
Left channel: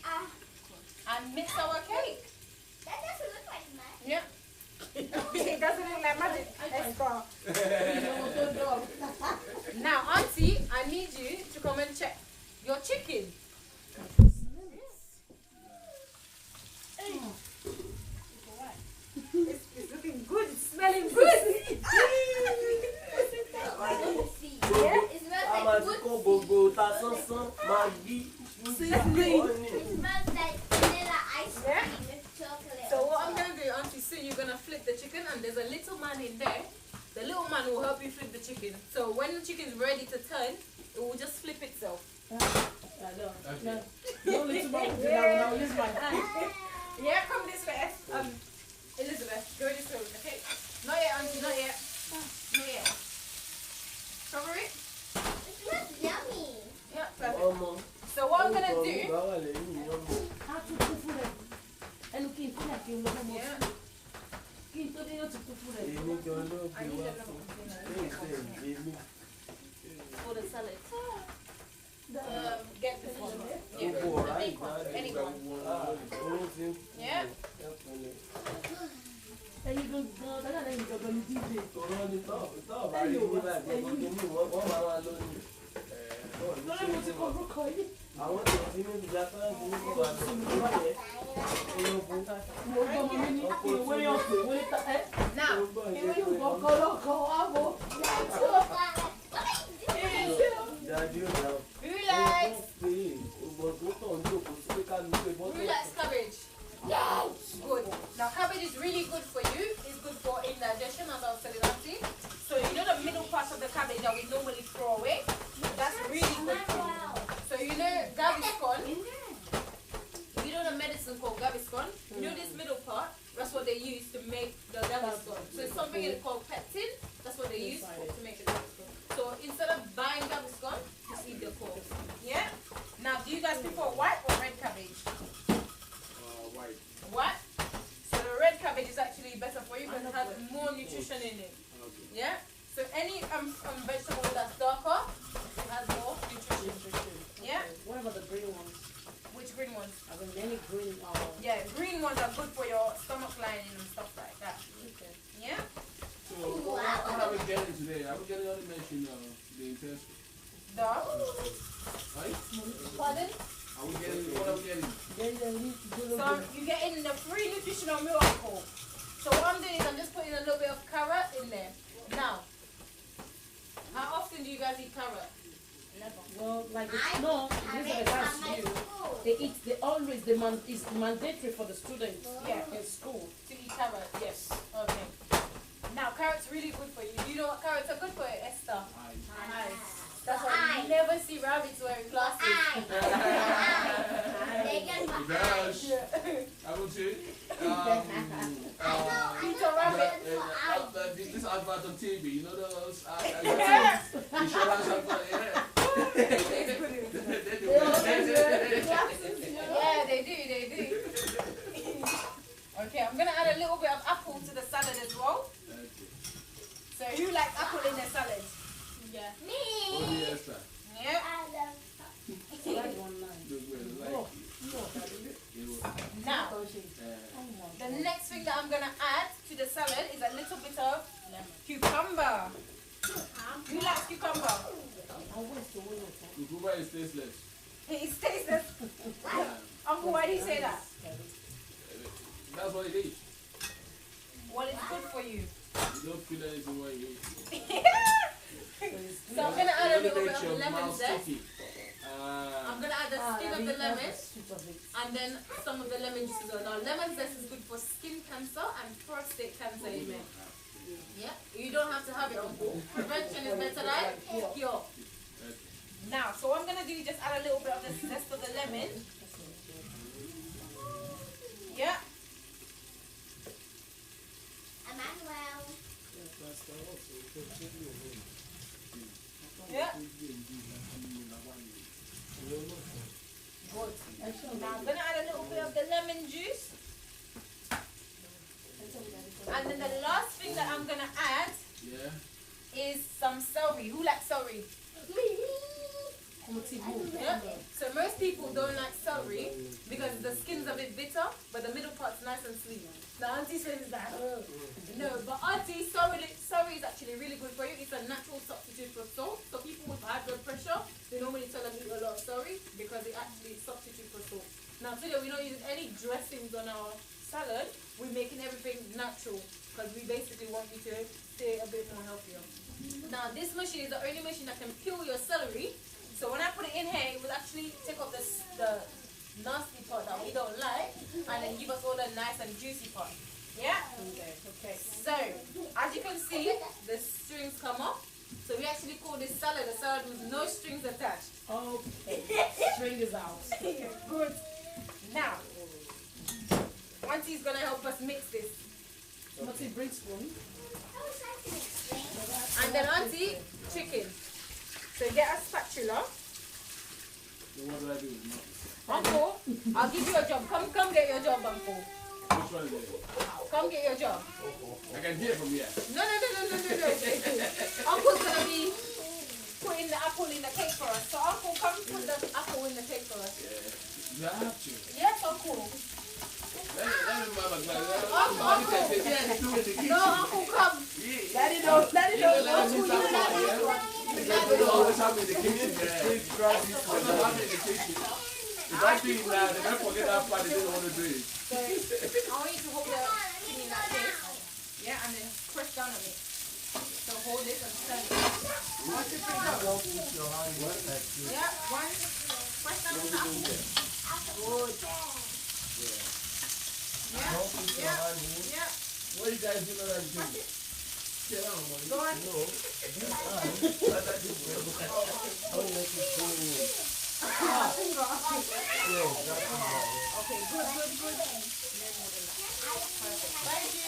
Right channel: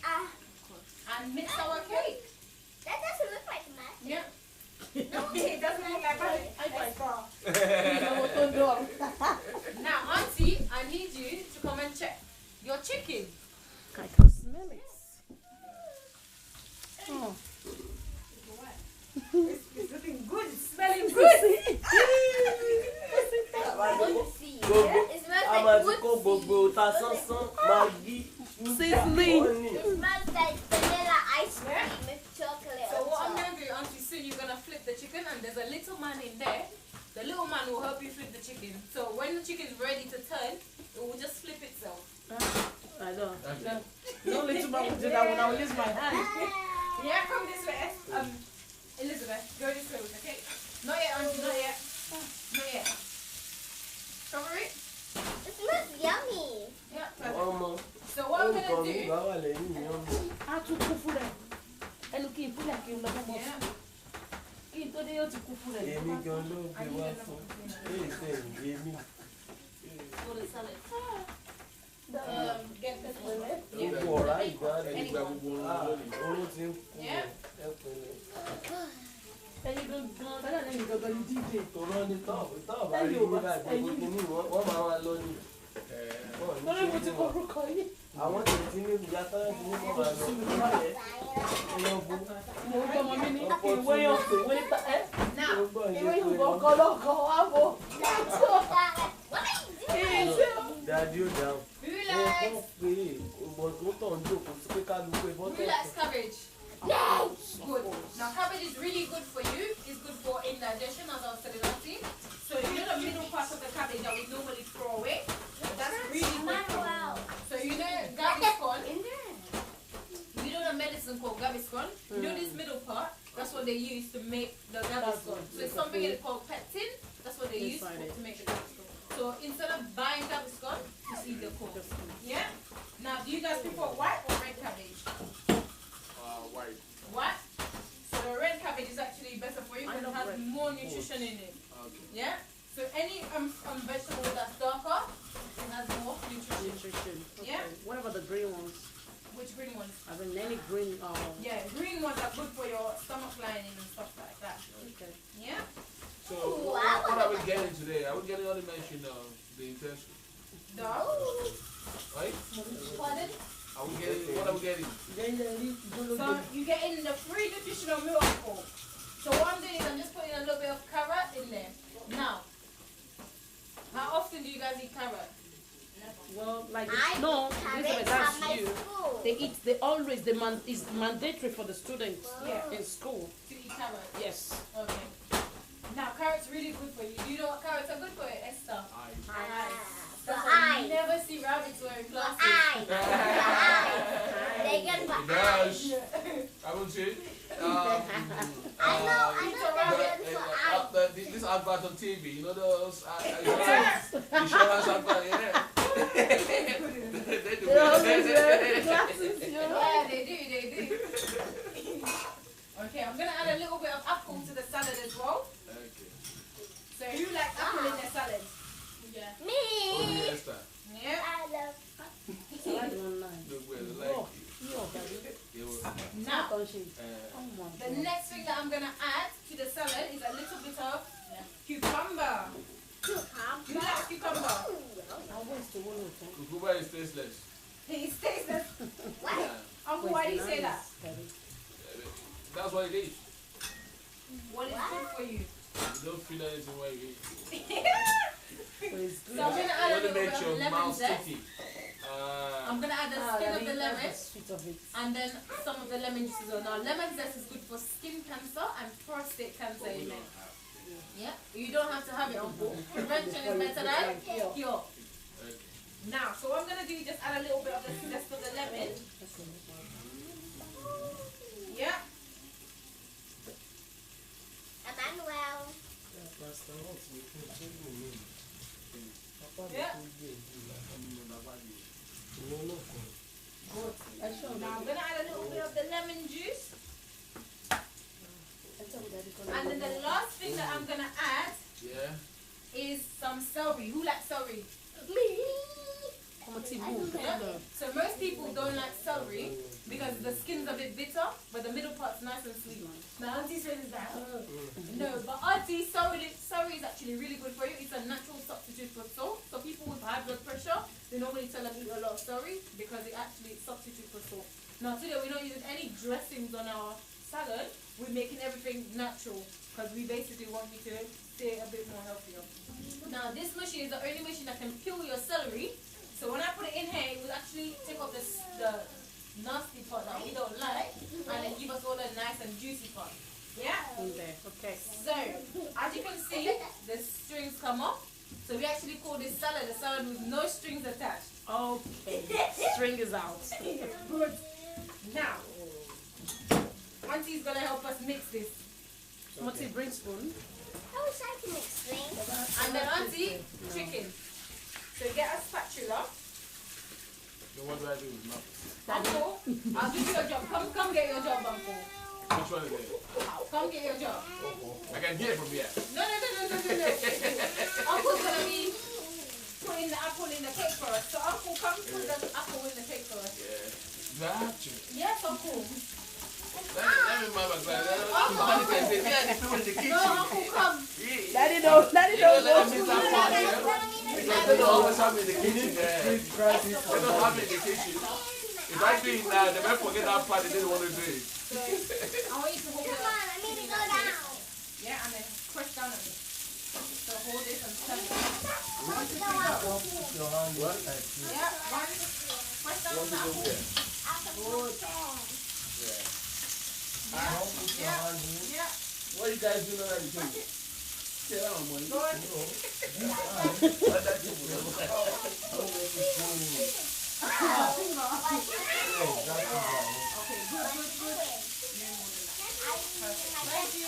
and mix our cake. That doesn't look like that. Yeah. It doesn't look like magic. Let's go. Now, Auntie, I need you to come and check your chicken. It's looking good. It's smelling good. It smells like It smells like vanilla ice cream with chocolate. So what I'm going to do, Auntie Sue, you're going to flip the chicken and there's a little man in there. The little man will help you flip the chicken. So when the chicken is ready to turn, it will just flip itself. I don't. No little man will do that when I was just my hand. Yeah, come this way. Elizabeth, go this way, okay? Not yet, Auntie, not yet. Not yet. Strawberry? It smells yummy. Yeah, perfect. So what I'm going to do... Yeah. For the salad. Get this one. Yeah. Anyone. Yeah. àwọn tètè ní ìgbà táwọn ti ní bàbá lọ Who likes cabbage? Good. Now cabbage is really good for you. It's good for indigestion, as I was telling you. So you know the middle part of the cabbage that we normally throw away? That's really good for you. So you know Gaviscon? You know the medicine called Gaviscon? You know this middle part? That's what they use to make the Gaviscon. So it's something called pectin. That's what they use to make the Gaviscon. So instead of buying Gaviscon, just eat the core. Yeah? Now, do you guys prefer white or red cabbage? White. What? So the red cabbage is actually better for you because it has more nutrition in it. Okay. Yeah? So any vegetable that's darker, it has more nutrition. Yeah? What about the green ones? Which green ones? I mean, any green. Yeah, green ones are good for your stomach lining and stuff like that. Okay. Yeah? So what are we getting today? Are we getting only mention the intestine? Dog? Right? Pardon? Are we getting, what are we getting? So you're getting the free nutritional miracle. So what I'm doing is I'm just putting a little bit of carrot in there. Now, how often do you guys eat carrot? Well, like I no, have listen, it that's at my you. school. They always it's mandatory for the students Yeah. in school. To eat carrot? Yes. Okay. Now, carrots really good for you. Do you know what carrots are good for, Esther? That's why you never see rabbits wearing glasses. They get my Gosh. Yeah. I would say, I know. this advert on TV, you know those Yeah. insurance advert, yeah. Yeah, they do. Okay, I'm gonna add a little bit of apple to the salad as well. So who likes apple in their salad? Me. Yeah. I love The next thing that I'm gonna add to the salad is a little bit of cucumber. Who likes cucumber? Cucumber is tasteless. He's tasteless. Yeah. Uncle, why do you say that? That's what it is. Well, it's good for you. You don't feel anything when you eat. So I'm gonna add a little bit Makes of your lemon mouth zest. sticky. I'm gonna add the skin of the lemon and then some of the lemon juices. Now, lemon zest is good for skin cancer and prostate cancer, amen. Yeah, you don't have to have it, Uncle. Prevention is better than cure. Now, so what I'm gonna do is just add a little bit of the zest of the lemon. Yeah. Emmanuel. Yeah. Now I'm gonna add a little bit of the lemon juice. And then the last thing that I'm gonna add is some celery. Who likes celery? Yeah. So most people don't like celery because the skin's a bit bitter, but the middle part's nice and sweet. Now Auntie says that. No, but Auntie, celery is actually really good for you. It's a natural substitute for salt. So people with high blood pressure, they normally tell them eat a lot of celery because it actually substitutes for salt. Now today we're not using any dressings on our salad. We're making everything natural because we basically want you to stay a bit more healthier. Now this machine is the only machine that can peel your celery. So when I put it in here, it will actually take off the nasty part that we don't like and then give us all the nice and juicy part. Yeah? Okay. So, as you can see, the strings come off. So we actually call this salad a salad with no strings attached. Okay. String is out. Good. Now, Auntie's going to help us mix this. Auntie, bring spoon. And then Auntie, chicken. So get a spatula. So what do I do with mouth? Uncle, I'll give you a job. Come get your job, Uncle. Which one is it? Come get your job. I can get it from here. No. Uncle's gonna be putting the apple in the cake for us. So Uncle, come put the apple in the cake for us. Yeah. Got you. Yes, Uncle. Let me mama class. No, Uncle, come. Daddy know. What's happening in the kitchen? If I do it now, they might forget that part they didn't want to do it. So I want you to hold the thing in that cake. Yeah, and then press down on it. So hold it and turn it. 1, 2, 3, go. Yeah, 1. Press down on the apple. Good. Yeah. What you guys doing at the table? Sit down, boy. Go on. Okay, good. Perfect. Thank you.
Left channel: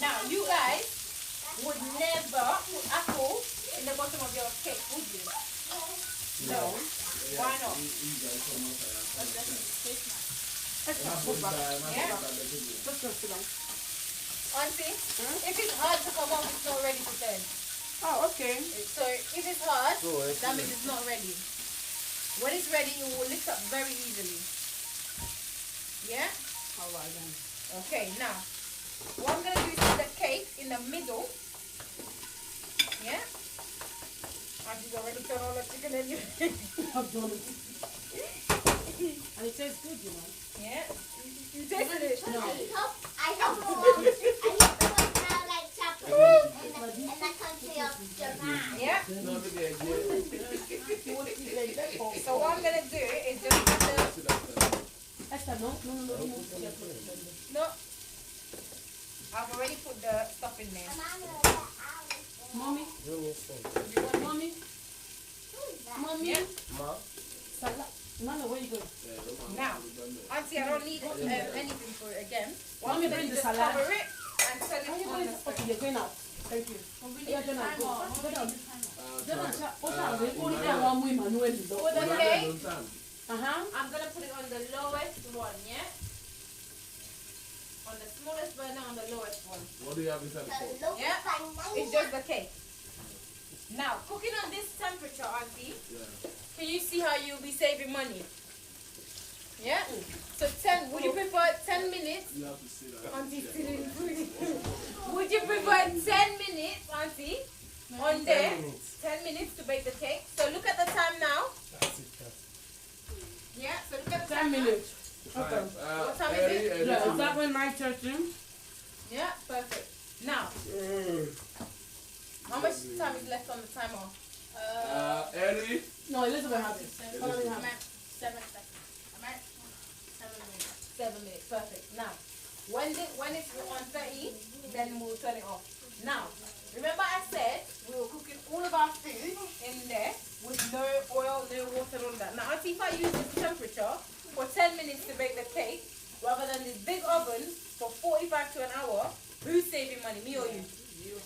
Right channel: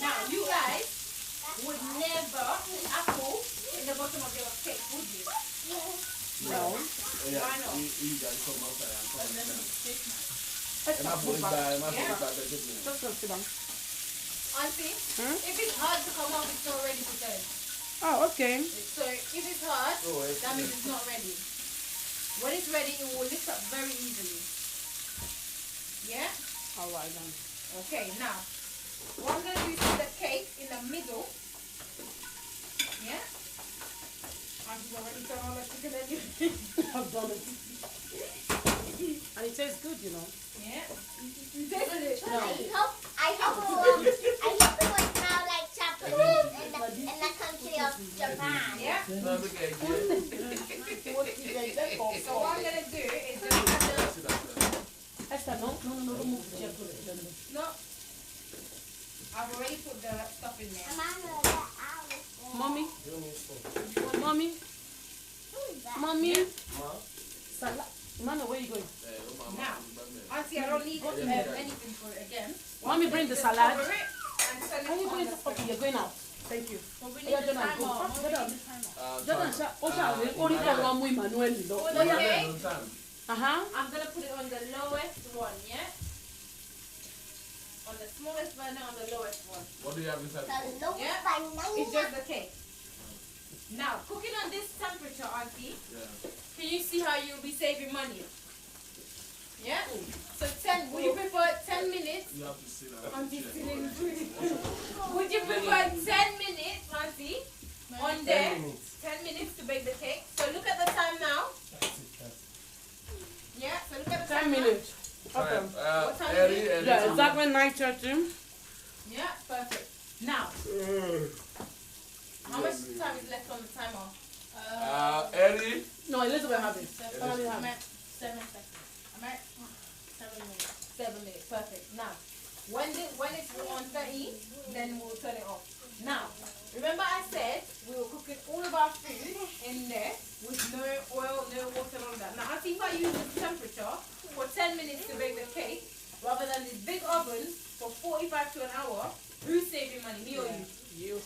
Now, you guys would never put apple in the bottom of your cake, would you? No. Why not? You guys come outside and come inside. Auntie, if it's hard to come out, it's not ready to turn. Oh, okay. So if it's hard, that means it's not ready. When it's ready, it will lift up very easily. Yeah? Alright then. Okay, now, what I'm going to do is put the cake in the middle. Yeah? I've already done all the chicken and you. I've done it. And it tastes good, you know. Yeah? You tasted it? No. I hope it will smell like chocolate in the country of Japan. Yeah? No, look at you. So what I'm going to do is just add the... Esther, no? No. I've already put the stuff in there. Mommy? You need some. Mommy? Mommy? Yeah. Ma? Salad. Mama, where you going? Now, Auntie, I don't need anything for it again. Want me to bring the Just salad? cover it and set it Are you on going the to stove. okay, you're going out. Thank you. Yeah, then I'll go. Only one way Manuel is For up. the cake, Uh-huh. I'm going to put it on the lowest one, yeah? On the smallest burner, on the lowest one. What do you have inside for? Yeah? It's just the cake. Now, cook it on this temperature, Auntie. Yeah. Can you see how you'll be saving money? Yeah? So 10, would you prefer 10 minutes? You have to say that. Auntie still in food. Would you prefer 10 minutes, Auntie? On there? 10 minutes to bake the cake. So look at the time now. Yeah, so look at the 10 time minutes. now. Okay. What time is Eddie, it? Eddie. Yeah, exactly 9:30. Yeah, perfect. Now, how much time is left on the timer? Eddie. No, Elizabeth has it. I'm Elizabeth has it. at 7 seconds. I'm at 7 minutes. 7 minutes, perfect. Now, when it's on 30, then we'll turn it off. Now, remember I said we were cooking all of our food in there with no oil, no water, all that. Now, Auntie, if I use this temperature for 10 minutes to bake the cake, rather than this big oven for 45 to an hour, who's saving money, me or you?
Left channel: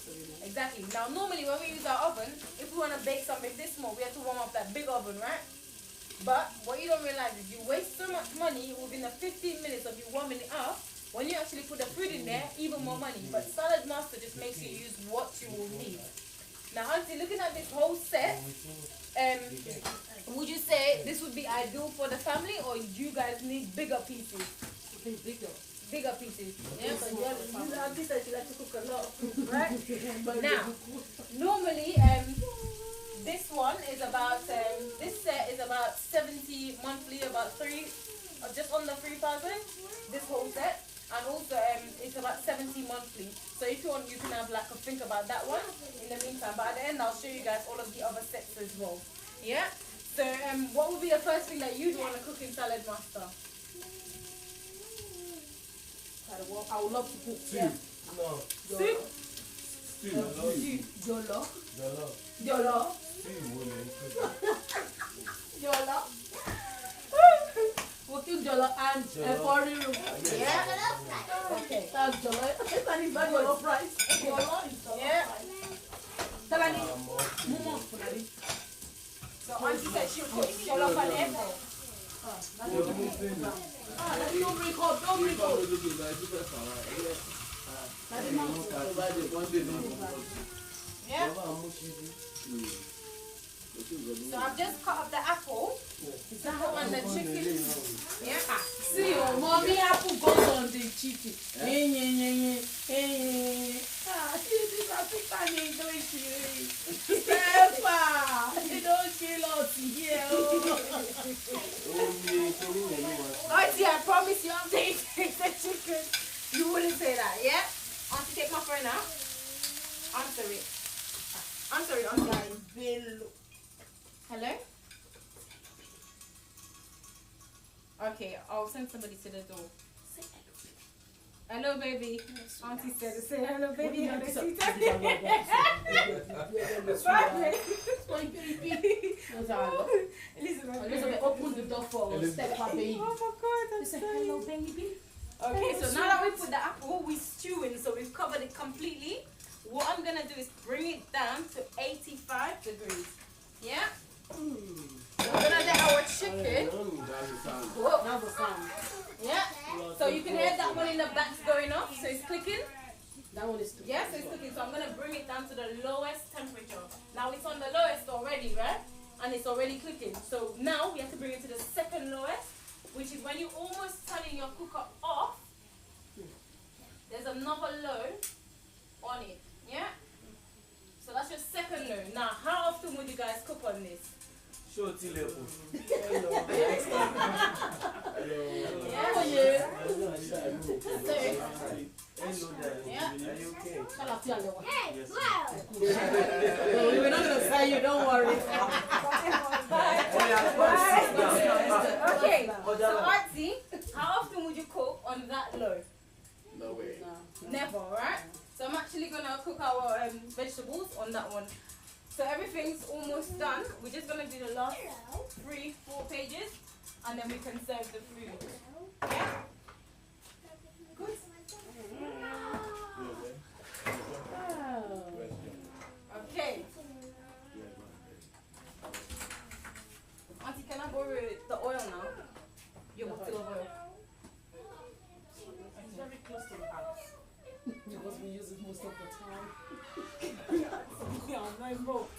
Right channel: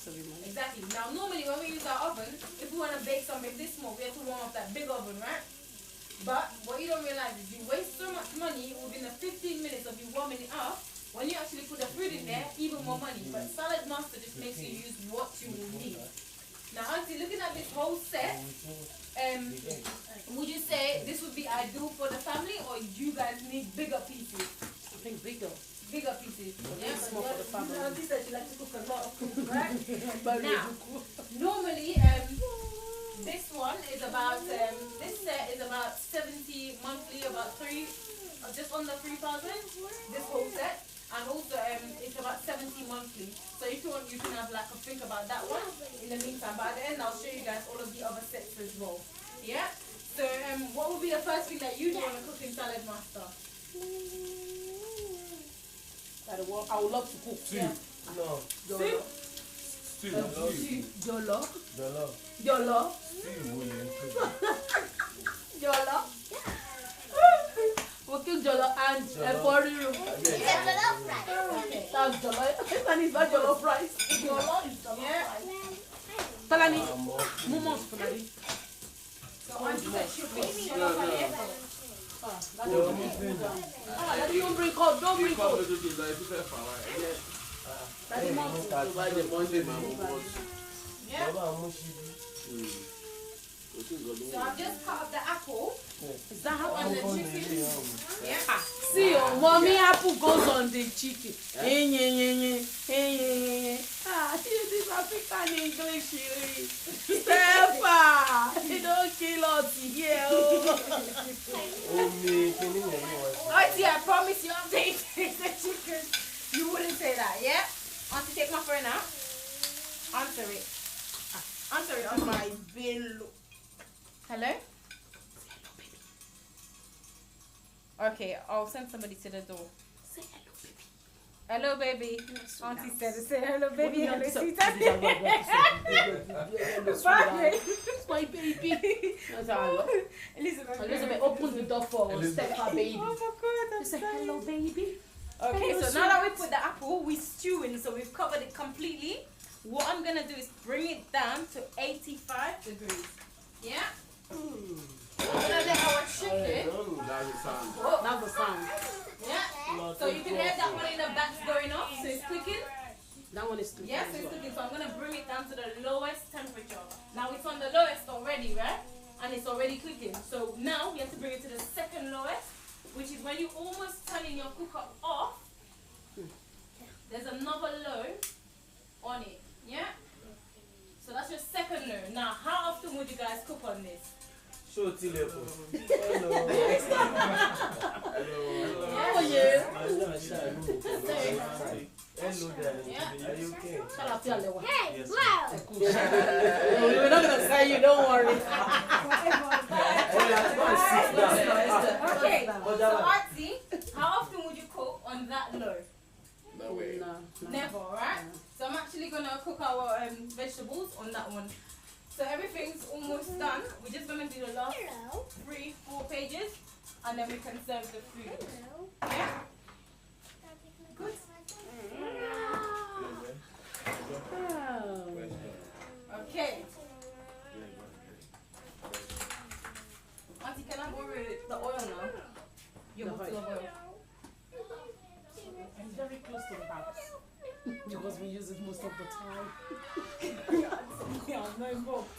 Exactly. Now, normally when we use our oven, if we want to bake something this small, we have to warm up that big oven, right? But what you don't realize is you waste so much money within the 15 minutes of you warming it up. When you actually put the food in there, even more money. But Saladmaster just makes you use what you will need. Now, Auntie, looking at this whole set, would you say this would be ideal for the family, or you guys need bigger pieces? I think bigger. Bigger pieces. Yeah, but Small for the family. Auntie said she likes to cook a lot of food, right? Now, normally, this one is about, this set is about 70 monthly, about just under 3,000, this whole set. And also, it's about 70 monthly. So if you want, you can have like a think about that one in the meantime. But at the end, I'll show you guys all of the other sets as well. Yeah? So, what would be the first thing that you'd want to cook in Saladmaster? I would love to cook. Yeah. No. Soup? Jollof. Jollof? Jollof. Jollof? Jollof? We'll cook jollof and for you. Yeah? Okay. That's jollof. And it's not jollof rice. Yeah? Talani, mumos talani. So Auntie said she'll cook jollof and apple. Don't bring cup, don't bring cup. Yeah? So I've just cut up the apple. Is that how on the chicken? Yeah. See, oh, mommy apple goes on the chicken. See, this African English. Steffa, you don't kill us here. Auntie, I promise you, I'm taking the chicken. You wouldn't say that, yeah? Auntie, take my phone out. Answer it. Answer it on my bill. Hello? Okay, I'll send somebody to the door. Hello, baby. Auntie said, say hello, baby. Hello, sweetheart. Bye. My baby. Elizabeth, Open the door for Steffa, baby. Oh my God, I'm Say sorry. hello, baby. Okay, so now that we put the apple, we're stewing, so we've covered it completely. What I'm gonna do is bring it down to 85 degrees. Yeah? I'm gonna let our chicken. Whoa, that's the sound. Yeah? So you can hear that one in the back going off, so it's cooking. That one is too. Yeah, so it's cooking. So I'm gonna bring it down to the lowest temperature. Now it's on the lowest already, right? And it's already cooking. So now we have to bring it to the second lowest, which is when you're almost turning your cooker off. There's another low on it. Yeah? So that's your second low. Now, how often would you guys cook on this? Show Hello. Yeah? Oh, yeah. Hello there. Yeah. Are you okay? Yes. We're not going to say you, don't worry. Okay, so Auntie, how often would you cook on that low? No way. Never, right? So I'm actually gonna cook our vegetables on that one. So everything's almost done. We're just gonna do the last 3-4 pages, and then we can serve the food. Yeah? Good. Okay. Auntie, can I borrow the oil now? Your bottle of oil. It's very close to the house. Because we use it most of the time. Yeah, I'm not involved.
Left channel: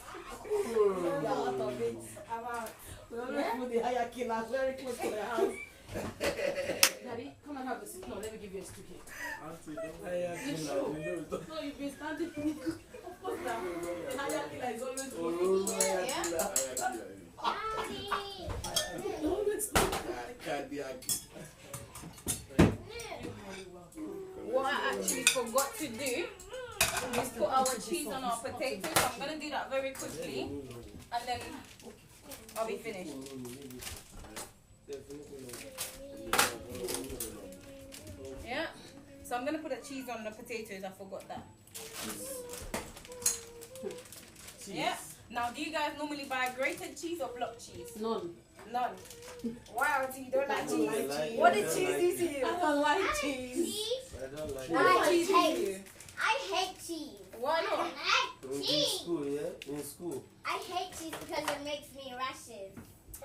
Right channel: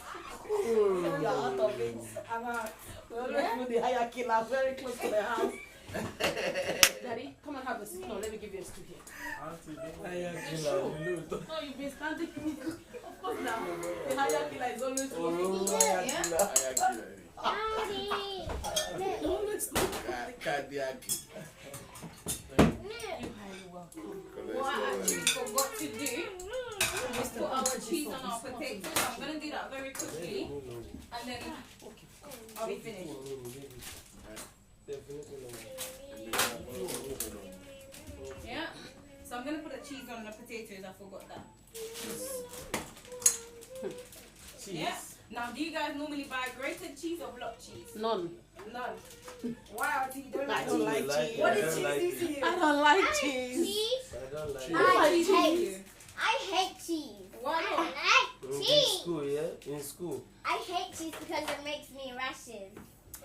You're out of it. I'm out. We always put the hierarchy very close to the house. Daddy, come and have a seat. No, let me give you a stool here. You No, you've been standing. Of course now. The higher killer is always cooking. Yeah. Daddy. Always cooking. No. You're highly welcome. What I actually forgot to do is put our cheese on our potatoes. So I'm gonna do that very quickly, and then I'll be finished. Yeah. So I'm gonna put the cheese on the potatoes. I forgot that. Yeah. Now, do you guys normally buy grated cheese or block cheese? None. None. Wow, so you don't like I don't cheese. like cheese. What did cheese do to you? I don't like I cheese. cheese. I don't like What did I cheese do to hate- you? I hate cheese. Why I not? like In cheese. school, yeah? In school. I hate cheese because it makes me rashes.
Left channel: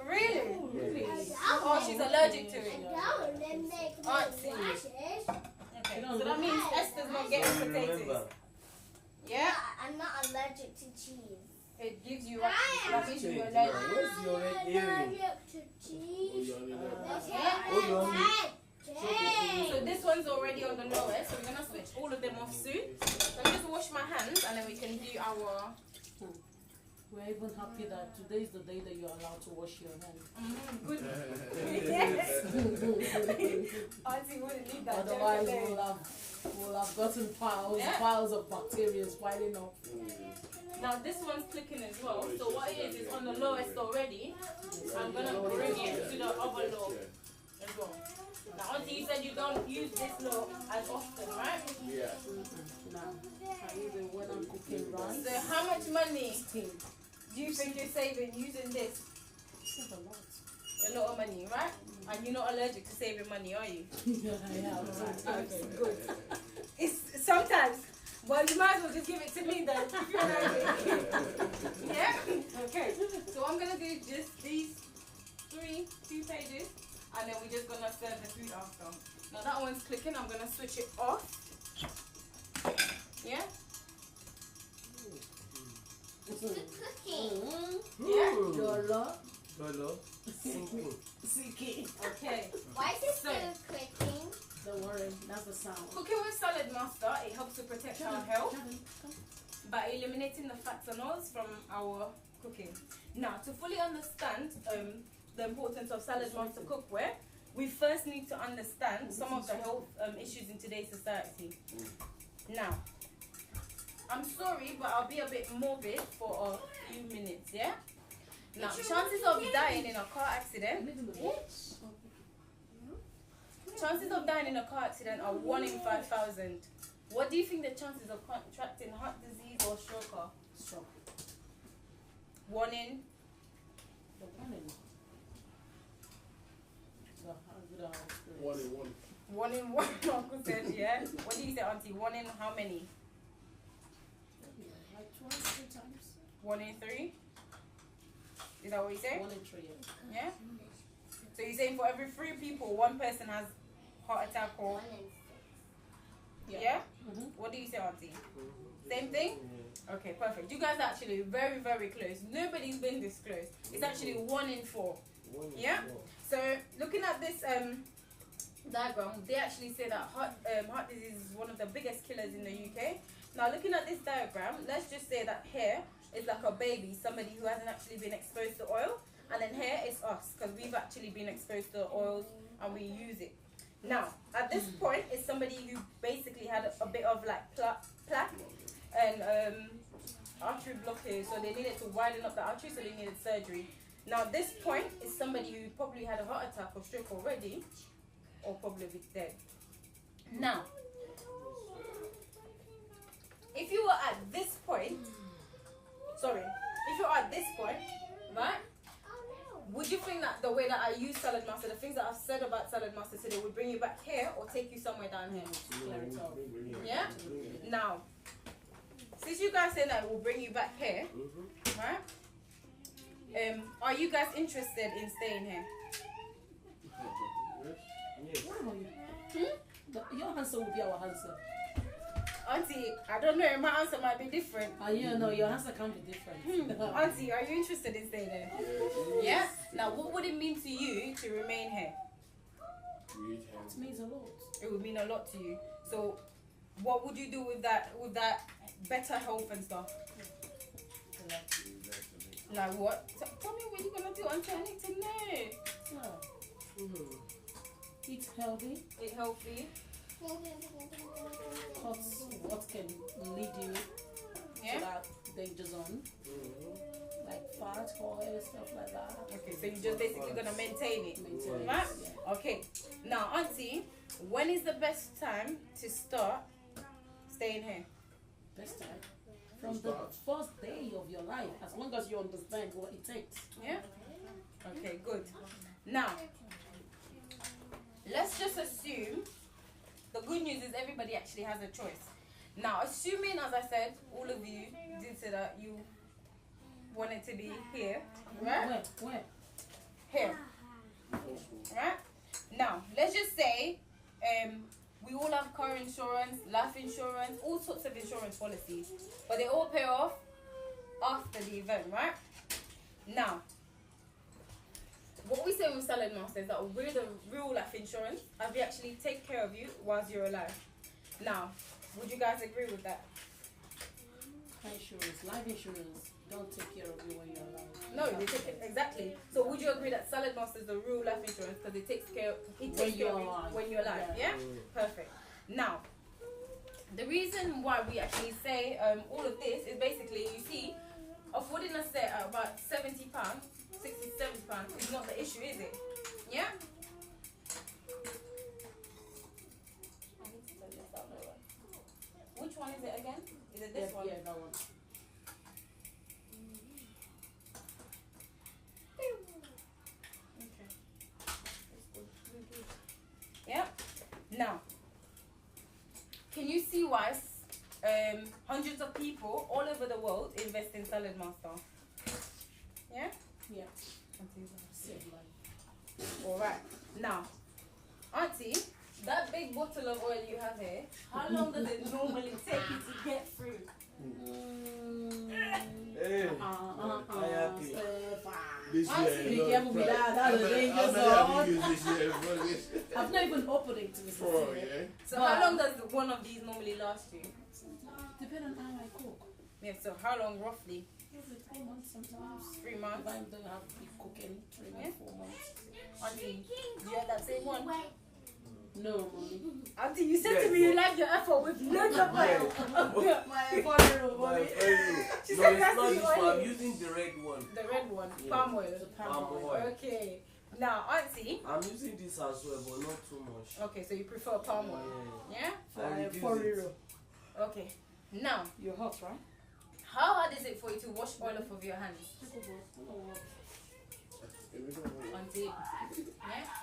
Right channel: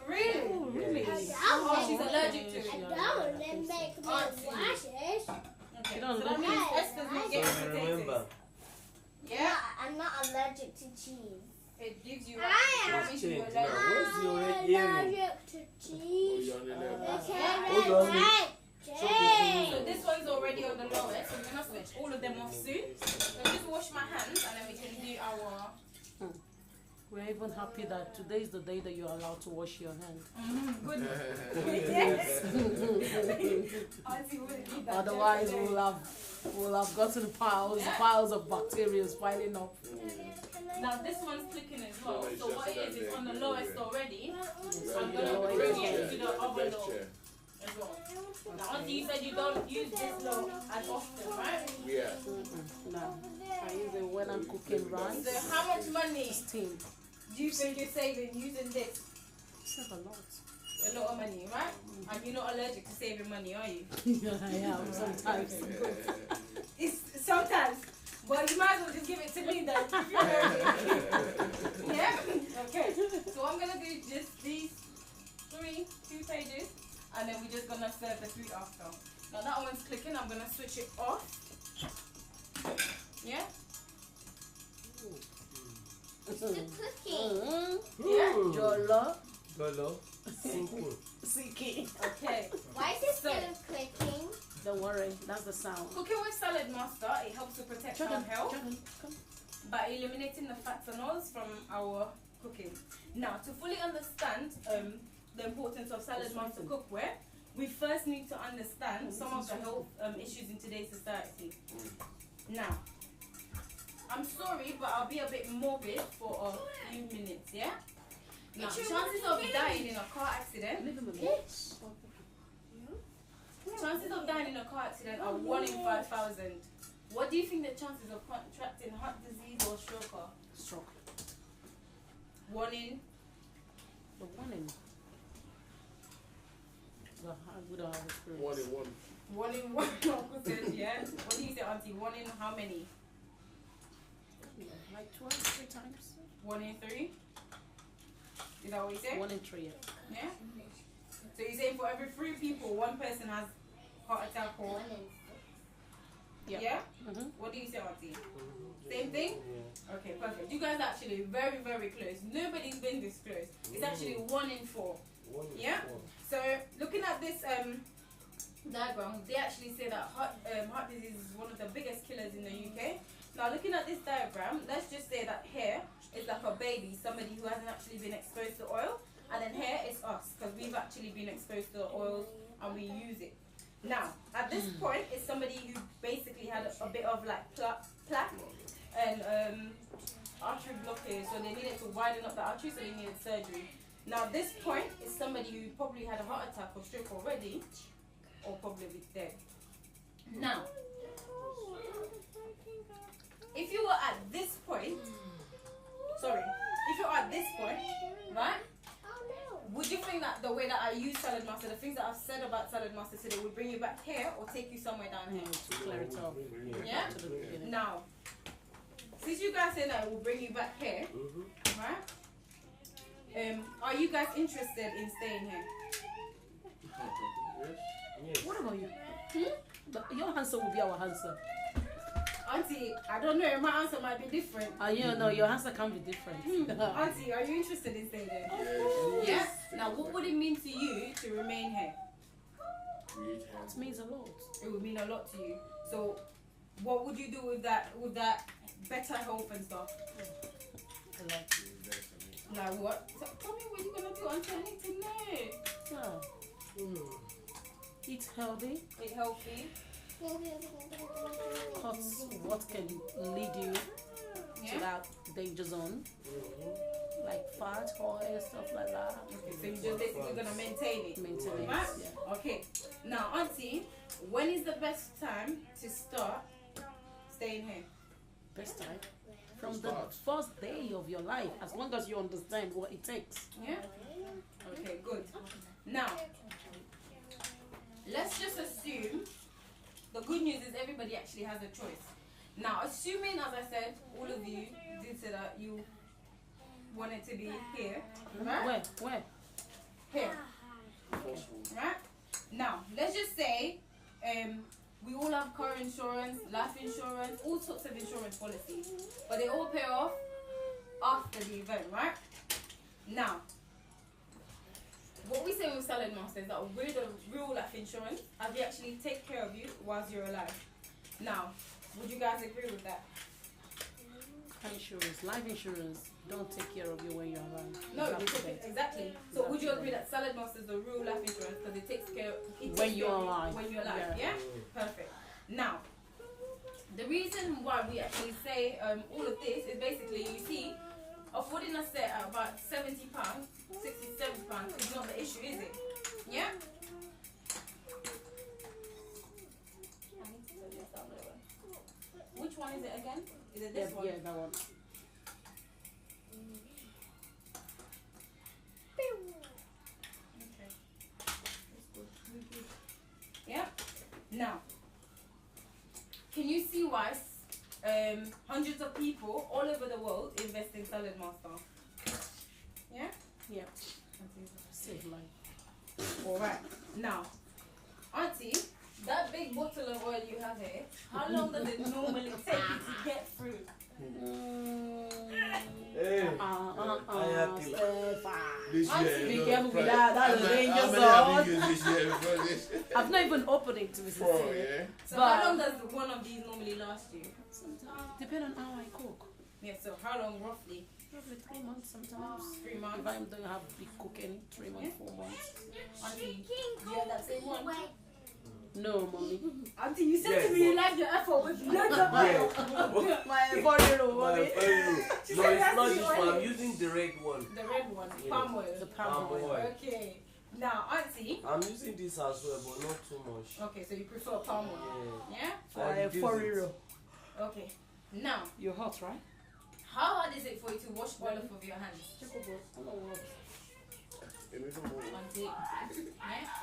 Really? Really? Oh, she's allergic to I it. don't. It makes me Auntie. rashes. Okay. So that means Esther's not getting potatoes. Yeah. I'm not allergic to cheese. It gives you I rashes. am. That means you're Cheese, allergic. Where's your I'm earring? allergic to cheese. Yeah. Hold on. So this one's already on the lowest, so we're gonna switch all of them off soon. Let me just wash my hands and then we can do our We're even happy that today is the day that you're allowed to wash your hands. good. Yes. Auntie wouldn't need that. Otherwise, joke today. we'll have gotten piles, Yeah. piles of bacteria piling up. Now this one's clicking as well. So what it is, it's on the lowest already. I'm gonna bring it to the other low as well. Now Auntie, you said you don't use this low as often, right? Yeah. No, I use it when I'm cooking rice. So how much money Steam. do you think you're saving using this? It's not a lot. A lot of money, right? And you're not allergic to saving money, are you? Yeah, sometimes. Good. It's sometimes. Well, you might as well just give it to me then. If you're allergic. Yeah? Okay. So I'm gonna do just these 2 pages, and then we're just gonna serve the food after. Now that one's clicking, I'm gonna switch it off. Yeah? It's the cooking. Yeah? Yolo. Hello. Simple. Siki. Okay. Why is it So- still clicking? Don't worry, that's the sound. Cooking with Saladmaster, it helps to protect our health by eliminating the fats and oils from our cooking. Now, to fully understand the importance of Saladmaster cookware, we first need to understand some of the health issues in today's society. Now, I'm sorry, but I'll be a bit morbid for a few minutes, yeah? Now, chances of dying in a car accident, chances of dying in a car accident are 1 in 5,000. What do you think the chances of contracting heart disease or stroke are? Stroke. 1 in? The warning. The good One in one. 1 in 1, Uncle said, yeah? What do you say, Auntie? 1 in how many? Like 12 times. 1 in 3? Is that what you say? 1 in 3. Yeah? So you're saying for every 3 people, 1 person has heart attack or... Yeah? Mhm. What do you say, Auntie? Same thing? Okay, perfect. You guys are actually very, very close. Nobody's been this close. It's actually 1 in 4. Yeah? So looking at this diagram, they actually say that heart disease is one of the biggest killers in the UK. Now looking at this diagram, let's just say that here is like a baby, somebody who hasn't actually been exposed to oil, and then here is us, because we've actually been exposed to oils and we use it. Now, at this point, it's somebody who basically had a bit of like plaque and artery blockage, so they needed to widen up the artery, so they needed surgery. Now, this point is somebody who probably had a heart attack or stroke already, or probably be dead. Now, if you were at this point, if you're at this point, right? Would you think that the way that I use Saladmaster, the things that I've said about Saladmaster today, would bring you back here or take you somewhere down here? Clear it up. Yeah? Now, since you guys say that it will bring you back here, right? Are you guys interested in staying here? Yes. What about you? Your answer will be our answer. Auntie, I don't know, my answer might be different. You know, your answer can be different. Auntie, are you interested in staying there? Yeah? Now, what would it mean to you to remain here? you eat healthy. It means a lot. It would mean a lot to you. So, what would you do with that better health and stuff? Like what? Tell me what you're gonna do. I'm trying to know. Eat healthy. Eat healthy. What can lead you Yeah. to that danger zone? Like fat, oil, stuff like that. Okay, so you're just basically gonna maintain it. Maintain it. Right? Yeah. Okay. Now, Auntie, when is the best time to start staying here? Best time. From the first day of your life, as long as you understand what it takes. Yeah? Okay, good. Now, let's just assume the good news is everybody actually has a choice. Now, assuming, as I said, all of you did say that you wanted to be here, right? Where? Here, right? Now, let's just say we all have car insurance, life insurance, all sorts of insurance policies, but they all pay off after the event, right? Now, what we say with Saladmaster is that we're the real life insurance, and we actually take care of you whilst you're alive. Now, would you guys agree with that? Insurance, life insurance, don't take care of you when you're alive. No, they take it, exactly. So would you agree that Saladmaster is the real life insurance because it takes care of you when you're alive? Yeah? Perfect. Now, the reason why we actually say all of this is basically, you see, affording a set at about £70, £60, £70 is not the issue, is it? Yeah? Which one is it again? Is it this one? Yeah, that one. Yeah. Now, can you see why hundreds of people all over the world invest in Saladmaster? Yeah. Yeah. Save life. All right. Now, Auntie, that big bottle of oil you have here, how long does it normally take you to get through? Hey, this Auntie, year, be careful with that. That's a dangerous zone. I've not even opened it to be Four, yeah. So how long does one of these normally last you? Depending on how I cook. Yeah, so how long roughly? Roughly 3 months sometimes. 3 months? If I don't have big cooking, 3 months, 4 months. Auntie, do you have that same one? No, mommy. Auntie, you said to me you like your effort with loads of oil. My 4-year-old mommy. She No, said it's that's not the this oil. one. I'm using the red one. The red one, palm oil. The palm oil. Okay. Now, Auntie. I'm using this as well, but not too much. Okay, so you prefer palm oil. Yeah. Yeah? I reduce 4-year-old. it. Okay. Now, You're hot, right? how hard is it for you to wash oil off of your hands? Auntie. Yeah?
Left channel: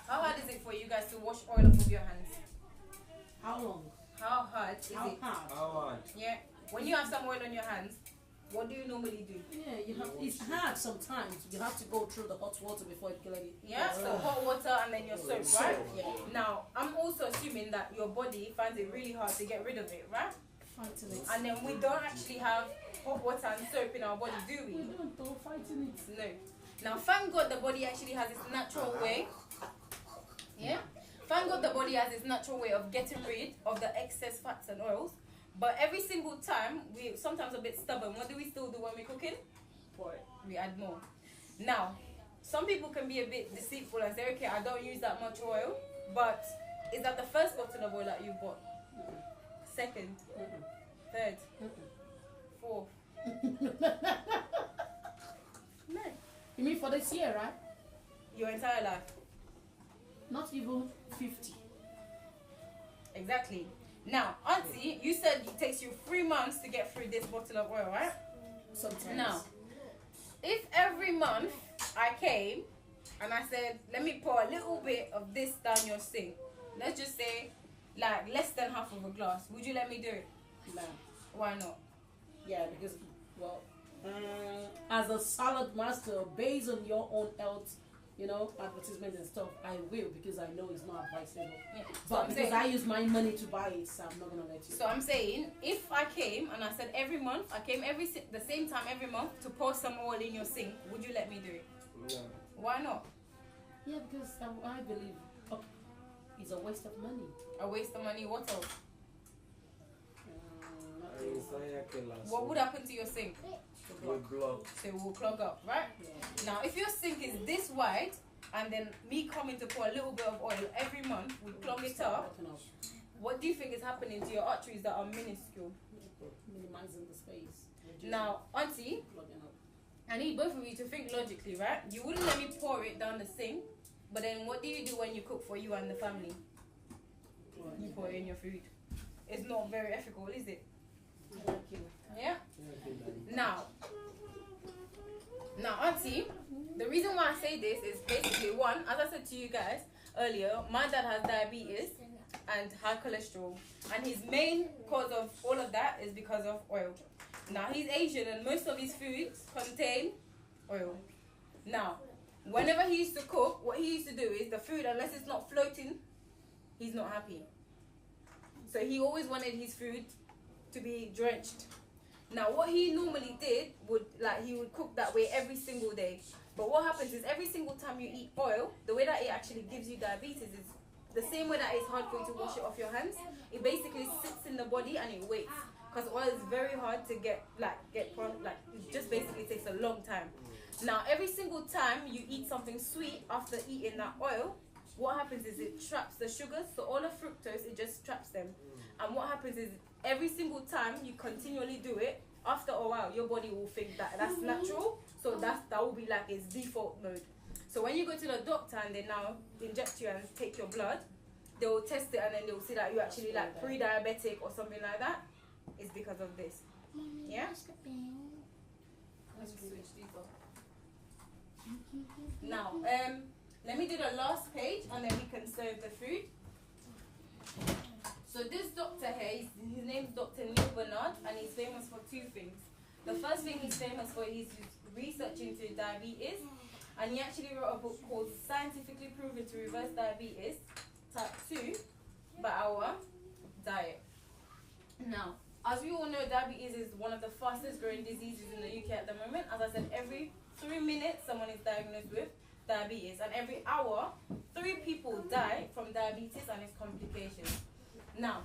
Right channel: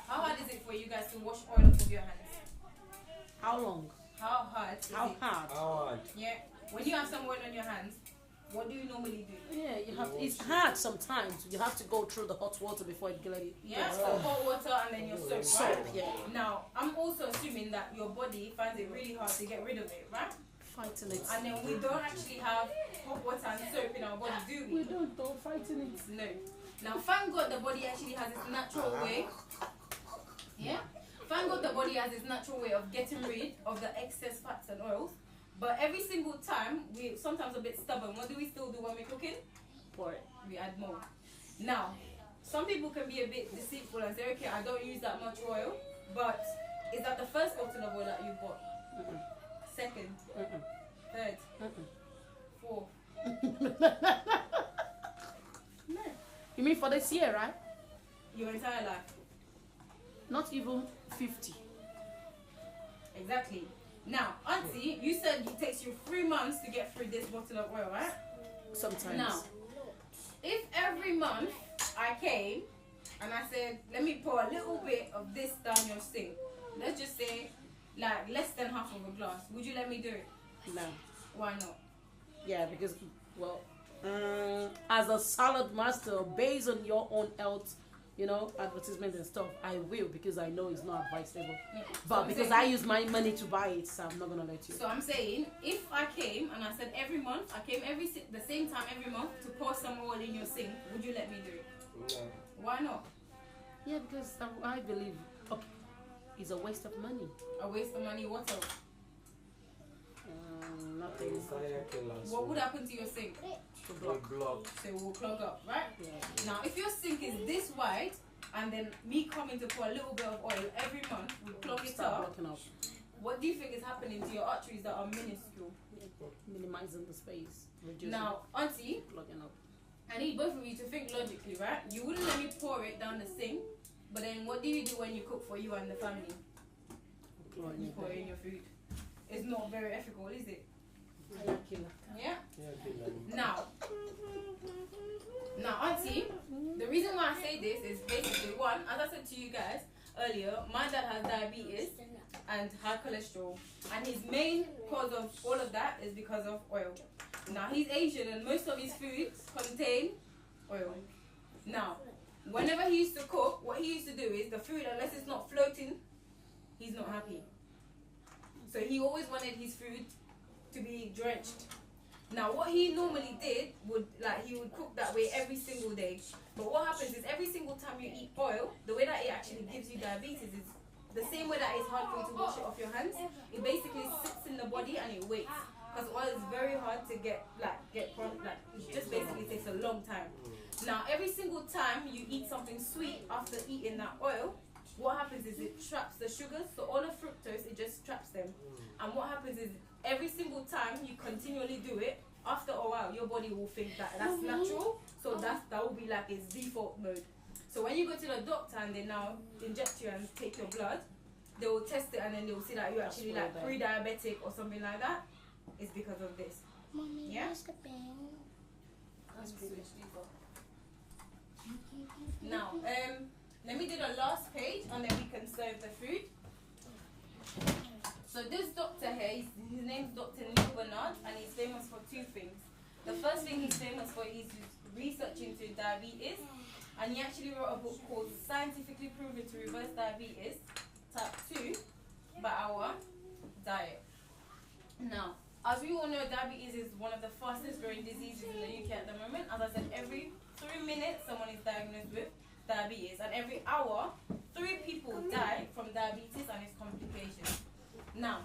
How hard is it for you guys to wash oil off of your hands? How long? How hard is How it? hard? How hard? Yeah. When you have some oil on your hands, what do you normally do? Yeah, you have. It's hard sometimes. You have to go through the hot water before it gets it. Yeah, so hot water and then your soap, right? Yeah. Now, I'm also assuming that your body finds it really hard to get rid of it, right? Fighting it. And then we don't actually have hot water and soap in our body, do we? We don't fighting it. No. Now, thank God the body actually has its natural way. Yeah? Thank God the body has its natural way of getting rid of the excess fats and oils. But every single time, we're sometimes a bit stubborn. What do we still do when we're cooking? Pour it. We add more. Now, some people can be a bit deceitful and say, okay, I don't use that much oil. But is that the first bottle of oil that you bought? Second? Third? Fourth? No. You mean for this year, right? Your entire life. Not even 50. Exactly. Now, Auntie, you said it takes you 3 months to get through this bottle of oil, right? Sometimes. Now, if every month I came and I said, let me pour a little bit of this down your sink, let's just say, like, less than half of a glass, would you let me do it? No. Why not? Yeah, because, well, as a salad master, based on your own health, you know, advertisement and stuff, I will, because I know it's not advisable. Yeah. But because I use my money to buy it, so I'm not gonna let you. So I'm saying, if I came and I said every month, I came the same time every month to pour some oil in your sink, would you let me do it? No. Why not? Yeah, because I believe It's a waste of money. A waste of money. What else? Nothing. What would happen to your sink? Block. So it will clog up, right? Yeah. Now, if your sink is this wide, and then me coming to pour a little bit of oil every month would clog it up, what do you think is happening to your arteries that are minuscule? Minimizing the space. Now, auntie, Plugging up. I need both of you to think logically, right? You wouldn't let me pour it down the sink, but then what do you do when you cook for you and the family? You pour it in your food. It's not very ethical, is it? Yeah? Now, auntie, the reason why I say this is basically one, as I said to you guys earlier, my dad has diabetes and high cholesterol, and his main cause of all of that is because of oil. Now, he's Asian and most of his foods contain oil. Now, whenever he used to cook, what he used to do is the food, unless it's not floating, he's not happy. So he always wanted his food to be drenched. Now, what he normally did would, like, he would cook that way every single day. But what happens is every single time you eat oil, the way that it actually gives you diabetes is the same way that it's hard for you to wash it off your hands. It basically sits in the body and it waits. Because oil is very hard to get it just basically takes a long time. Now, every single time you eat something sweet after eating that oil, what happens is it traps the sugars. So all the fructose, it just traps them. And what happens is every single time you continually do it, after a while, your body will think that that's natural. So that will be like its default mode. So when you go to the doctor and they now inject you and take your blood, they will test it and then they will see that you're actually like pre-diabetic or something like that. It's because of this. Mommy, Yeah? where's the pen? Now, let me do the last page and then we can serve the food. So this doctor here, his name's Dr. Neil Bernard, and he's famous for two things. The first thing he's famous for is his research into diabetes, and he actually wrote a book called Scientifically Proven to Reverse Diabetes Type 2 by Our Diet. Now, as we all know, diabetes is one of the fastest growing diseases in the UK at the moment. As I said, every 3 minutes someone is diagnosed with diabetes, and every hour 3 people die from diabetes and its complications. Now,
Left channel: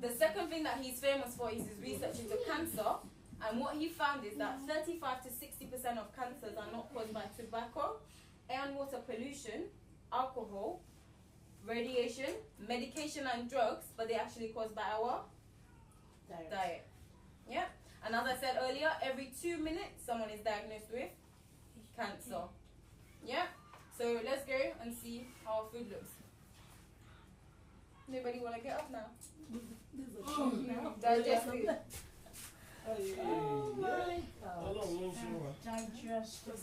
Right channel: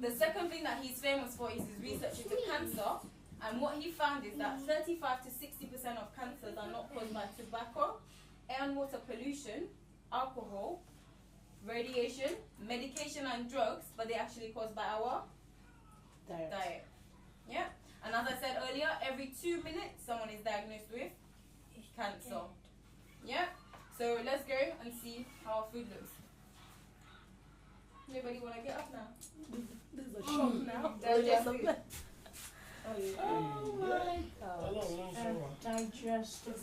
the second thing that he's famous for is his research into cancer, and what he found is that 35 to 60% of cancers are not caused by tobacco, air and water pollution, alcohol, radiation, medication and drugs, but they're actually caused by our diet. Yeah? And as I said earlier, every 2 minutes someone is diagnosed with cancer. Yeah? So let's go and see how our food looks. Nobody want to get up now? There's a shock now. Digestive. Oh my God. Digestive.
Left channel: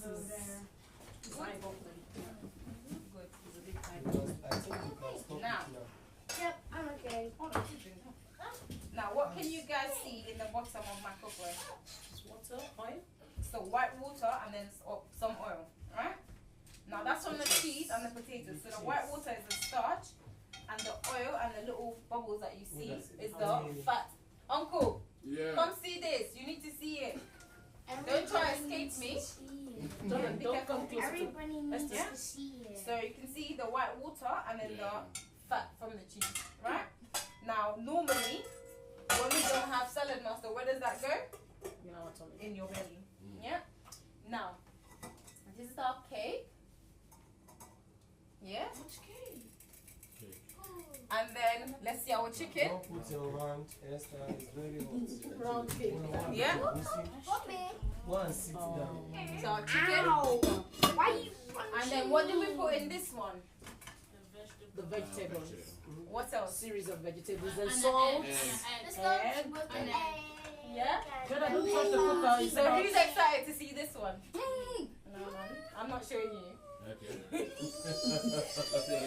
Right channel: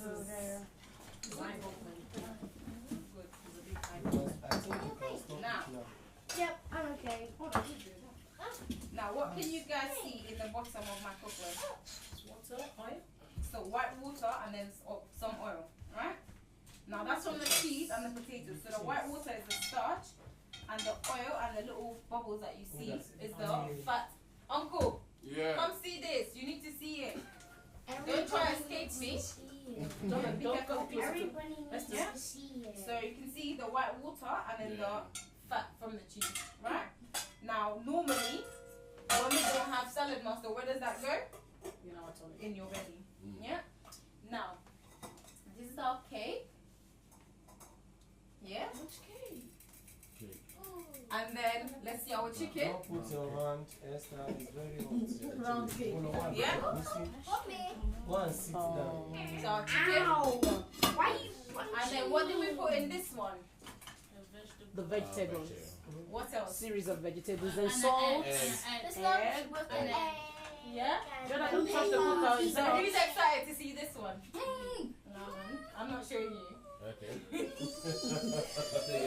It's mind-boggling. Good. It's a big time. I think you can stop Now. it now. Yep, I'm okay. Now, what can you guys see in the bottom of my cookware? It's water, oil. So white water and then some oil, right? Now that's on the cheese and the potatoes. So the white water is the starch, and the oil and the little bubbles that you see is the fat. Uncle, Yeah. come see this. You need to see it. Don't try to escape me. Don't come close to Everybody needs Yeah. to see it. So you can see the white water and then the fat from the cheese, right? Now normally, when we don't have Saladmaster, where does that go? You know what's on it. In your belly. Yeah. Now, this is our cake. Yeah. And then let's see our chicken. Don't put your hand, Esther, it's very hot. Round cake. Yeah. Mommy. Go and sit down. So our chicken. Ow. Why you And then what did we put in this one? The vegetables. What else? Series of vegetables and salt. Let's go Egg. with an egg. Yeah. Gotta don't touch the cooker. So who's excited to see this one? No, I'm not showing you. Okay.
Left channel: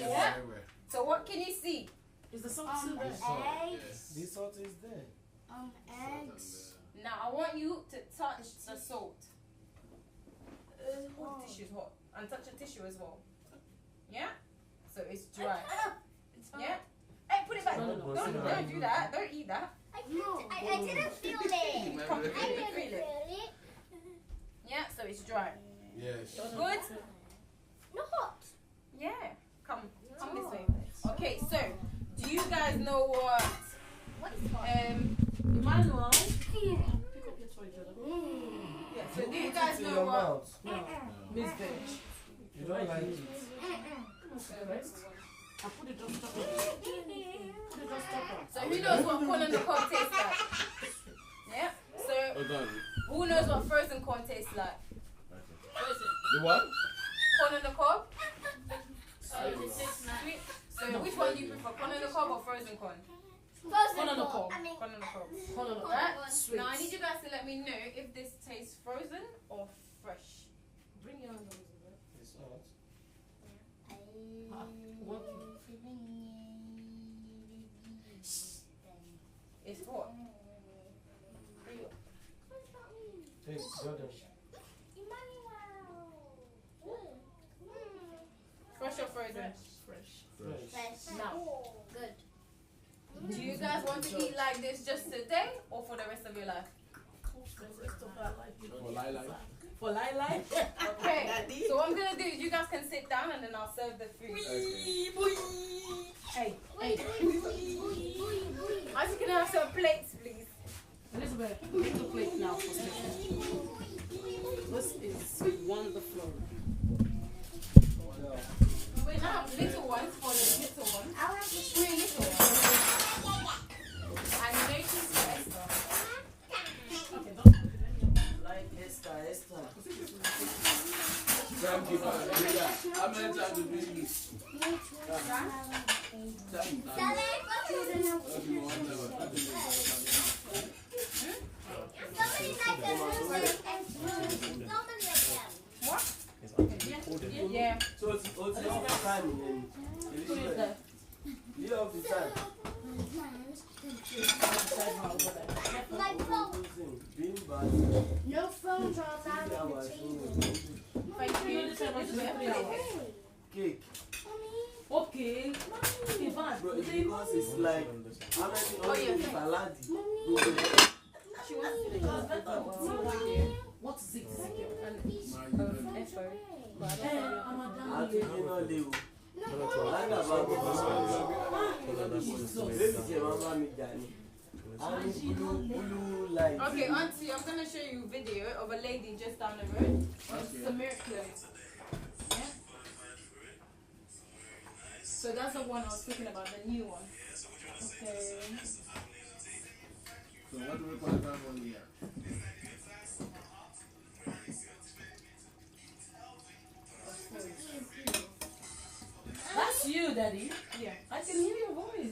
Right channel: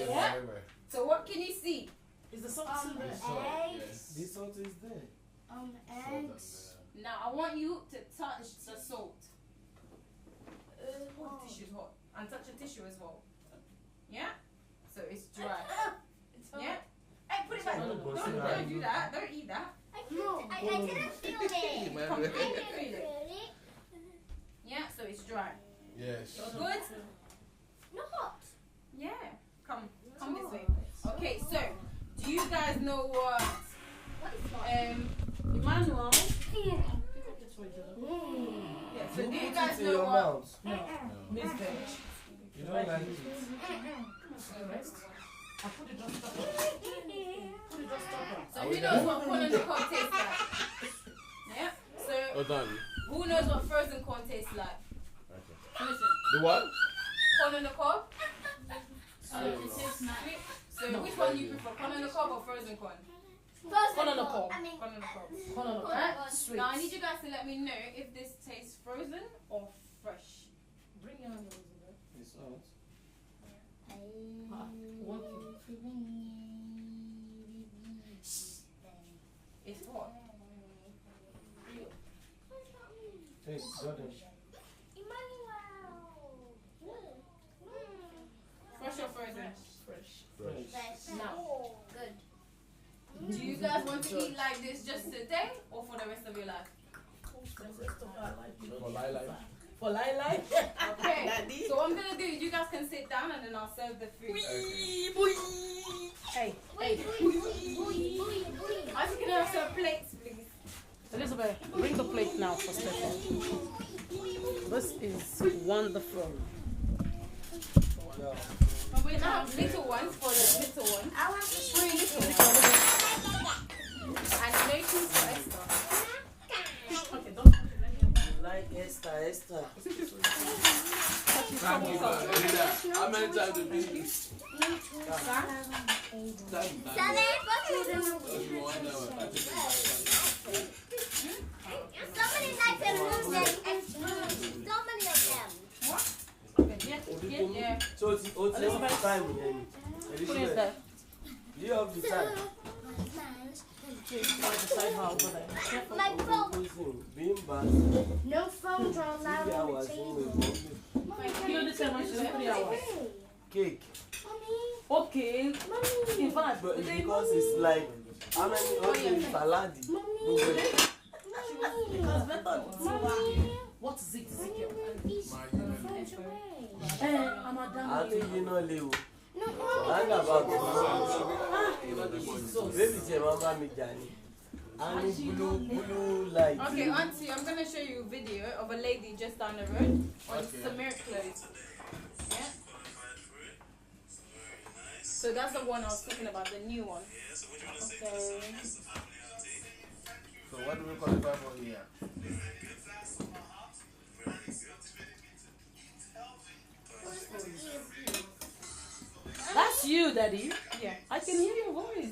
Yeah. So what can you see? Is the salt Um, still there? eggs. This salt is there. Eggs. Now I want you to touch the salt. Oh, the tissue's hot. And touch a tissue as well. Yeah? So it's dry. Yeah? Hey, put it back. No, no, no. Don't do that. Don't eat that. I didn't feel it. Come, I feel didn't it. feel it. Yeah, so it's dry. Yes. Good? Not hot. Yeah. Come this way. Okay, so Emmanuel, pick up your toy, Joe. Yeah, so do you Put guys it in know your what? mouth. No, Miss Veg. You don't like it. Come on, for the rest. I put it just stop it. Put it just stop it. So who knows what corn on the cob tastes like? Yeah. So What done? who knows what frozen corn tastes like? Frozen. The what? Corn on the cob. Sweet. Sweet. So which one do you prefer, corn on the cob or frozen corn? Corn on the cob. I mean, Corn on the cob. Corn on the Right. cob. Sweet. Now I need you guys to let me know if this tastes frozen or fresh. Bring your hand over there. It's hot. It's what? Hey, Jordan. Fresh or frozen? Fresh. Fresh. Now, good. do you guys want to eat like this just today or for the rest of your life? The rest of our life. For Lila. For Lila. Okay. Daddy. So what I'm gonna do is you guys can sit down and then I'll serve the food. Hey, Wait, hey. As you can have some plates, please. Elizabeth, bring the plate now for Steffa. This is wonderful. Yeah. We now have little ones for the little ones. I want to 3 little ones. And no cheese for Esther. Okay, don't put it in. Like Esther. Thank you, man. How many times have you been used? Somebody likes to lose it and so many of them. What? Yeah. Yeah. So it's enough time then. Put it Elizabeth, there. you have the time. My phone. Listen, being bad. No phone draws out 3 of the hours table. Thank you. This one is 3 hours. Cake. Okay. In fact, But because it's like, how many yeah. saladi? because let us see what is it? I'm a Àti damn iná lé o. Lágbà bá bọ̀. Bébí tiẹ̀ máa ń bá mi jà ni. A ní blue light. Okay, Auntie, I'm gonna show you a video of a lady just down the road on Samir clothes. Yeah? So that's the one I was talking about, the new one. Okay. So what do we qualify for here? That's you, Daddy. Yeah. I can hear your voice.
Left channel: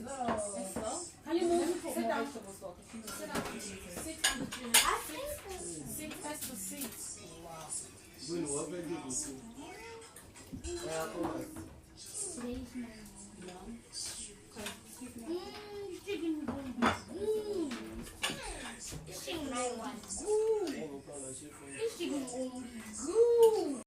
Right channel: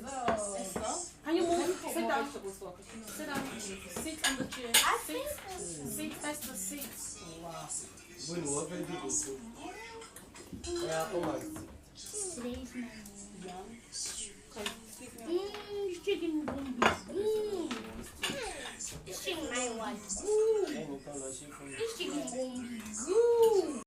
Can you move? Sit down. Sit down. Sit on the chair. Sit next to seat. Bó ni wọ́n fẹ́ dìbò sí? Ẹ á kọ́ màá sí. Today's my